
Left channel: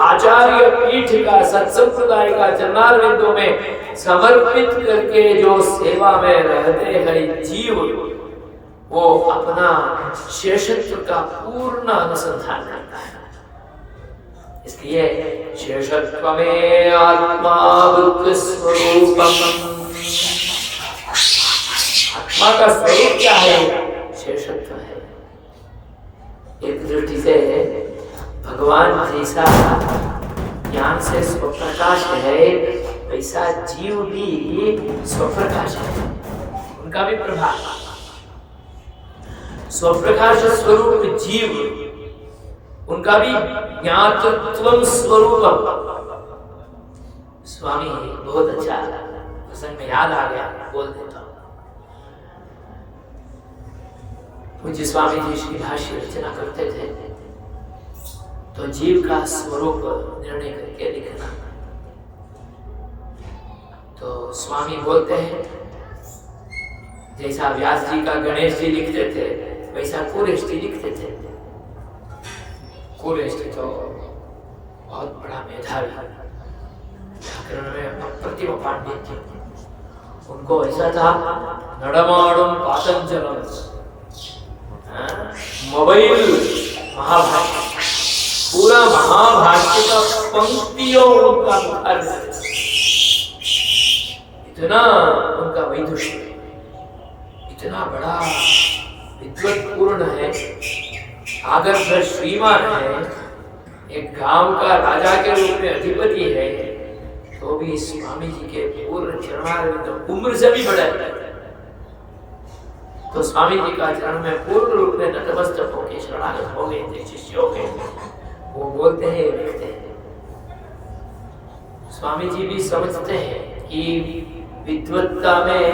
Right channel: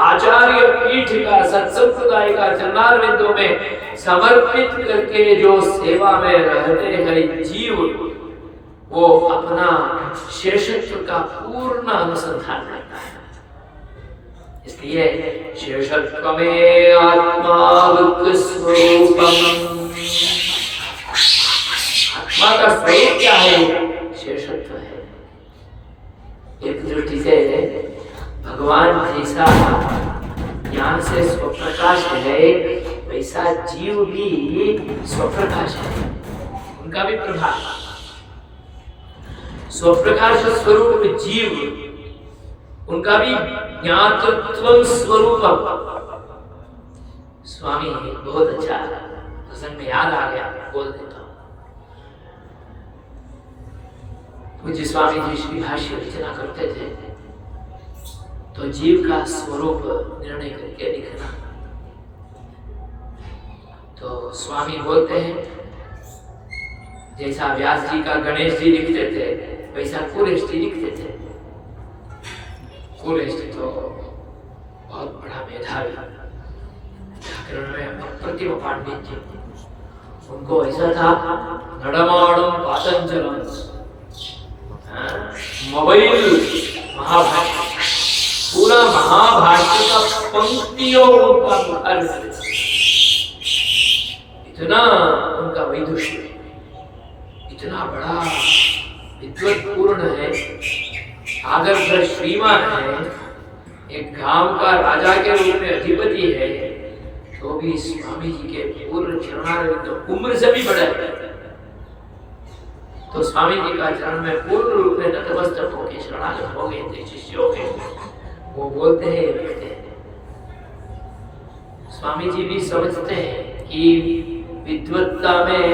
आचार्य पीठ का सत्संप्रदाय का चरणारविंदों में समर्पित करके जो सेवा में रहते हैं जीव वो अपना शेषत्व का पूर्ण अनुसंधान करता है। इसलिए शेषत्व में आत्मा स्वरूपम आत्मा का स्वरूप क्या है शेषत्व है। एक दृष्टि से भगवान जैसा ज्ञान से स्वप्रकाश है वैसा जीव भी स्वप्रकाश है उनका भी प्रभाव स्वप्रकाश स्वरूप जीव उनका भी ज्ञातत्वम स्वरूपम। स्वामी बहुत अच्छा प्रसंग में याद आ गया बोल देता हूं। पूज्य स्वामी जी श्री भाष्य रचना करते थे तो जीव का स्वरूप निर्णय करके लिखना। तो स्वामी बोलते हैं जैसा व्यास जी का गणेश जी लिखते थे वैसा कुरेश जी लिखते थे। कुरेश जी तो बहुत बड़ा मेधावी व्याकरण में अप्रतिम पांडित्य उनको ऐसा था नडमाणम पातंजलम मोबाइल महाभाष्य पूरा महाभाष्य का पंक्तियों उनका मुखार इतना उनका वैदुष्य इतना बड़ा विद्वत पूर्ण है आदर्श श्रीमान है एक गांव का राजा के रूप में अधिपति है, तो भी स्वामी जी के पूर्ण चरणारविंद उम्र से भी बड़ा है। तो स्वामी जी का चरण में पूर्ण रूप में नतमस्तक होके शरणागत हो गए थे शिष्य हो गए। वो बोलते हैं, लिखते हैं, स्वामी जी भी समझते हैं कि विद्वत्ता में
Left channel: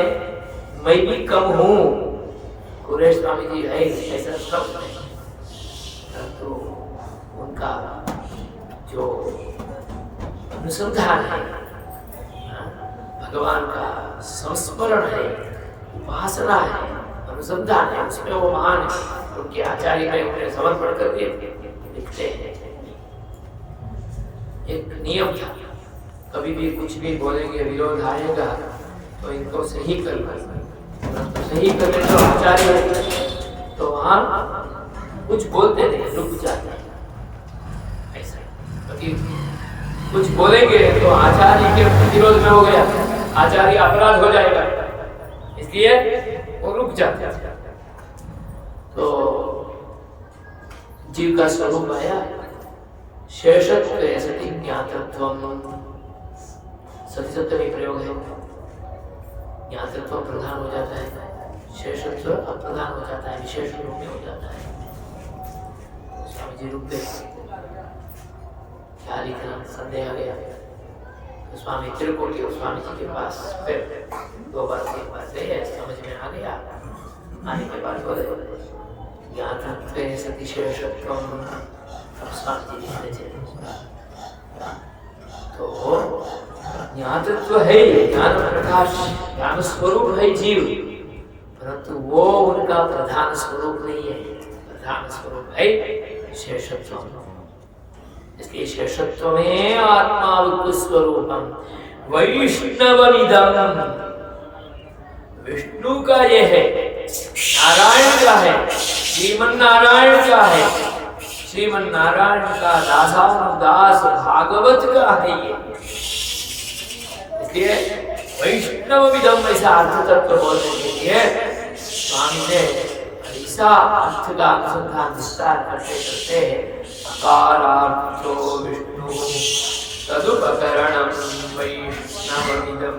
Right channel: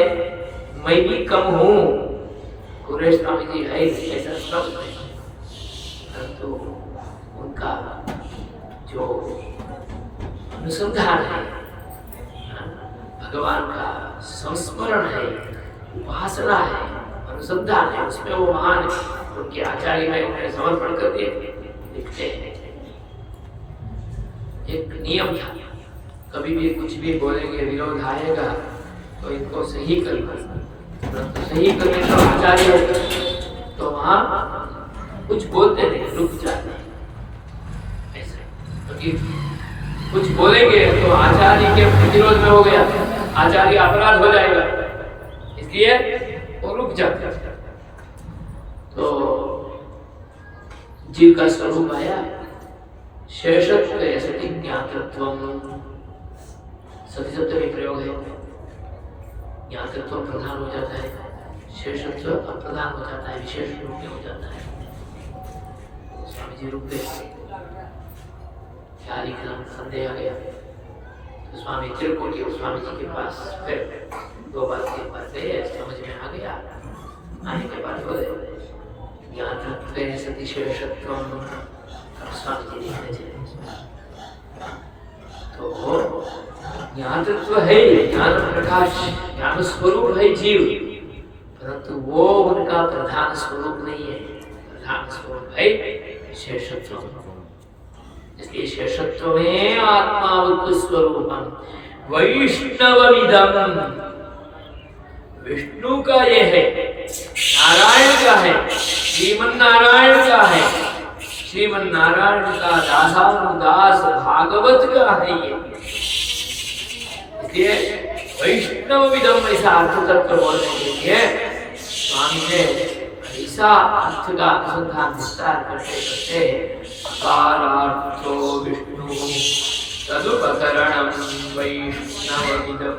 मैं भी कम हूँ। कुरेश स्वामी जी है ऐसा सब नहीं, परंतु उनका जो अनुसंधान है, भगवान का संस्मरण है, उपासना है, अनुसंधान है, उसमें वो महान है। उनके आचार्य में उन्हें समर्पण कर दिए। लिखते हैं, एक नियम था, कभी भी कुछ भी बोलेंगे विरोध आएगा तो इनको सही करना, तो सही करने तो आचार्य तो वहां कुछ बोलते नहीं, रुक जाते ऐसा। क्योंकि कुछ बोलेंगे तो आचार्य के विरोध में हो गया, आचार्य अपराध हो जाएगा, इसलिए वो रुक जाते। तो जीव का स्वरूप आया शेषत्व सति ज्ञातत्वम, सती सत्य में प्रयोग है। ज्ञातत्व प्रधान हो जाता है, शेषत्व अप्रधान हो जाता है, विशेष रूप में हो जाता है। स्वामी जी रुक गए, क्या लिखना, संदेह आ गया। तो स्वामी त्रिकोटी स्वामी जी के पास फिर दो बार के पास गए, समझ में आ गया। आने के बाद बोले ज्ञातत्व सति शेषत्वम, स्वामी जी लिखने चले। तो ज्ञातत्व है, ज्ञान प्रकाश, ज्ञान स्वरूप है जीव, परंतु वो उनका प्रधान स्वरूप नहीं है। प्रधान स्वरूप है शेषत्व, इसलिए शेषत्व में आत्मा स्वरूपम वैष्णवमिदं, विष्णु का ये है, नारायण का है, श्रीमन नारायण का है, श्रीमन नारायण का दासानुदास भागवत का है ये। इसलिए वैष्णवमिदं ऐसा अर्थ तत्व बोलने के लिए स्वामी ने ऐसा अर्थ का अनुसंधान विस्तार करते करते अकारार्थो विष्णु तदुपकरणं वैष्णवमिदं।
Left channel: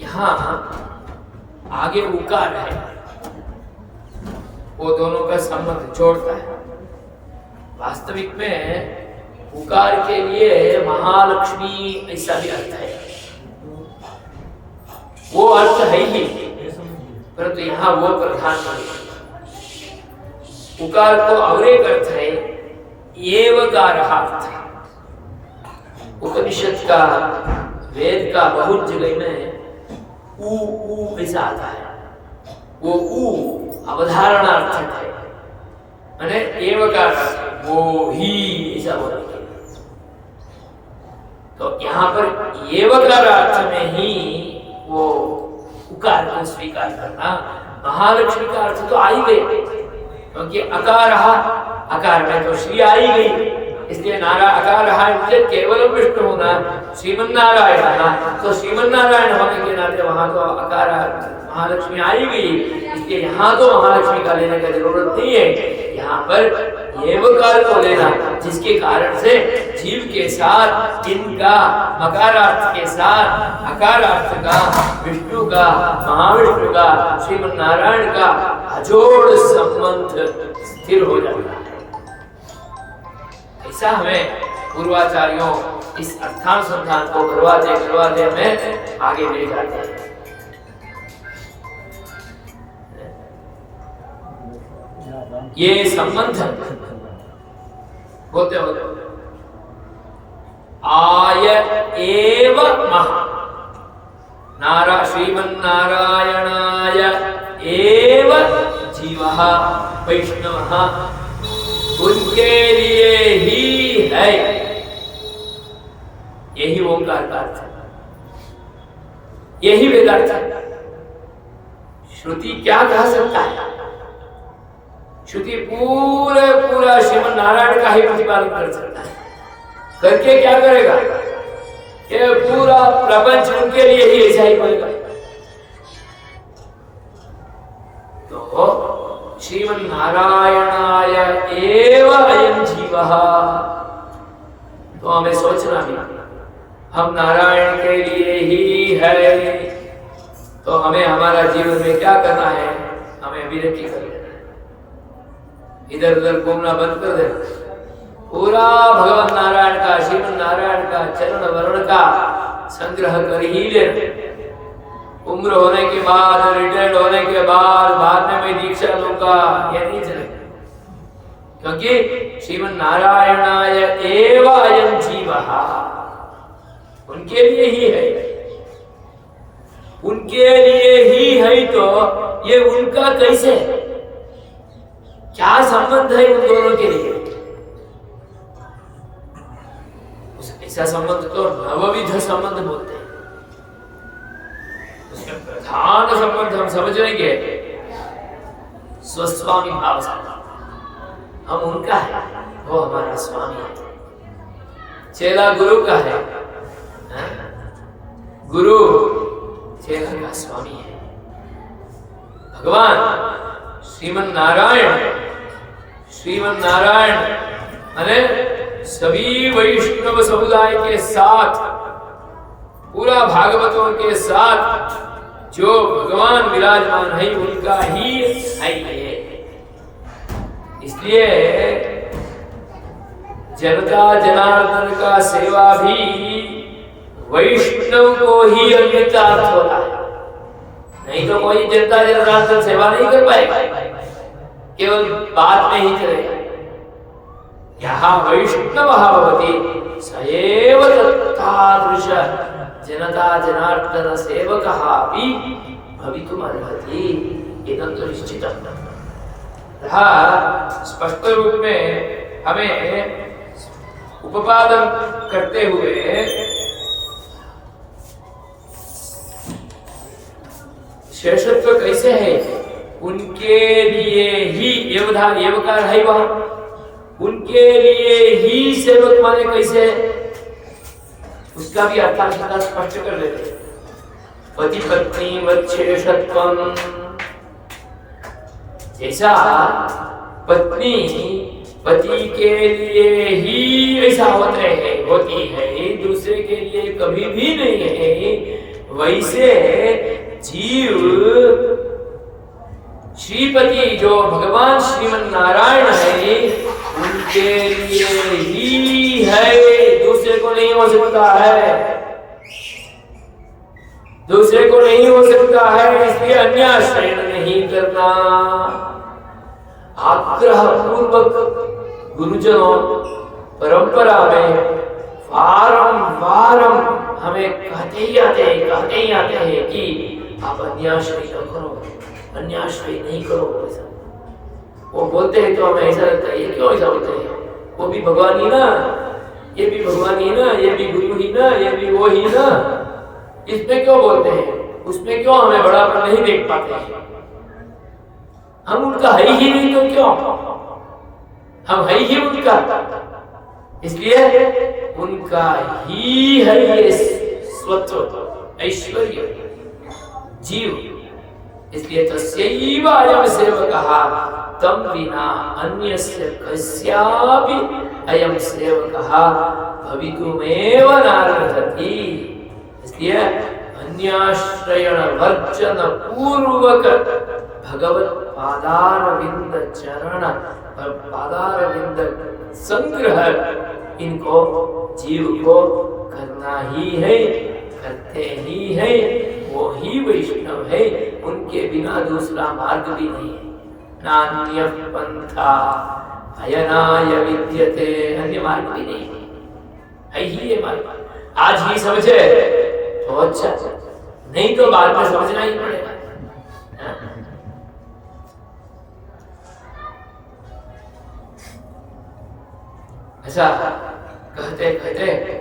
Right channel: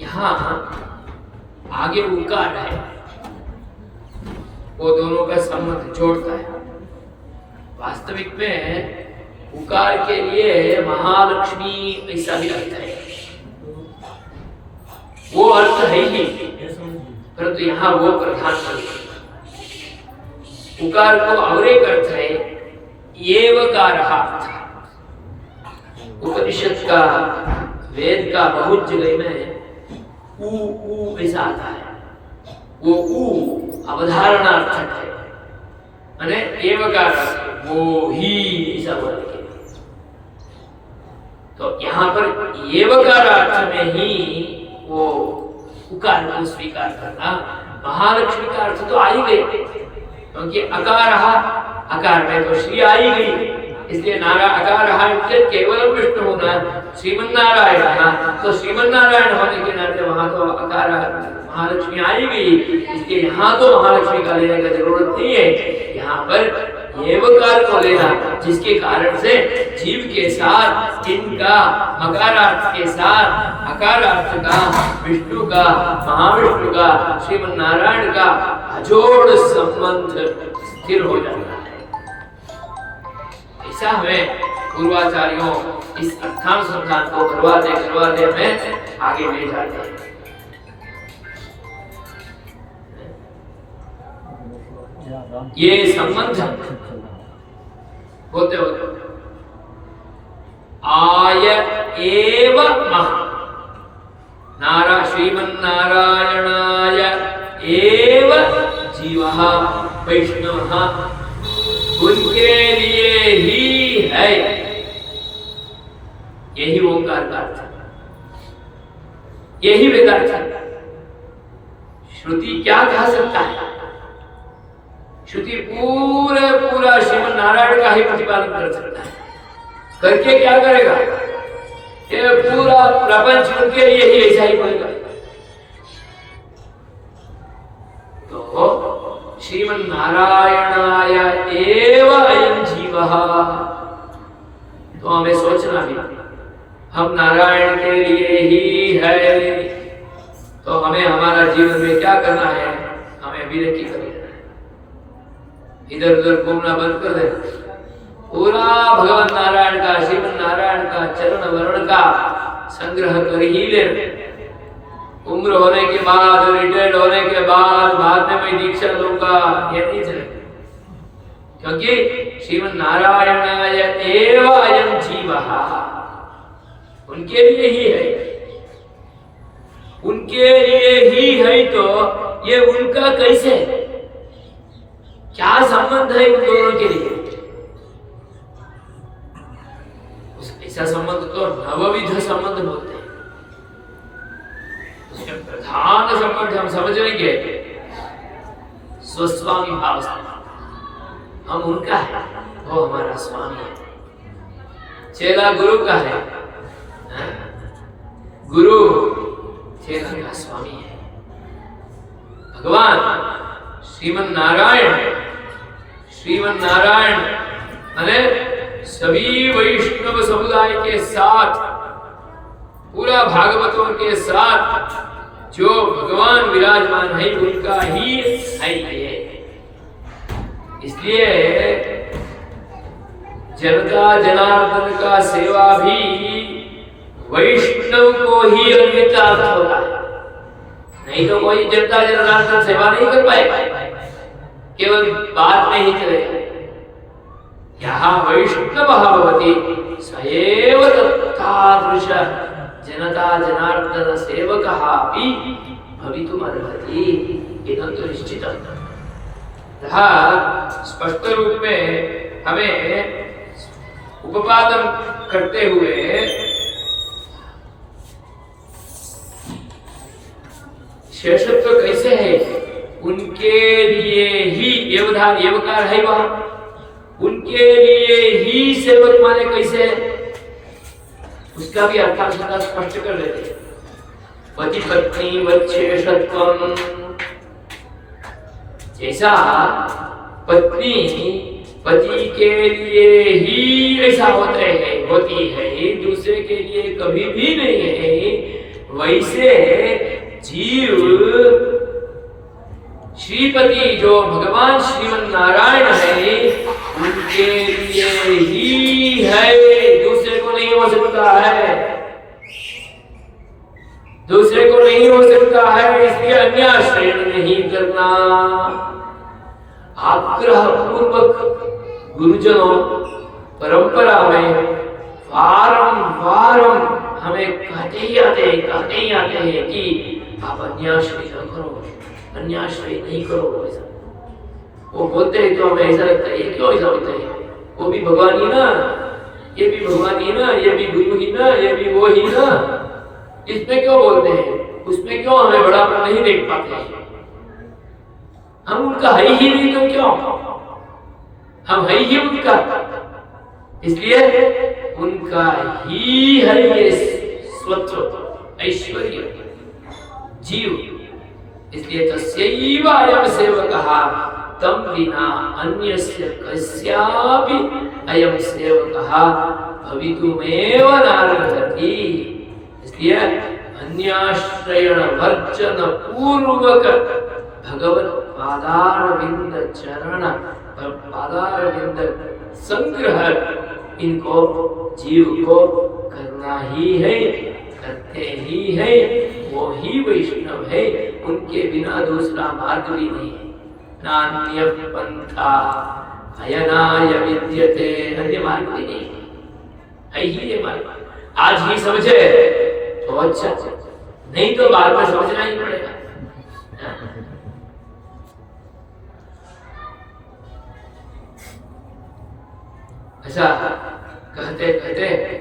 यहाँ आगे उकार है, वो दोनों का संबंध जोड़ता है। वास्तविक में उकार के लिए महालक्ष्मी ऐसा भी अर्थ है, वो अर्थ है ही, परंतु यहाँ वो प्रधान नहीं। उकार को और एक अर्थ है एवकारः अर्थ। उपनिषद का, वेद का बहुत जगह में ऊ ऐसा आता है, वो ऊ अवधारणार्थक है, माने एवकार वो ही ऐसा बोलते हैं। तो यहाँ पर एवकार अर्थ में ही वो उकार को स्वीकार करना। महालक्ष्मी का अर्थ तो आ ही गई, क्योंकि अकार में तो श्री आ ही गई, इसलिए अकार केवल विष्णु होना, श्रीमन नारायण, तो श्रीमन नारायण होने के नाते वहां तो अकार महालक्ष्मी आ ही गई, इसलिए यहाँ तो महालक्ष्मी का लेने का जरूरत नहीं है। यहाँ पर एवकार को लेना, जिसके कारण से जीव के साथ इनका मकारार्थ के साथ अकारार्थ का, विष्णु का, महाविष्णु का, श्रीमन नारायण का अजोड़ संबंध स्थिर हो जाता है। ऐसा हमें पूर्वाचार्यों इस अर्थानुसंधान को करवाते में आगे ले जाते हैं। ये संबंध होते आय एव महा श्रीमन नारायणाय एव जीवः वैष्णवः, उनके लिए ही है। यही ओंकार का अर्थ है, यही वेदार्थ है। श्रुति क्या कह सकता है? श्रुति पूरा श्रीमन नारायण का ही प्रतिपादन कर सकता है। करके क्या करेगा? ये पूरा प्रपंच उनके लिए ही ऐसा ही बनेगा। श्रीमन्नारायणाय एव अयं जीवः। तो हमें सोचना भी, हम नारायण के लिए ही है, तो हमें हमारा जीवन में क्या करना है? हमें विरति कर लेना है, इधर उधर घूमना बंद कर देना, पूरा भगवान नारायण का, श्रीमन नारायण का चरण वर्ण का संग्रह कर ही लेना। उम्र होने के बाद, रिटायर्ड होने के बाद में मैं दीक्षा लूंगा, ये नहीं चलेगा, क्योंकि श्रीमन नारायणाय एव अयं जीवः, उनके लिए ही है, उनके लिए ही है। तो ये उनका कैसे, क्या संबंध है उन दोनों के लिए? ऐसा संबंध तो नवविध संबंध बोलते हैं। उसके प्रधान संबंध हम समझ लेंगे स्वस्वामी भाव से, हम उनका है, वो हमारा स्वामी है। चेला गुरु का है, गुरु चेला का स्वामी है। भगवान श्रीमन नारायण अने सभी वैष्णव समुदाय के साथ, पूरा भागवतों के साथ जो भगवान विराजमान है उनका ही है ये। इसलिए जनता जनार्दन का सेवा भी वैष्णव को ही अन्वितार्थ होता है, नहीं तो कोई जनता जनार्दन सेवा नहीं कर पाएगा, केवल बात में ही चलेगा। यहाँ वैष्णव भवति सएव तत्तादृश जनता जनार्दन सेवकः अपि भवितुमर्हति, इदं तु निश्चितं। स्पष्ट रूप में हमें उपादन करते हुए शेषत्व कैसे है, उनके लिए ही एवकार है, वहां उनके लिए ही सेवक माने कैसे, उसका भी अर्थ स्पष्ट कर देते। पति पत्नी वच्छेषत्वम, जैसा पत्नी पति के लिए ही ऐसा होती है, दूसरे के लिए कभी भी नहीं है, वैसे जीव श्रीपति जो भगवान श्रीमन नारायण है उनके लिए ही है, दूसरे को नहीं हो सकता है, दूसरे को नहीं हो सकता है। इसलिए अन्याश्रय नहीं करना। आग्रह पूर्वक गुरुजनों परंपरा में वारंवार हमें कहते ही आते हैं कि आप अन्याश्रय न करो, अन्याश्रय नहीं करो। ऐसा वो बोलते हैं तो हमें ऐसा लगता है, ये क्यों ऐसा होता है? वो भी भगवान ही ना, ये भी भगवान ही ना, ये भी गुरु ही ना, ये भी वो ही ना, इसमें क्यों बोलते हैं? उसमें क्यों हमें बड़ापन नहीं देख पाते हैं? हम उनका है ही नहीं तो क्यों, हम है ही उनका, इसलिए उनका ही है ये स्वत्व ऐश्वर्य जीव। इसलिए तस्यैव अयं सेवकः तम विना अन्यस्य कस्यापि अयं सेवकः भवितुमेव नार्हति। इसलिए अन्याश्रयण वर्जन पूर्वक भगवत पादारविंद चरण और पादारविंद संग्रह इनको जीव को करना ही है, करते ही है, वो ही वैष्णव है, उनके बिना दूसरा मार्ग भी नहीं है। नान्य पंथा अयनाय विद्यते, अन्य मार्ग भी नहीं है ही ये मार्ग। आज ही समझे तो अच्छा, नहीं तो बाद में समझना ही पड़ेगा। ऐसा कहते कहते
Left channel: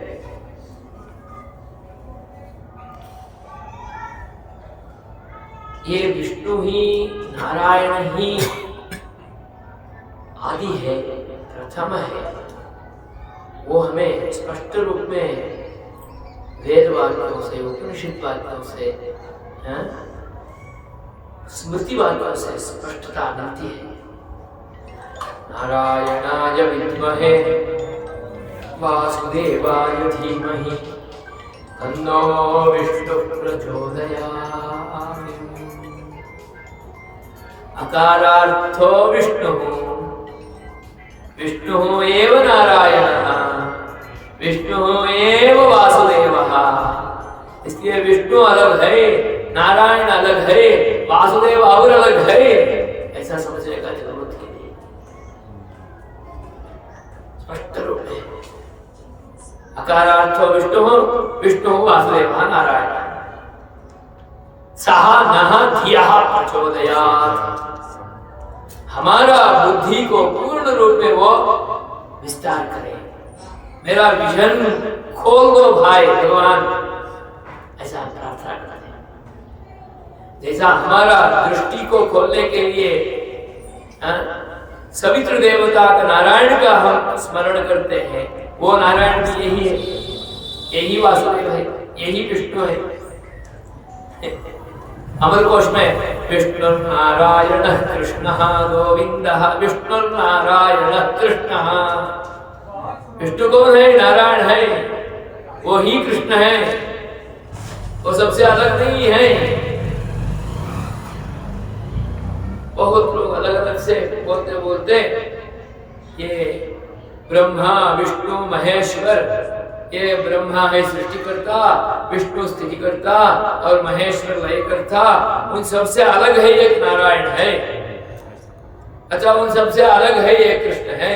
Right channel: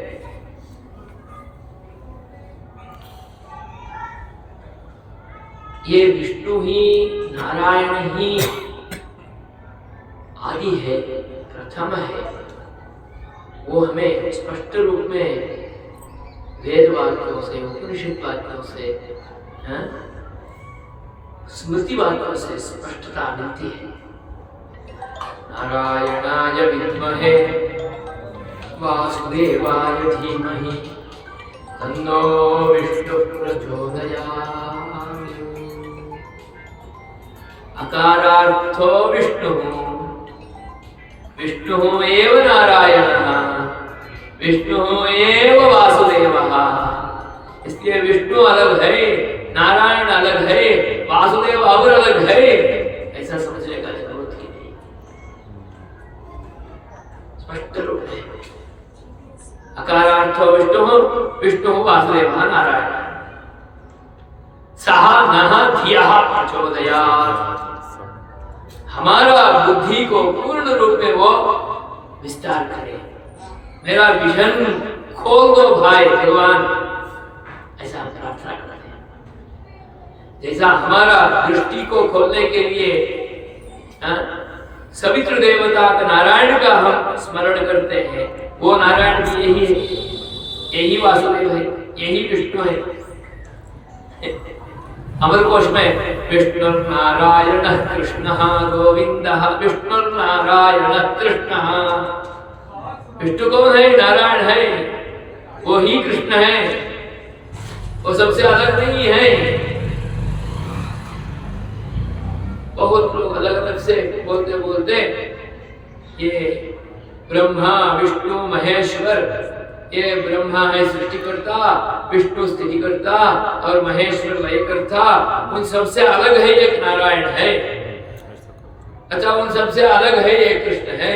ये विष्णु ही नारायण ही आदि है, प्रथम है, वो हमें स्पष्ट रूप में वेद वाक्यों से, उपनिषद वाक्यों से स्मृति वाक्यों से स्पष्टता मिलती है। नारायणाय विद्महे वासुदेवाय धीमहि तन्नो विष्णुः प्रचोदयात्। अकारार्थो विष्णुः, विष्णुः एव नारायणः, विष्णुः एव वासुदेवः। इसलिए विष्णु अलग है, नारायण अलग है, वासुदेव और अलग है, ऐसा समझने का जरूरत ही नहीं। स्पष्ट रूप है। अकारार्थो विष्णु, विष्णु वासुदेव नारायण। सहा नः धियः प्रचोदयात्। हमारा बुद्धि को पूर्ण रूप में वो विस्तार करे। मेरा विजन खोल दो भाई भगवान, ऐसा हम प्रार्थना करते हैं। जैसा हमारा दृष्टि को खोलने के लिए सवित्र देवता का नारायण का हम स्मरण करते हैं, वो नारायण भी यही है, यही वासुदेव है, यही विष्णु है। अमरकोश में विष्णु नारायण कृष्ण गोविंद, विष्णु नारायण कृष्ण। विष्णु कौन है? नारायण है, वो ही कृष्ण है, वो सबसे अलग नहीं है। बहुत लोग अलग अलग से बोलते बोलते ये ब्रह्मा विष्णु महेश्वर, ये ब्रह्मा है सृष्टिकर्ता, विष्णु स्थितिकर्ता और महेश्वर लयकर्ता, उन सबसे अलग है एक नारायण है। अच्छा, उन सबसे अलग है एक कृष्ण है,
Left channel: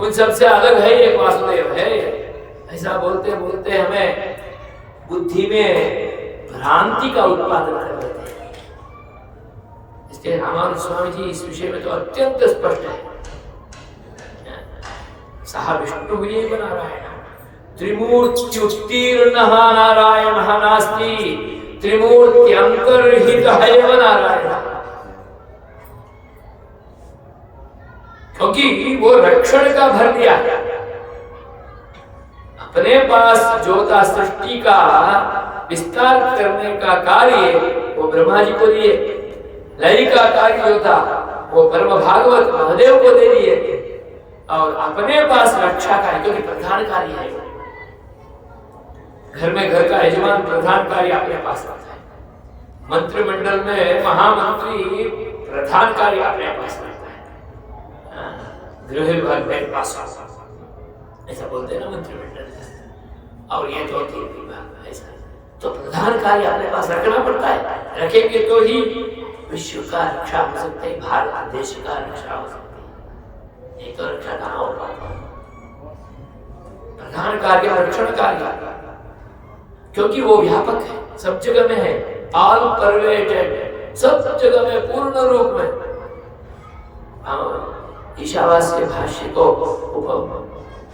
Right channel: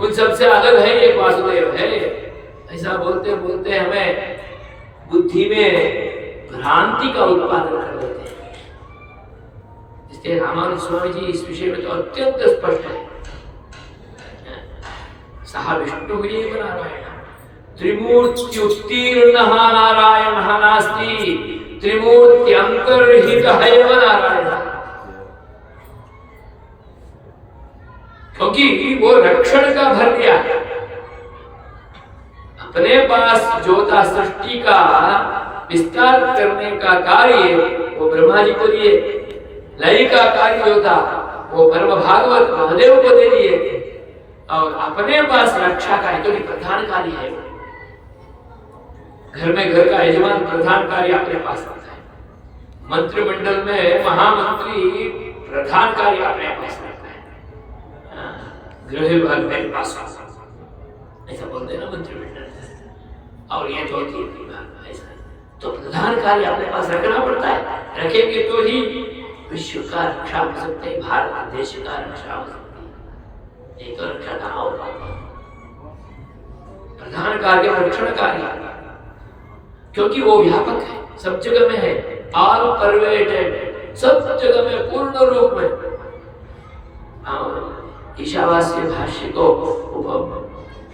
उन सबसे अलग है एक वासुदेव है। ऐसा बोलते बोलते हमें बुद्धि में भ्रांति का उत्पादन कर देते हैं। इसलिए रामानुज स्वामी जी इस विषय में तो अत्यंत स्पष्ट है। सह विष्णु एव नारायण, त्रिमूर्त्युत्तीर्णः नारायणः नास्ति, त्रिमूर्त्यन्तर्हितः एव नारायण। क्योंकि वो रक्षण का भर दिया, अपने पास जो था सृष्टि का विस्तार करने का कार्य वो ब्रह्मा जी को दिए, लय का कार्य जो था वो परम भागवत महादेव को दे दिए, और अपने पास रक्षा कार्य, क्योंकि प्रधान कार्य है, घर में घर का यजमान प्रधान कार्य अपने पास रखता है। मंत्रिमंडल में महामंत्री प्रधान कार्य अपने पास रखता है। गृह विभाग मेरे पास, ऐसा बोलते हैं ना मंत्रिमंडल, और ये तो विभाग ऐसा। तो प्रधान कार्य अपने पास रखना पड़ता है, रखेंगे तो ही विश्व का रक्षा हो सकते है, भारत देश का रक्षा हो सकती है, नहीं तो रक्षा कहाँ हो पाता। प्रधान कार्य रक्षण कार्य, क्योंकि वो व्यापक है, सब जगह में है, ऑल परवेटेड, सब जगह में पूर्ण रूप में। ईशावास्य भाष्य को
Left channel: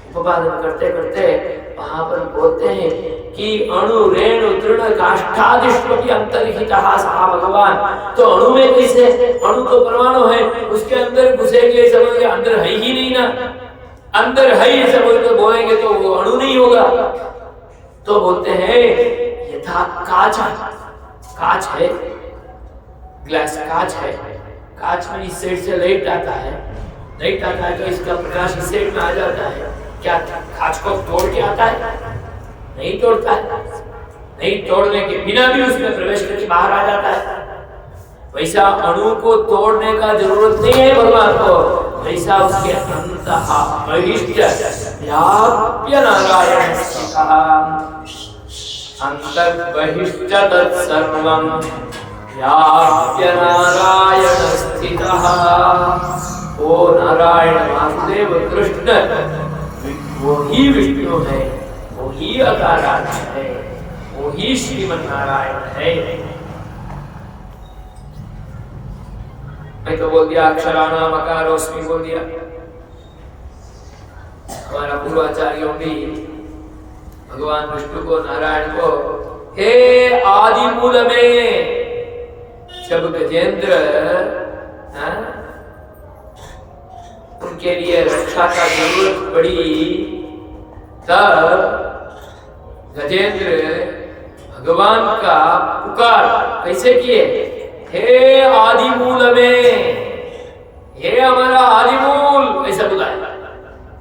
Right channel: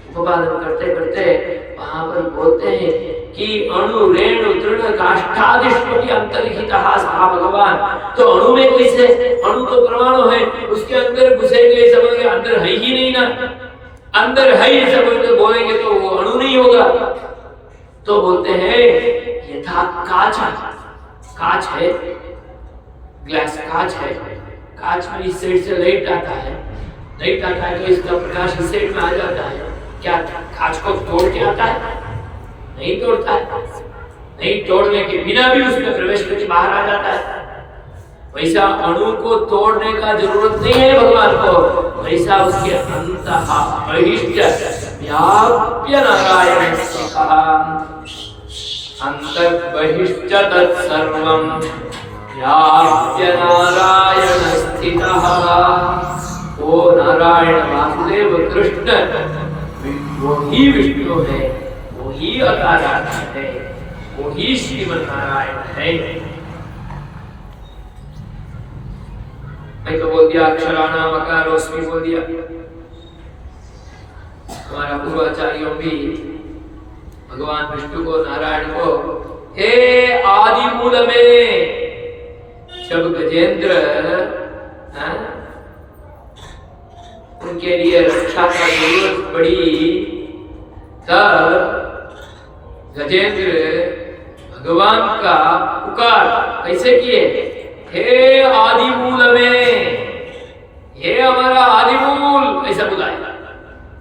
उपपादन करते करते वहां पर बोलते हैं कि अणु रेणु तृण काष्ठादिष्वपि अंतर्हितः सः भगवान। तो अणु में कैसे? अणु तो परमाणु है, उसके अंदर घुसेंगे समझ के अंदर है ही नहीं ना, अंदर है ऐसा बोलेंगे तो वो अणु नहीं होगा। तो बोलते हैं यथा कांच है, ग्लास कांच है, कांच में इस साइड से लाइट आता है तो इसका प्रकाश इस साइड में आ जाता है। क्या कांच को तोड़ के आता है? नहीं तोड़ता है, नहीं तोड़ने के बिना भी उसमें प्रवेश करके बाहर आ जाता है। वैसा अणु को तोड़ने का जरूरत नहीं है भगवान को, वैसा उसके अंतः बहिष्ठ व्याप्य नारायण स्थितः, अंतः बहिष्ठ तत्सर्वं व्याप्य नारायण स्थितः। वो नारायण वासुदेव कृष्ण वो ही विष्णु है, वो ही अकारण है, वो ही श्रीमन नारायण है। मैं तो बोल दिया अक्षराणाम अकारोस्मि बोल दिया। हमारा पूर्वाचार्यों भी भगवान विष्णु को, नारायण को हे आदि मूल में जब गजेंद्र उनके लिए रक्षा का जरूरत पड़ी तब गजेंद्र भगवान का पुकार कैसे किए? हे आदि मूल में, हे हमारा आदि मूल, ऐसा बुलाया।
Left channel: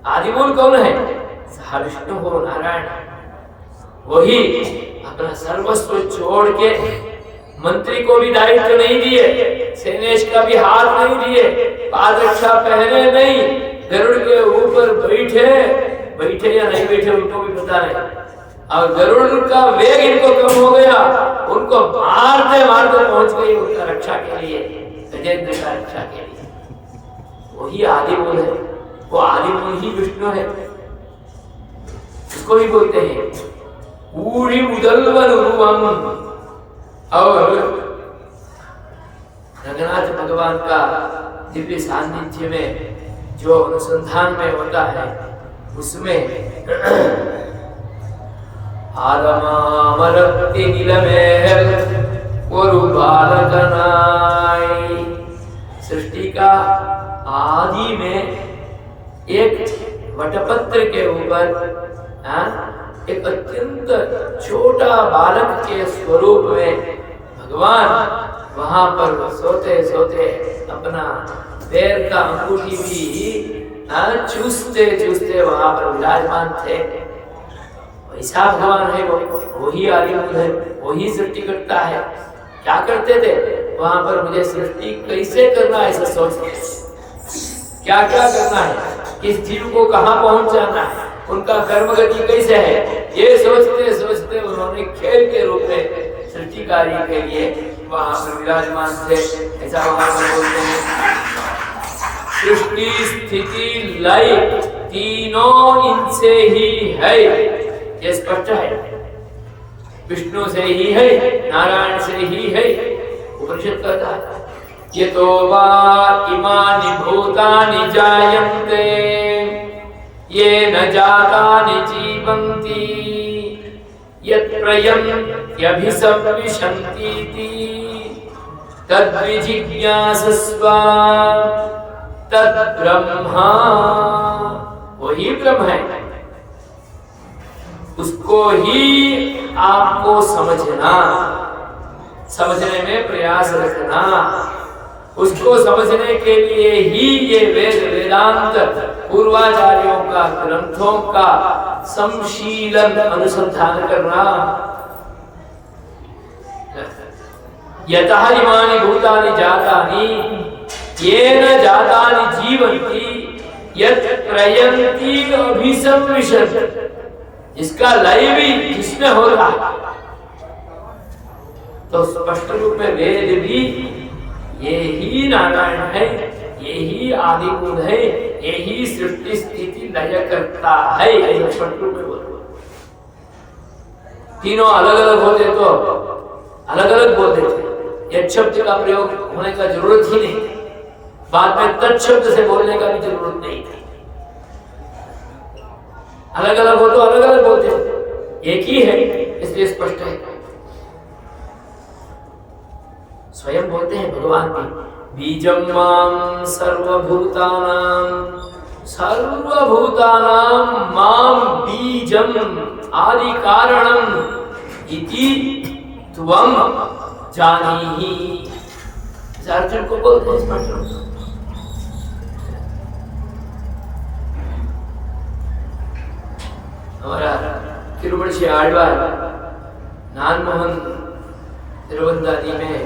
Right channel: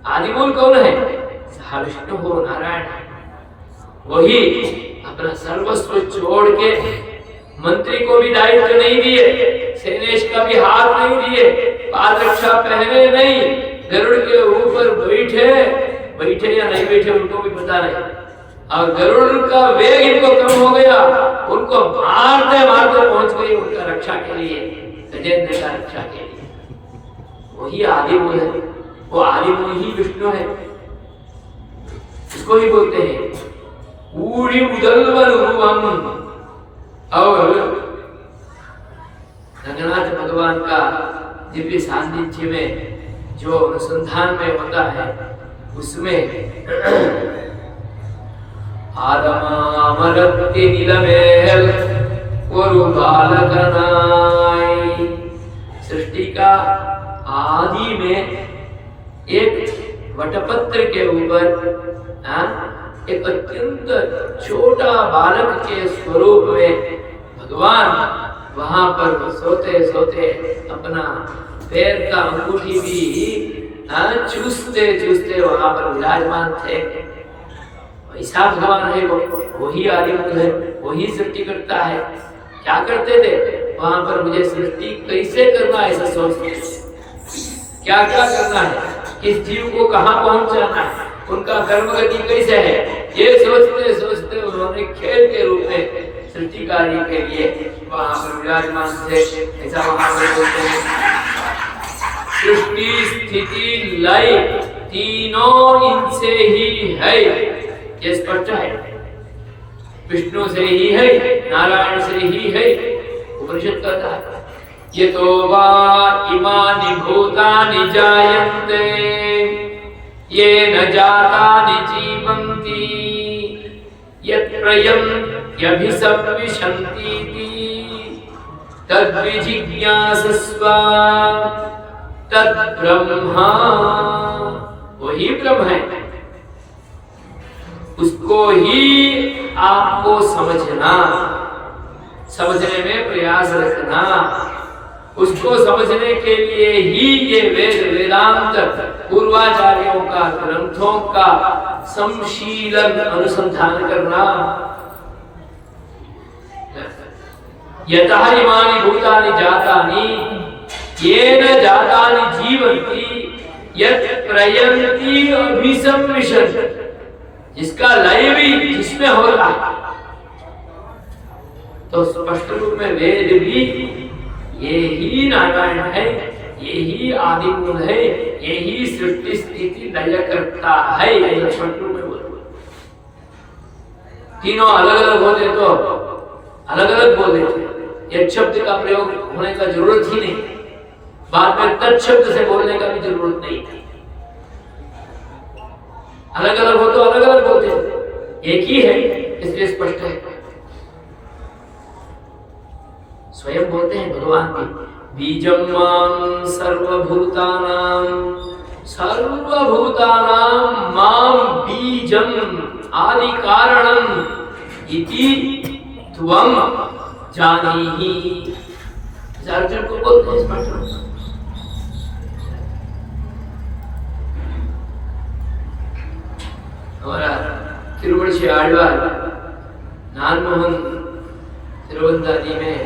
आदि मूल कौन है? विष्णु हो, नारायण। वही अपना सर्वस्व छोड़ के मंत्री को भी दायित्व नहीं दिए, सेनेश का भी हाथ नहीं दिए, पादरक्षा पहने नहीं, गरुड़ के ऊपर बैठे या नहीं बैठे उनको भी पता नहीं। और गरुड़ का वेग इनको कम हो गया, उनको मारते मारते पहुंच गई उनका रक्षा के लिए, गजेंद्र का रक्षा के लिए। वही आदि मूल है, वो आदि मूल ही विष्णु है। इसको ही बोलते हैं पूरी उदलवन रूपम। और रंगनाथ भगवान का दिव्य सान्निध्य में जो अनुसंधान में होता है, उसमें आदमामरत्ति नीलमेल और बालकनाई, सृष्टि का आदि में एक वटपत्र के ऊपर एक अत्यंत छोटा बालक के स्वरूप में भगवान वहां पर सोते सोते अपना पैर का अंगूठी भी चूसते चूसते वहां पर विराजमान थे। ऐसा भगवान है, वो वही आदि मूल है, वही सृष्टि करता है। क्या करते थे वहां पर? मुझे सृष्टि कैसे करना है ऐसा सोचते, क्या क्या करना है, किस जीव को कहाँ पहुंचाना है, उनका कर्म गति कैसे है, ये सोचते सोचते उन्होंने खेल के रूप में सृष्टि कार्य के लिए वहां पर विराजमान थे। ऐसा वहां पर बोलते हैं सृष्टि स्थिति लय तीनों इनसे ही है, ये स्पष्ट है। विष्णु से ही है, नारायण से ही है। उपनिषद कहता है ये तो वा इमानि भूतानि जायन्ते ये न जातानि जीवन्ति यत्प्रयन्त्यभिसंविशन्ति तद्विजिज्ञासस्व तद्ब्रह्मा। वही ब्रह्म है, उसको ही आपको समझना, समझने में प्रयास रखना। उसको समझने के लिए ही ये वेद वेदांत पूर्वाचार्यों का ग्रंथों का समशीलन अनुसंधान करना। यतः इमानि भूतानि जातानि येन जातानि जीवन्ति यत् प्रयन्ति अभिसंविशन्ति, जिसका लय भी जिसमें होता है। तो स्पष्ट रूप में वेद भी ये ही नारायण है, ये ही आदि मूल है, ये ही सृष्टि स्थिति लय करता है, ऐसा स्पष्ट रूप में बोलते। तीनों अलग अलग होते तो अलग अलग बोल देते, एक शब्द का प्रयोग होने का जरूरत ही नहीं, बाद में तत्शब्द से बोलने का भी जरूरत नहीं थी। अलग अलग हो तो अलग अलग बोलते, एक ही है इसलिए स्पष्ट है। स्वयं बोलते हैं भगवान भी बीजम मां सर्वभूतानां मां बीजम आदि कारणम इति त्वं जानीहि। अर्जुन को बोलते हैं स्पष्ट। हमारा तिरुवंशी आழ்வார் नानमोहन तिरुवंदादी में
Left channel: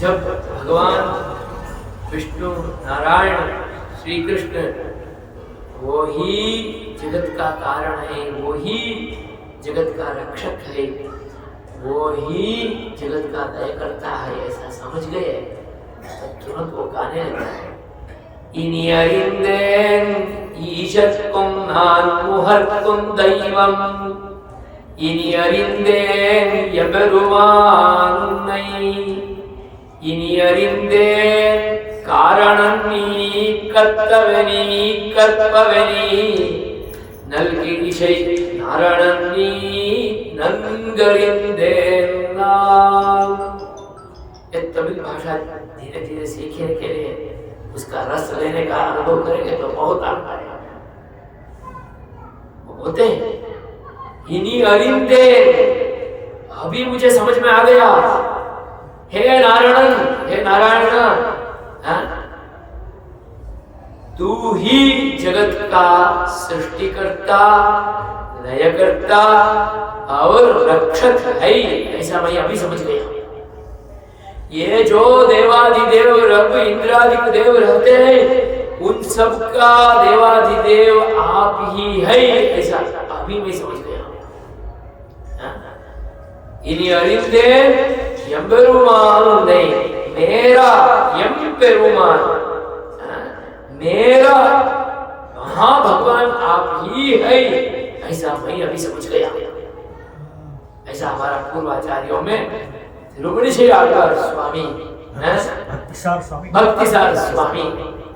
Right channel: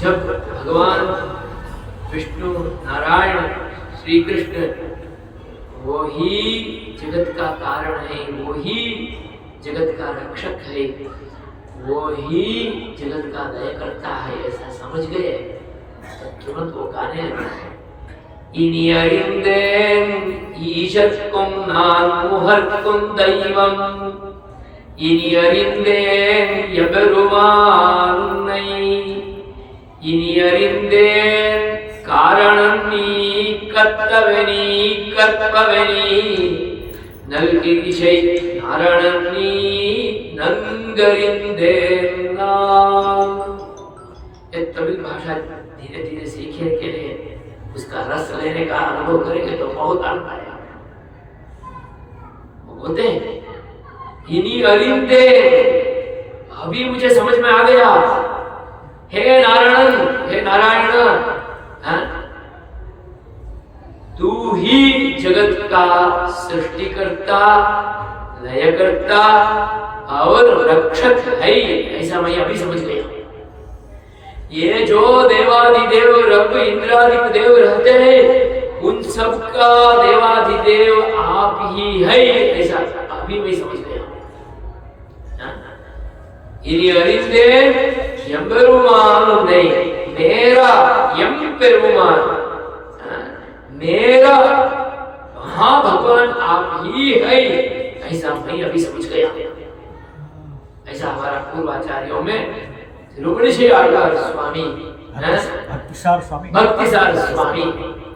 जब भगवान विष्णु नारायण श्री कृष्ण वो ही जगत का कारण है, वो ही जगत का रक्षक है, वो ही जगत का दया करता है, ऐसा समझ गए तो तुरंत वो गाने लगता है इनि अरिंदेन ईशत्कुं नान्मुहर्कुं दैवम इनि अरिंदेन यबरुमानुन्नै इनि अरिंदेन कारणन्नी कत्तवनी कर्पवनी नल्कि दिशै नारणन्नी नंगरिंदेन नाम। ये तमिल भाषा धीरे धीरे सीखने के लिए उसका रस लेने का अनुभव करेंगे तो बहुत आनंद आएगा। बोलते हैं इन्हीं अरिंदे, अभी मुझे समझ में आ गया हे नारायण, हाँ? तू ही जगत का सृष्टिकर्ता, लयकर्ता और रक्षक है, ऐसा मैं अभी समझ गया। ये जो देवाधिदेव रब इंद्रादिक देव रहते हैं, उन सब का देवाधिदेव आप ही है, ऐसा अभी मैं समझ गया। इनी अरिंदे एंबेरुमान नहीं, मेरा एंबेरुमान, मेरा महाभगवान आप ही है, ऐसा मैं अभी समझ गया। ऐसा हमारा पूर्वाचार्यों में रुक्मिणी श्री आழ்वार स्वामी, भक्तिसार स्वामी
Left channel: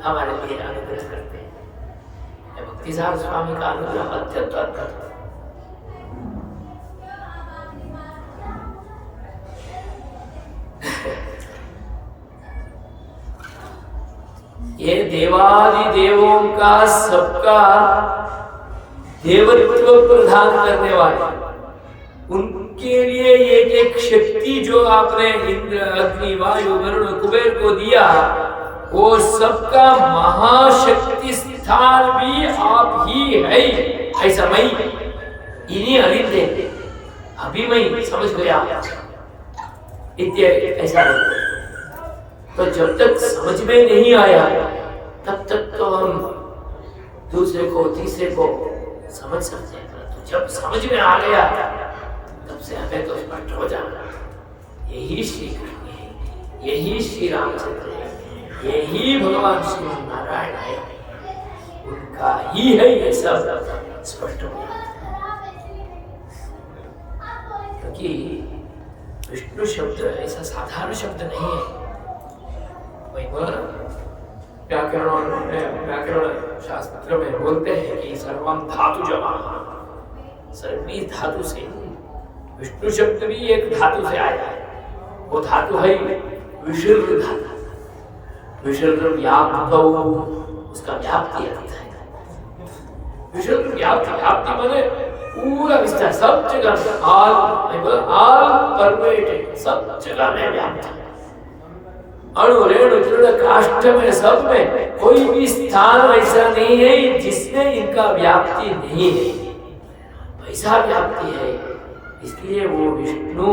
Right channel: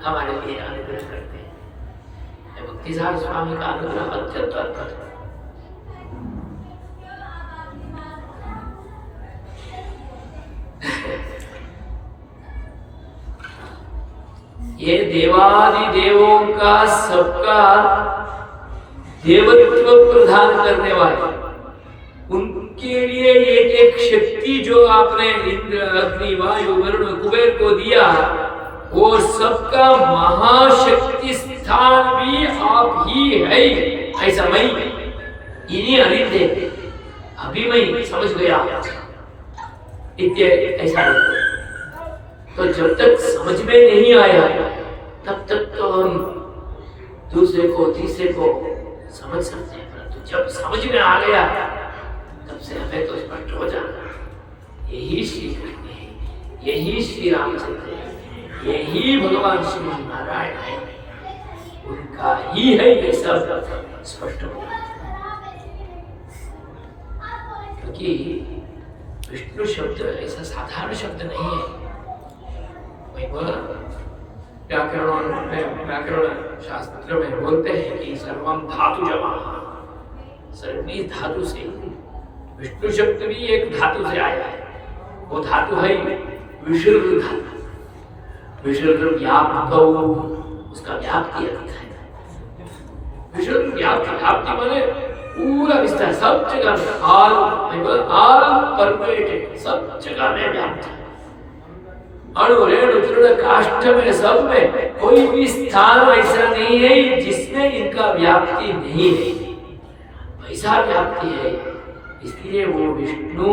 हमारे लिए अनुग्रह करते हैं। भक्तिसार स्वामी का अनुग्रह अत्यंत अद्भुत है। ये देवादि देवों का सबका देवत्व प्रदान करने वाले, उनके लिए एक एक शक्ति जो आपने इंद्र, अग्नि, वायु, वरुण, कुबेर को दिया, वो सबका महाशक्ति स्थान भी आप ही है, ऐसा मैं इन्हीं अरिंदे अभी मैं समझ गया। ऐसा तो जब तक समझ में नहीं आया तब तक तो हम दूसरे को तीसरे को समझ सकते हैं, तो जब समझ में आ गया तब से हमें तो स्पष्ट हो जाना, यही श्री कृष्ण है, यही श्री रामचंद्र है, यही भगवान श्री नारायण है, उनका ही है, ये सब स्पष्ट हो जाता। क्योंकि विष्णु शब्द ऐसा साधारण शब्द नहीं है। व्याकरण शास्त्र में बोलते हैं कि सर्वम धातु जमा, सर्वी धातु से, विष्णु शब्द भी एक धातु से आया है। वो धातु है विसर्ग धातु, विसर्ग व्याप्त, उसका व्याप्ति अर्थ है। विसर्ग व्याप्ति माने पूरा विस्तार, सब जगह, ऑल परमेटेड, सब जगह में व्याप्त है। अणु रेणु तृण काष्ठ में, सब में कोई भी स्थान ऐसा नहीं है जिसमें इनका व्याप्ति नहीं है, वैसा व्याप्ति है। इसलिए वो विष्णु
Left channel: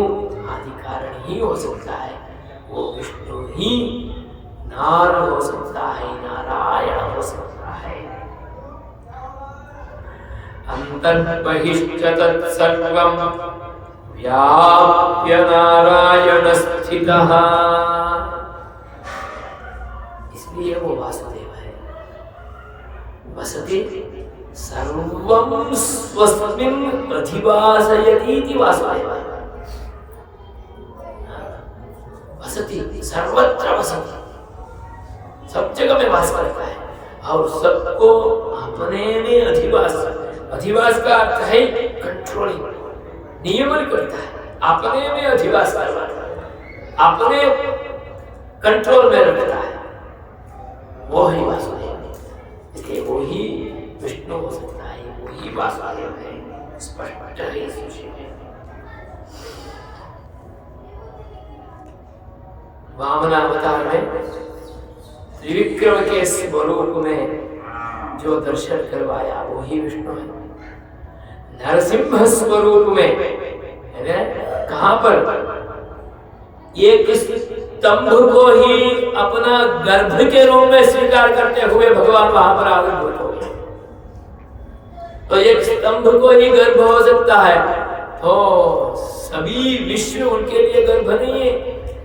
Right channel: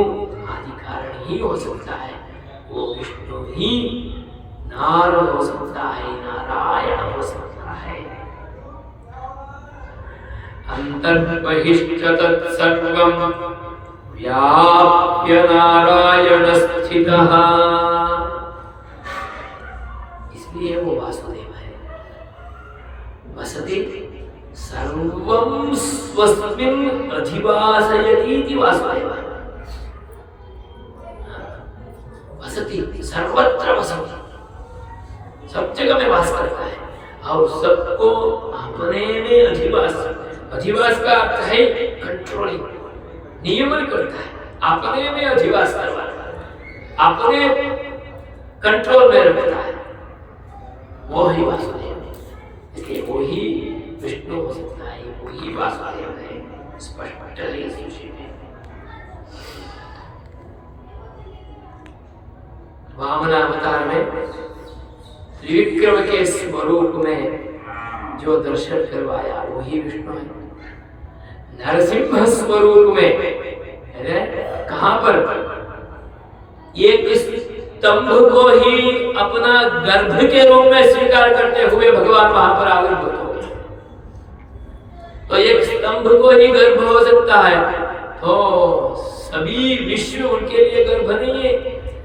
आदि कारण ही हो सकता है, वो विष्णु ही नार हो सकता है, नारायण हो सकता है। अंतर्बहिश्च तत्सर्वं व्याप्य नारायण स्थितः, इसलिए वो वासुदेव है। वसति सर्वं स्वस्मिन् अधिवासयति वासुदेव। वसति सर्वत्र वसति, सब जगह में वास करता है और सबको अपने में अधिवास का अर्थ है कंट्रोलिंग, नियमन करता है, अपने में अधिवास करवाता है, अपने कंट्रोल में रखता है, वो ही वासुदेव है। इसलिए वो ही विष्णु हो सकता है, वो ही वासुदेव है, स्पष्ट है इस विषय में। वामन अवतार में त्रिविक्रम के स्वरूप में जो दर्शन करवाया वो ही विष्णु है। नरसिंह स्वरूप में कहां पर एक स्तंभ को ही अपना गर्भ के रूप में स्वीकार करते हुए भगवान वहां पर आविर्भूत हो गए। तो एक स्तंभ को ही गर्भ हो सकता है, तो सभी विश्व उनके लिए गर्भ नहीं है।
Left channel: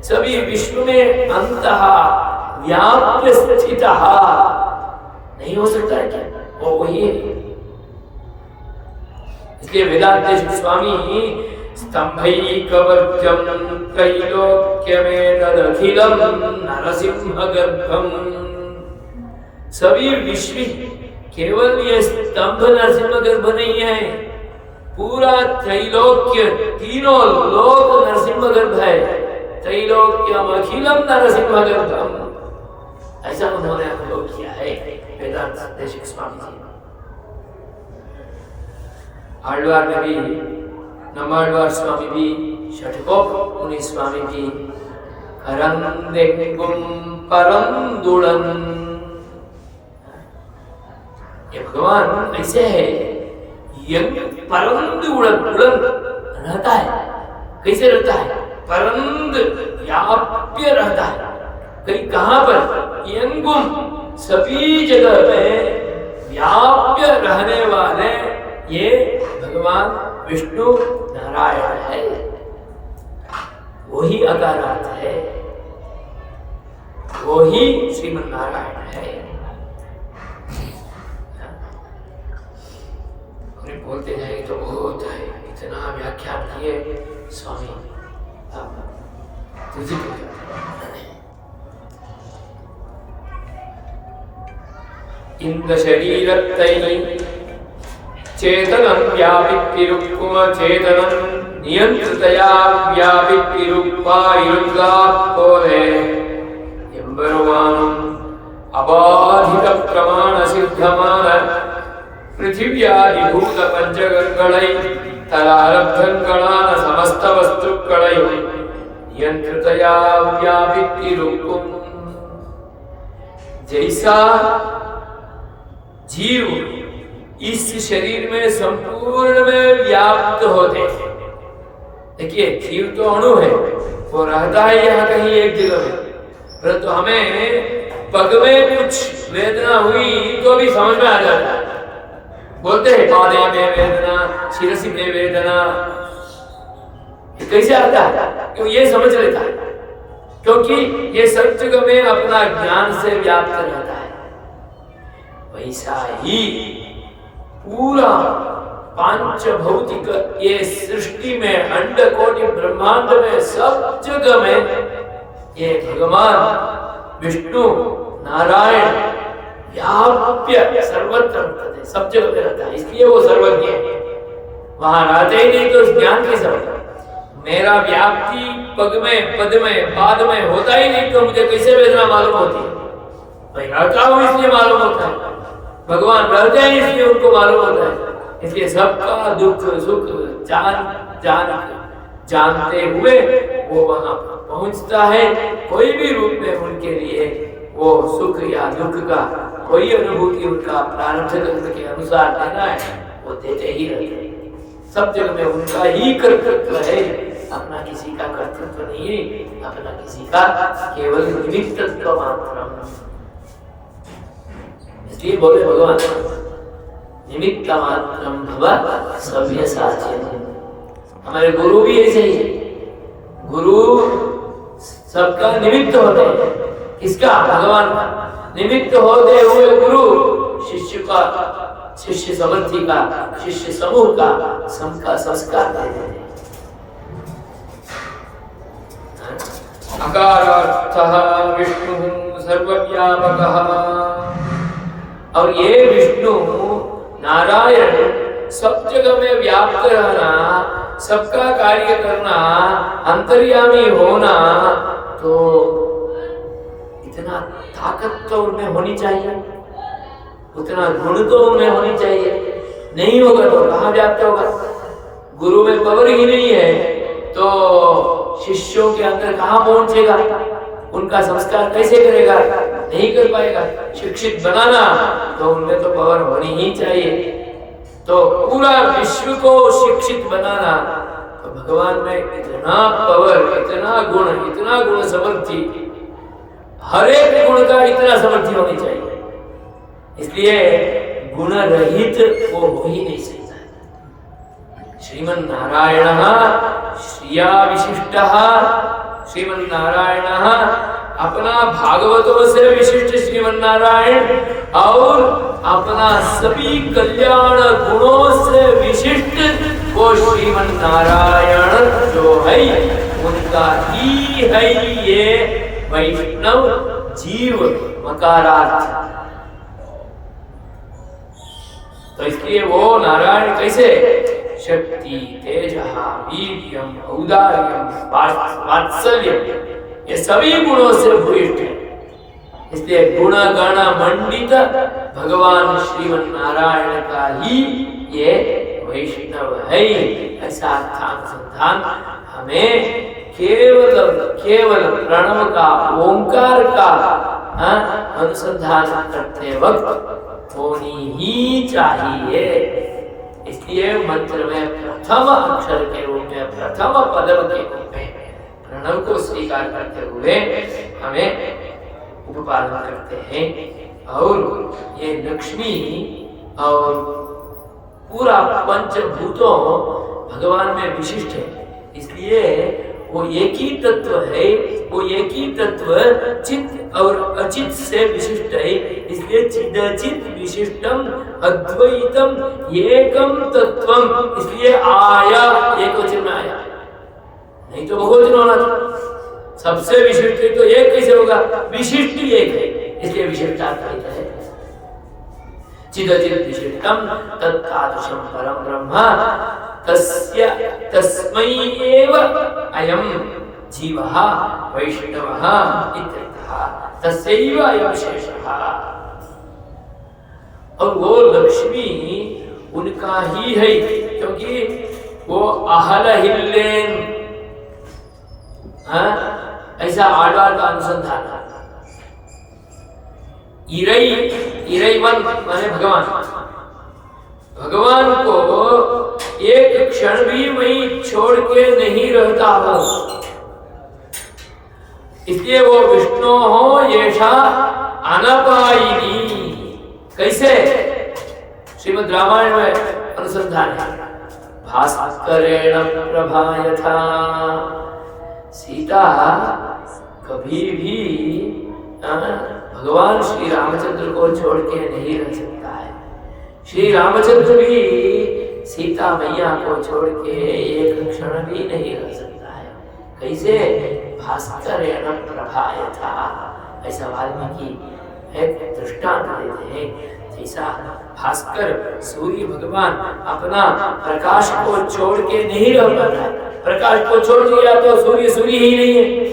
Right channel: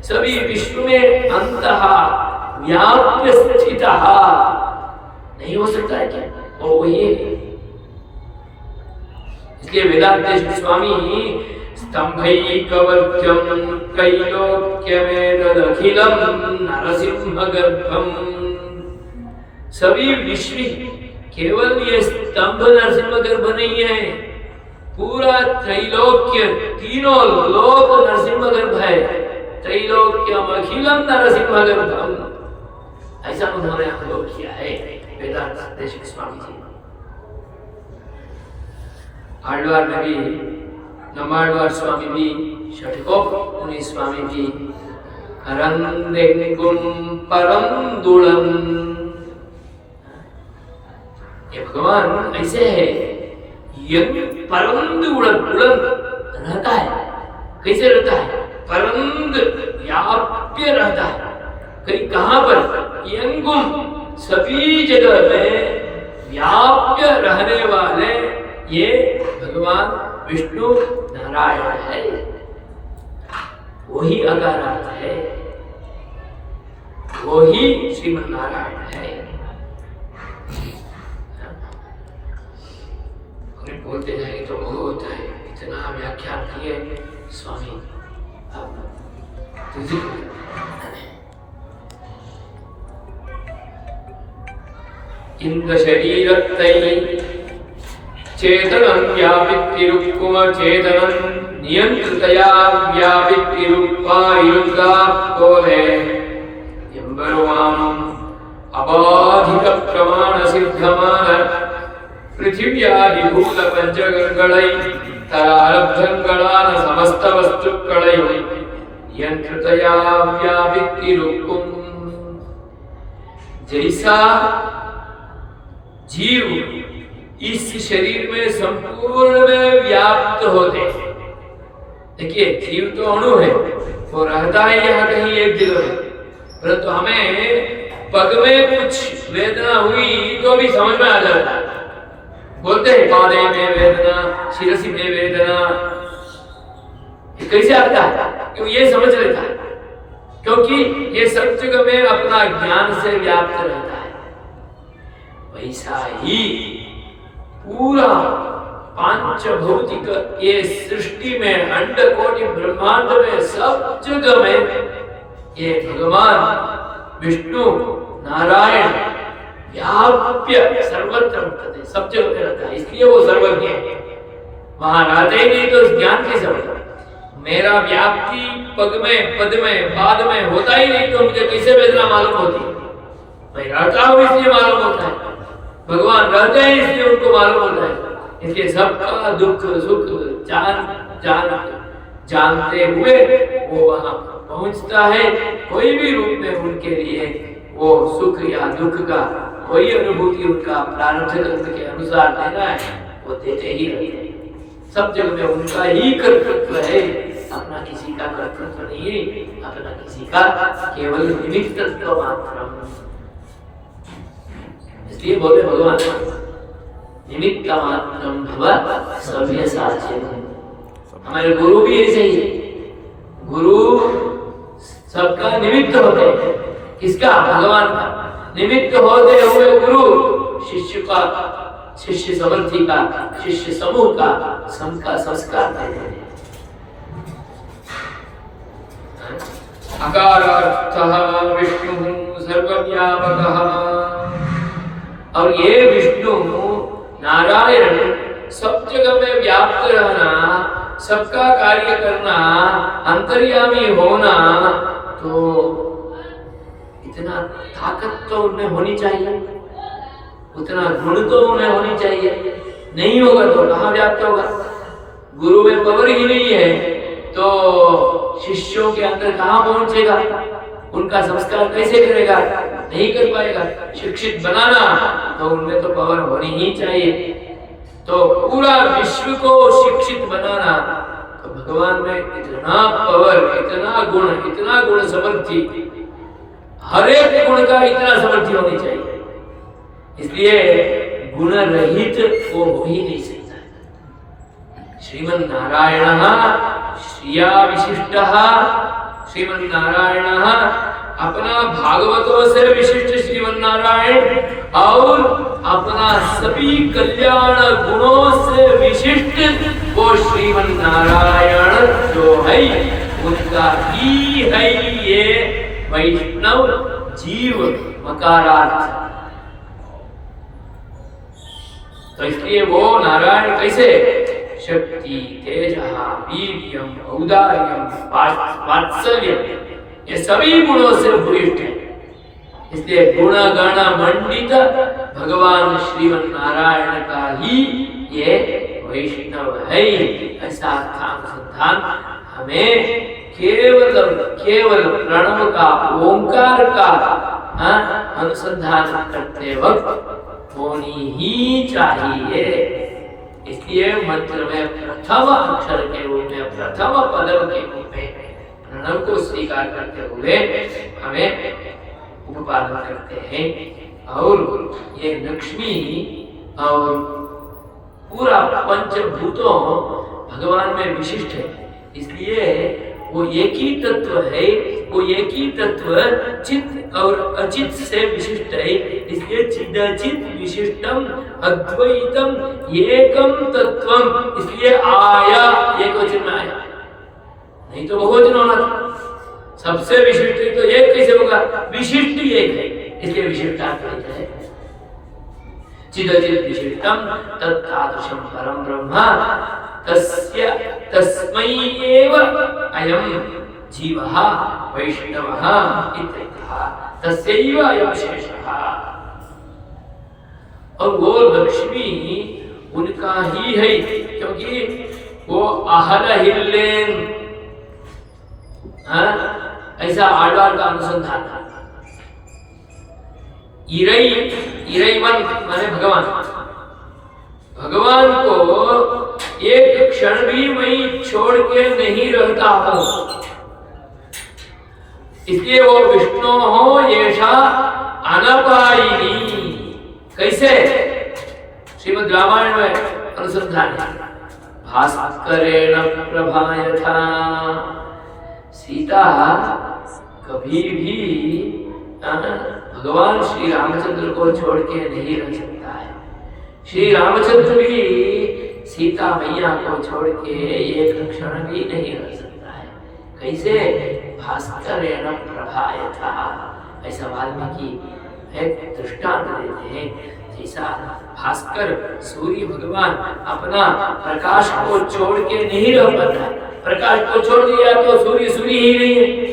सभी विश्व में अंतः व्याप्य स्थितः नहीं हो सकता है क्या? वो वही है। इसलिए वेदांत स्वामी स्तंभैकवर्गं त्रैलोक्यमेतदखिलं नरसिंहगर्भं, सभी विश्व केवल ये स्तंभ नरसिंह गर्भ नहीं है, पूरा त्रैलोक्य, तीनों लोक नरसिंह गर्भ है। त्रैलोक्यम अखिलम नरसिंह गर्भम, ऐसा उन्होंने अनुभव किया है वेदांत देशिक स्वामी जी। आழ்वार में भी, नमाழ்वार स्वामी भी, षटकोप मुनि स्वामी भी करंदेंगुम परंदुलन। ये भगवान ऐसे है, यंग परंदुलन, उलन रहता है। कैसे रहता है? परंद व्याप्य रहता है। कहीं कहां पर? यंगुम, सभी जगह में व्याप्य रहने वाले ये भगवान विष्णु नारायण है। वही अकारार्थ है, वही श्रीमन नारायण है। बोलते जाएंगे तो बहुत है, इतना व्याख्यान किए स्वामी इंद्र शरीरत्तै चेतनं व्यापितिरुक्कुम चेतनं नियंत्रितया व्यापितिरुक्पायुक्तात्तोले एम्बरुवानं अबाधित प्रमाण सिद्धमान पृथिव्यादिभूत पंचगंगलै तरारब्धंगलान समस्त वस्तुक्कै नियंत्रितया व्यापितिरुक्कुम। जैसा जीव इस शरीर में संपूर्ण में व्याप्त होते हैं। देखिए जीव तो अणु है, वो रहता है यहाँ कहीं एक जगह में, परंतु हमें पग में कुछ वेदना हुई तो भी समझ में आ जाता है। बोलते हैं पादे में वेदना, शिरसी में वेदना, कैसे आता है? क्यों? ये समझ लेता है, क्योंकि ये सब जगह में अपना ज्ञान से व्याप्त रहता है। वैसा ही पूरा पांच भौतिक ये सृष्टि में, अंड कोटि ब्रह्मांड में, सब जगह में ये भगवान विष्णु नारायण व्याप्य सर्वत्र रहते हैं, सब जगह पे रहता है। इसलिए वो सर्वज्ञ है। वहां रहते ही नहीं तो ज्ञान कैसे होगा? मेरा व्याप्ति पग में, पद में, पाद में होता ही नहीं तो मुझे कैसे वेदना मालूम होती है? मैं रहता हूं इसलिए मालूम होता है, भगवान रहते हैं इसलिए उनको मालूम होता है। इसलिए सबका दुख सुख जानते हुए वो वहां पहुंचता है। कोई भी रूप में उनके लिए वो सुख या दुख का कोई अनुभूति उनका प्रारब्ध कर्म के अनुसार देना है, वो देते ही रहते हैं। सब जगह में उनका ही कर्तृत्व है, अपना किसी का कर्तृत्व नहीं, अपना किसी का केवल निमित्तत्व मात्र। इसलिए बोले भगवान निमित्त मात्रम भव सव्यसाचिन। हमारे गुरु भी ऐसे ही है, गुरु सबका निमित्त होते हैं। किसका? भगवान का। निमित्त होते हुए गुरु शिष्य का, शिष्य समर्थी का, शिष्य समूह का सबका संस्कार देते हैं। अकारार्थः विष्णुः सर्वव्यापकः। और ये विष्णु नारायण सब जगह में व्याप्त रहना, सबका कार्य करना, अंतर्यामी होना, तो इतना ताकत तो उनमें होनी चाहिए, उतना गुण तो उन्हें होनी चाहिए। नहीं होगा तो कहाँ व्याप्त होगा? गुरु में पावर ही नहीं है तो शिष्यों के अंदर कहाँ पहुंचेगा? उनका संस्कार कैसे करेगा? नहीं कर पाएगा। शिक्षित बनाना तो उनमें तो पावर होनी ही चाहिए। तो पूरा विश्व को शिक्षित बनाना तो भगवान में इतना पावर, इतना गुण समर्थी, हर एक गुण का इतना समर्थी होनी चाहिए। इसलिए गुण रहित वो हो ही नहीं सकता। श्रीमन नारायण श्रिया विशिष्ट, श्रीमन नारायण अपना भागवतों से विशिष्ट श्रीमन नारायण और अपना सभी कल्याण गुणों से विशिष्ट वो श्रीमन नारायण जो है उनका ही है ये वैष्णव जीव मकारार्थ। तो इसलिए वो नारायण कैसे? शक्ति, तेजः, वीर्यम, औदार्यम, वात्सल्यम, ये सभी गुणों से भूयिष्ठ है। इसलिए गुण गण मंडित भगवान श्रीमन नारायण का ही ये वैष्णव है। ऐसा अनुसंधान हमें केवल प्रणव का, ओंकार का अनुसंधान करते वक्त होनी ही चाहिए। इसलिए मंत्र में प्रथम अक्षर के रूप में, प्रथम पदम के रूप में प्रणव को स्वीकार करते हुए हमें उपपादन करते हैं। और ये लक्ष्मी और पूरा पंचभूतों भगवान में विशिष्ट है, इसलिए वो एक ही तत्व है, वो एक ही तत्व चित्त और अचित से विशिष्ट है, इसलिए चिदचित विशिष्टम अद्वैतम एकम तत्वम, इसलिए आया एक वचन में आया, नहीं तो बहुवचन होना था। सबसे विशिष्ट तो एक कैसे होगा, विशिष्ट एक है, इसलिए विशिष्टाद्वैत है। चिदचित विशिष्टम तत्तादृशम परम ब्रह्म तस्य तस्मै एव अयं जीवः वैष्णवः इत्यर्थः, तस्यैव अयं शेषः। और वो लक्ष्मी उनका ही है, क्योंकि वो अहल हिल्लेन, ऐसा आडवार का अनुसंधान था। इरैवन माने भगवान, भगवान को एक क्षण भी मैं छोड़ के नहीं रहता हूं, इसलिए वो विष्णु हो येषा अनपायिनी। कैसे? श्रीमद् रामायण में अनुसंधान है। भास्करेण प्रभा यथा, सीता कभी भी भगवान श्री रामचंद्र को छोड़ के नहीं रह सकता है। श्री रामचंद्र भी सीता मैया को छोड़ के एक क्षण भी नहीं रह सकता है। कैसे? भास्करेण प्रभा यथा, ऐसा वाल्मीकि एक दृष्टांत देते हैं। जैसा भास्कर सूर्य भगवान अपना प्रकाश को छोड़ के नहीं रह पाता, प्रकाश को छोड़ दिया तो सूर्य सूर्य ही नहीं है,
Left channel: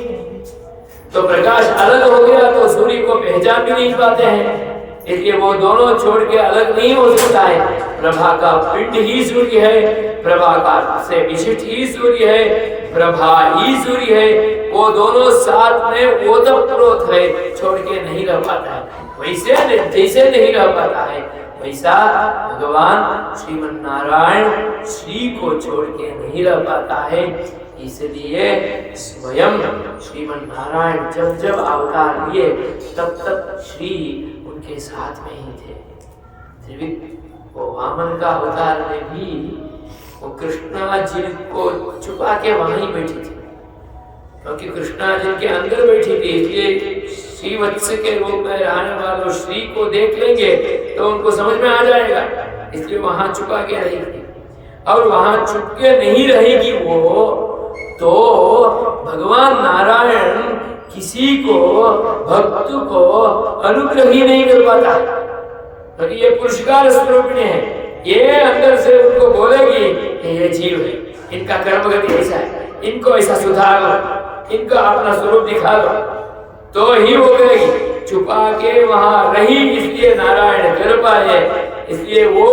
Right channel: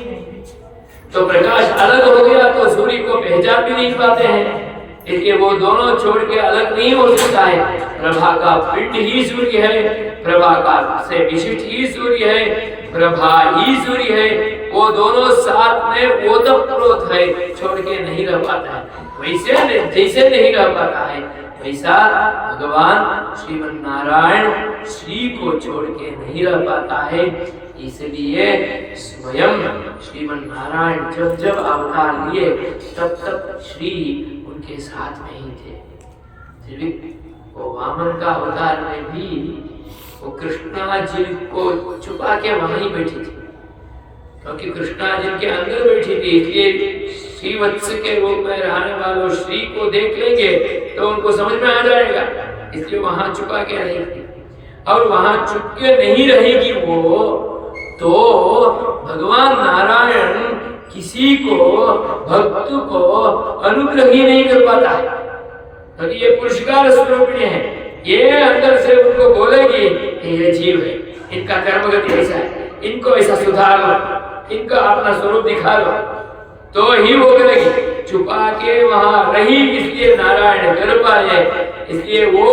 तो प्रकाश अलग हो गया तो सूर्य को पहचान भी नहीं पाते हैं, इसलिए वो दोनों छोड़ के अलग नहीं हो सकता है। प्रभा का पिंड ही सूर्य है, प्रभा का से विशिष्ट ही सूर्य है, प्रभा ही सूर्य है, वो दोनों साथ में ओतप्रोत है, छोड़ के नहीं रह पाता है। वैसे जैसे नहीं रह पाता है, वैसा भगवान श्रीमन नारायण श्री को छोड़ के नहीं रह पाता है। इसलिए स्वयं श्रीमन नारायण जब जब अवतार लिए तब तक श्री उनके साथ में ही थे। वो वामन का अवतार में भी वो कृष्णा जी को छुपा के वहां ही बैठी थी, क्योंकि कृष्णा जिनके अंदर बैठी थी, इसलिए श्री वत्स के रूप में रहने वालों श्री को देख लेंगे तो उनको समझ में आ जाएगा, इसलिए वहां छुपा के रहेगी। और वहां छुप के नहीं रहेगी वो तो भगवान नारायण किसी को, भक्त को अनुग्रह ही नहीं कर पाता, क्योंकि ये पुरस्कार स्वरूपिणी है। ये अंदर से उनको बोलेगी ये जीव है, इनका कर्म गति ऐसा है, इनको ऐसा सुधार लो, इनका अपना स्वरूप दिखा लो, तो ही वो करेगी। छुपा के वहां रही इसलिए नारायण कर पाए, इसलिए वो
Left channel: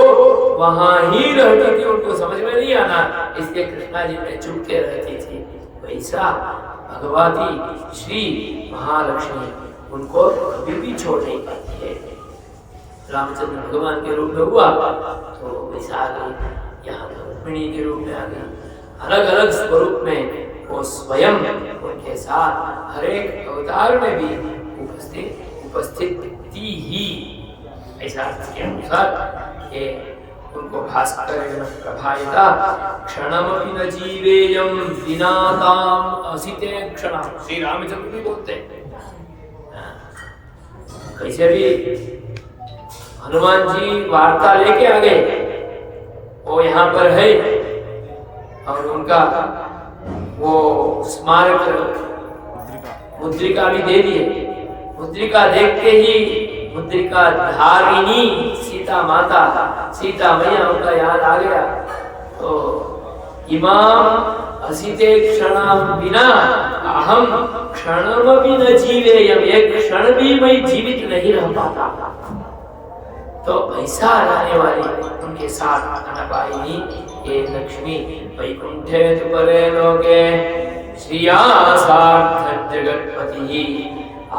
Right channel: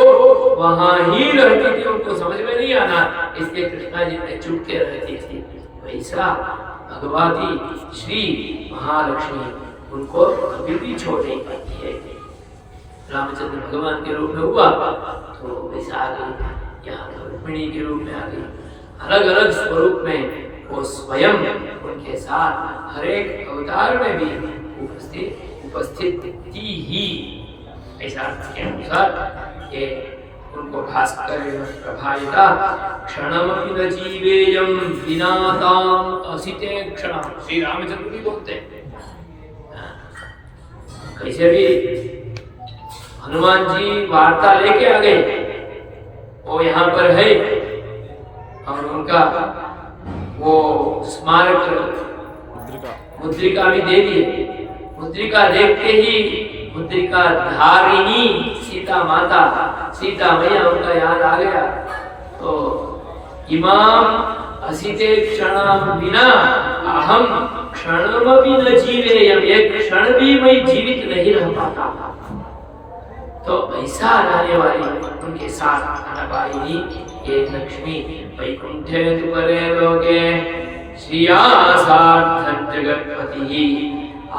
वहां ही रहती थी, उनको समझ में नहीं आना, इसलिए कृष्णा जी ने चुप के रहती थी। वैसा भगवती श्री महालक्ष्मी उनको कभी भी छोड़ नहीं पाती है। रामचंद्र भगवान के रूप में हुआ तो वैसा आ गई, यहाँ रुक्मिणी के रूप में आ गई, अलग अलग स्वरूप में वो स्वयं उनके साथ हर एक अवतार में भी उपस्थित थी ही। ऐसा के अनुसार ये उनको भास्करेण प्रभायता क्षणमपि न जीवेयं विना ताम असिते क्षणं, श्री रामचंद्र भी बोलते हैं। कैसे भी हनुमान जी वार्ता लेके आ गए, वो यहाँ पर है और उनका वो स्मारक मुद्रिका भी दे दिए। मुद्रिका देखते ही मुद्रिका धारिणी सीता माता, सीता मैया उनका याद आ गया। तो इमाम असिते क्षणं विना अहम क्षणमपि न जीवेयं, एक क्षण भी मैं जीवित नहीं रह पाता। तो ऐसा रहने वाली उनके साथ अनपायिनी ये लक्ष्मी वैकुंठे तु परे लोके श्रियासार्थं जगत्पतिः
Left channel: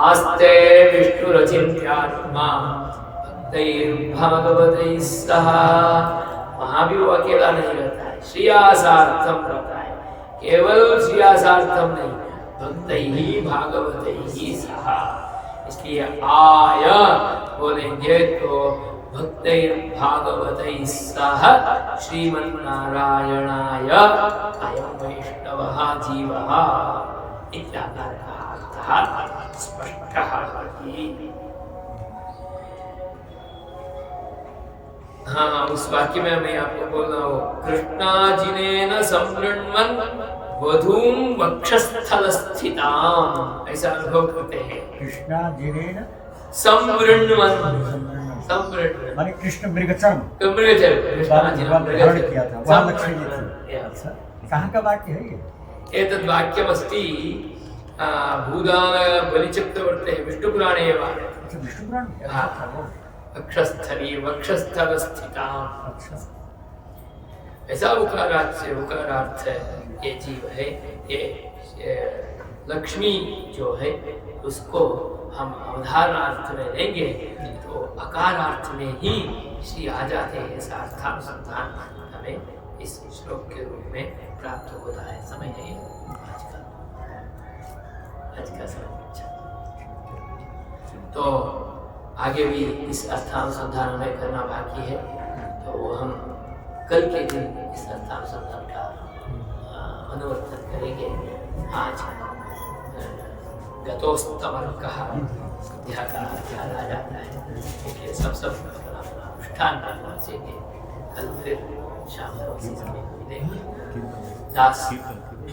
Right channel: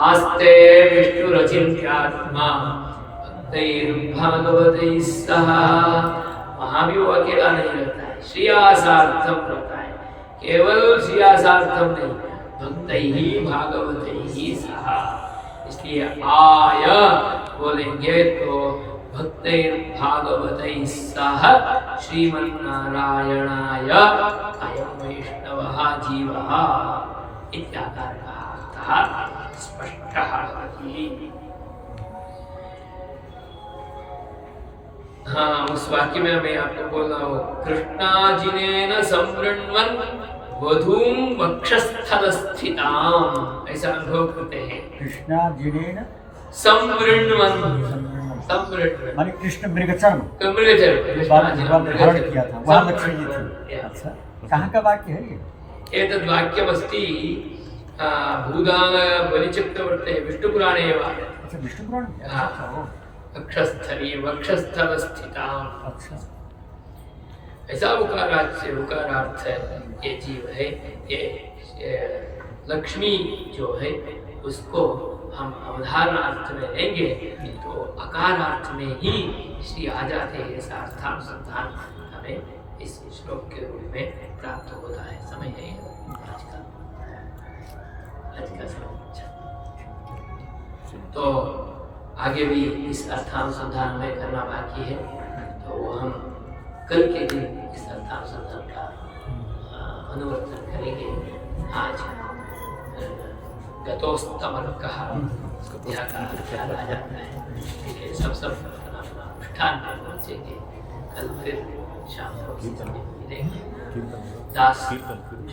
आस्ते विष्णुरचिन्त्यात्मा भक्तैर्भागवतैः सह। वहाँ भी वो अकेला नहीं रहता है, श्रियासार्थम रहता है, केवल श्रियासार्थम नहीं, भक्तैः भागवतैः सह। इसलिए आय बोलेंगे तो भक्तैर्भागवतैः सह श्रीमन्नारायणाय अयं वैष्णवः जीवः इत्याकारः अर्थः स्पष्टः भवति। हाँ, उस वाक्य में मैं आपको बोल रहा हूँ, कृष्णाजिनेन संवृण्वन् वधूं वक्षस्थलस्थिताम्, ऐसा अनुभव करते हैं। कृष्णाजिनेन संवृण्वन्, माने कृष्ण मृगचर्म धारण किया था, वहाँ मछली थी। अच्छा, कहाँ का वाक्य है ये? एतद् वाक्यमस्ति भूदान बलिचक्रवर्ते विष्णुपुराणे एव। अच्छा, विष्णुपुराण। वक्षस्थली वक्षस्थलस्थिताम्। अच्छा, ऐसा उकारार्थ से उकारार्थ है, ये जीव है, ये लक्ष्मी जो है उसको हम अवधारणार्थ में लेंगे तो अकारार्थ में ही श्री आ जाते हैं। ऐसा अर्थानुसंधान हमें इस श्लोक के रूप में प्राप्त होता है। समय है आज का समय। तो आगे भी इस अर्थानुसंधान में करना बाकी है, तो वो हम कल के दिन इस अर्थानुसंधान का अनुवर्तन करेंगे। आज गतोस्तमर्कः संध्या का ख्याल आ जाता है, इसलिए सब अपना अनुष्ठान पहुँचेंगे। कल फिर शाम को इसी समय मिलेंगे। दास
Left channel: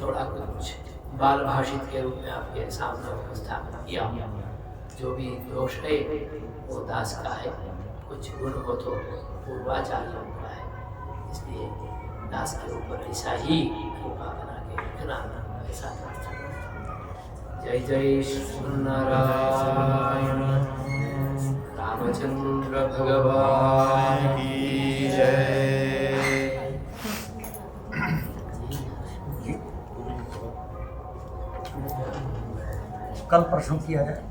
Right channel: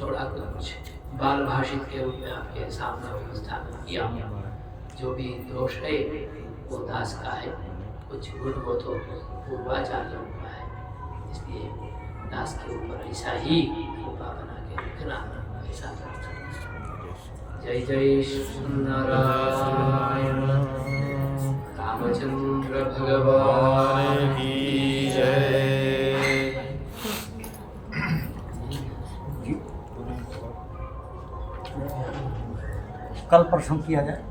थोड़ा कुछ बाल भाषित के रूप में आपके सामने उपस्थापन किया। जो भी दोष है वो दास का है, कुछ गुण हो तो पूर्वाचार्यों का है, इसलिए दास के ऊपर ऐसा ही कृपा बना के रखना, ऐसा प्रार्थना। जय जय श्रीनारायण रामचंद्र भगवान की जय। कल परसों किया जाए।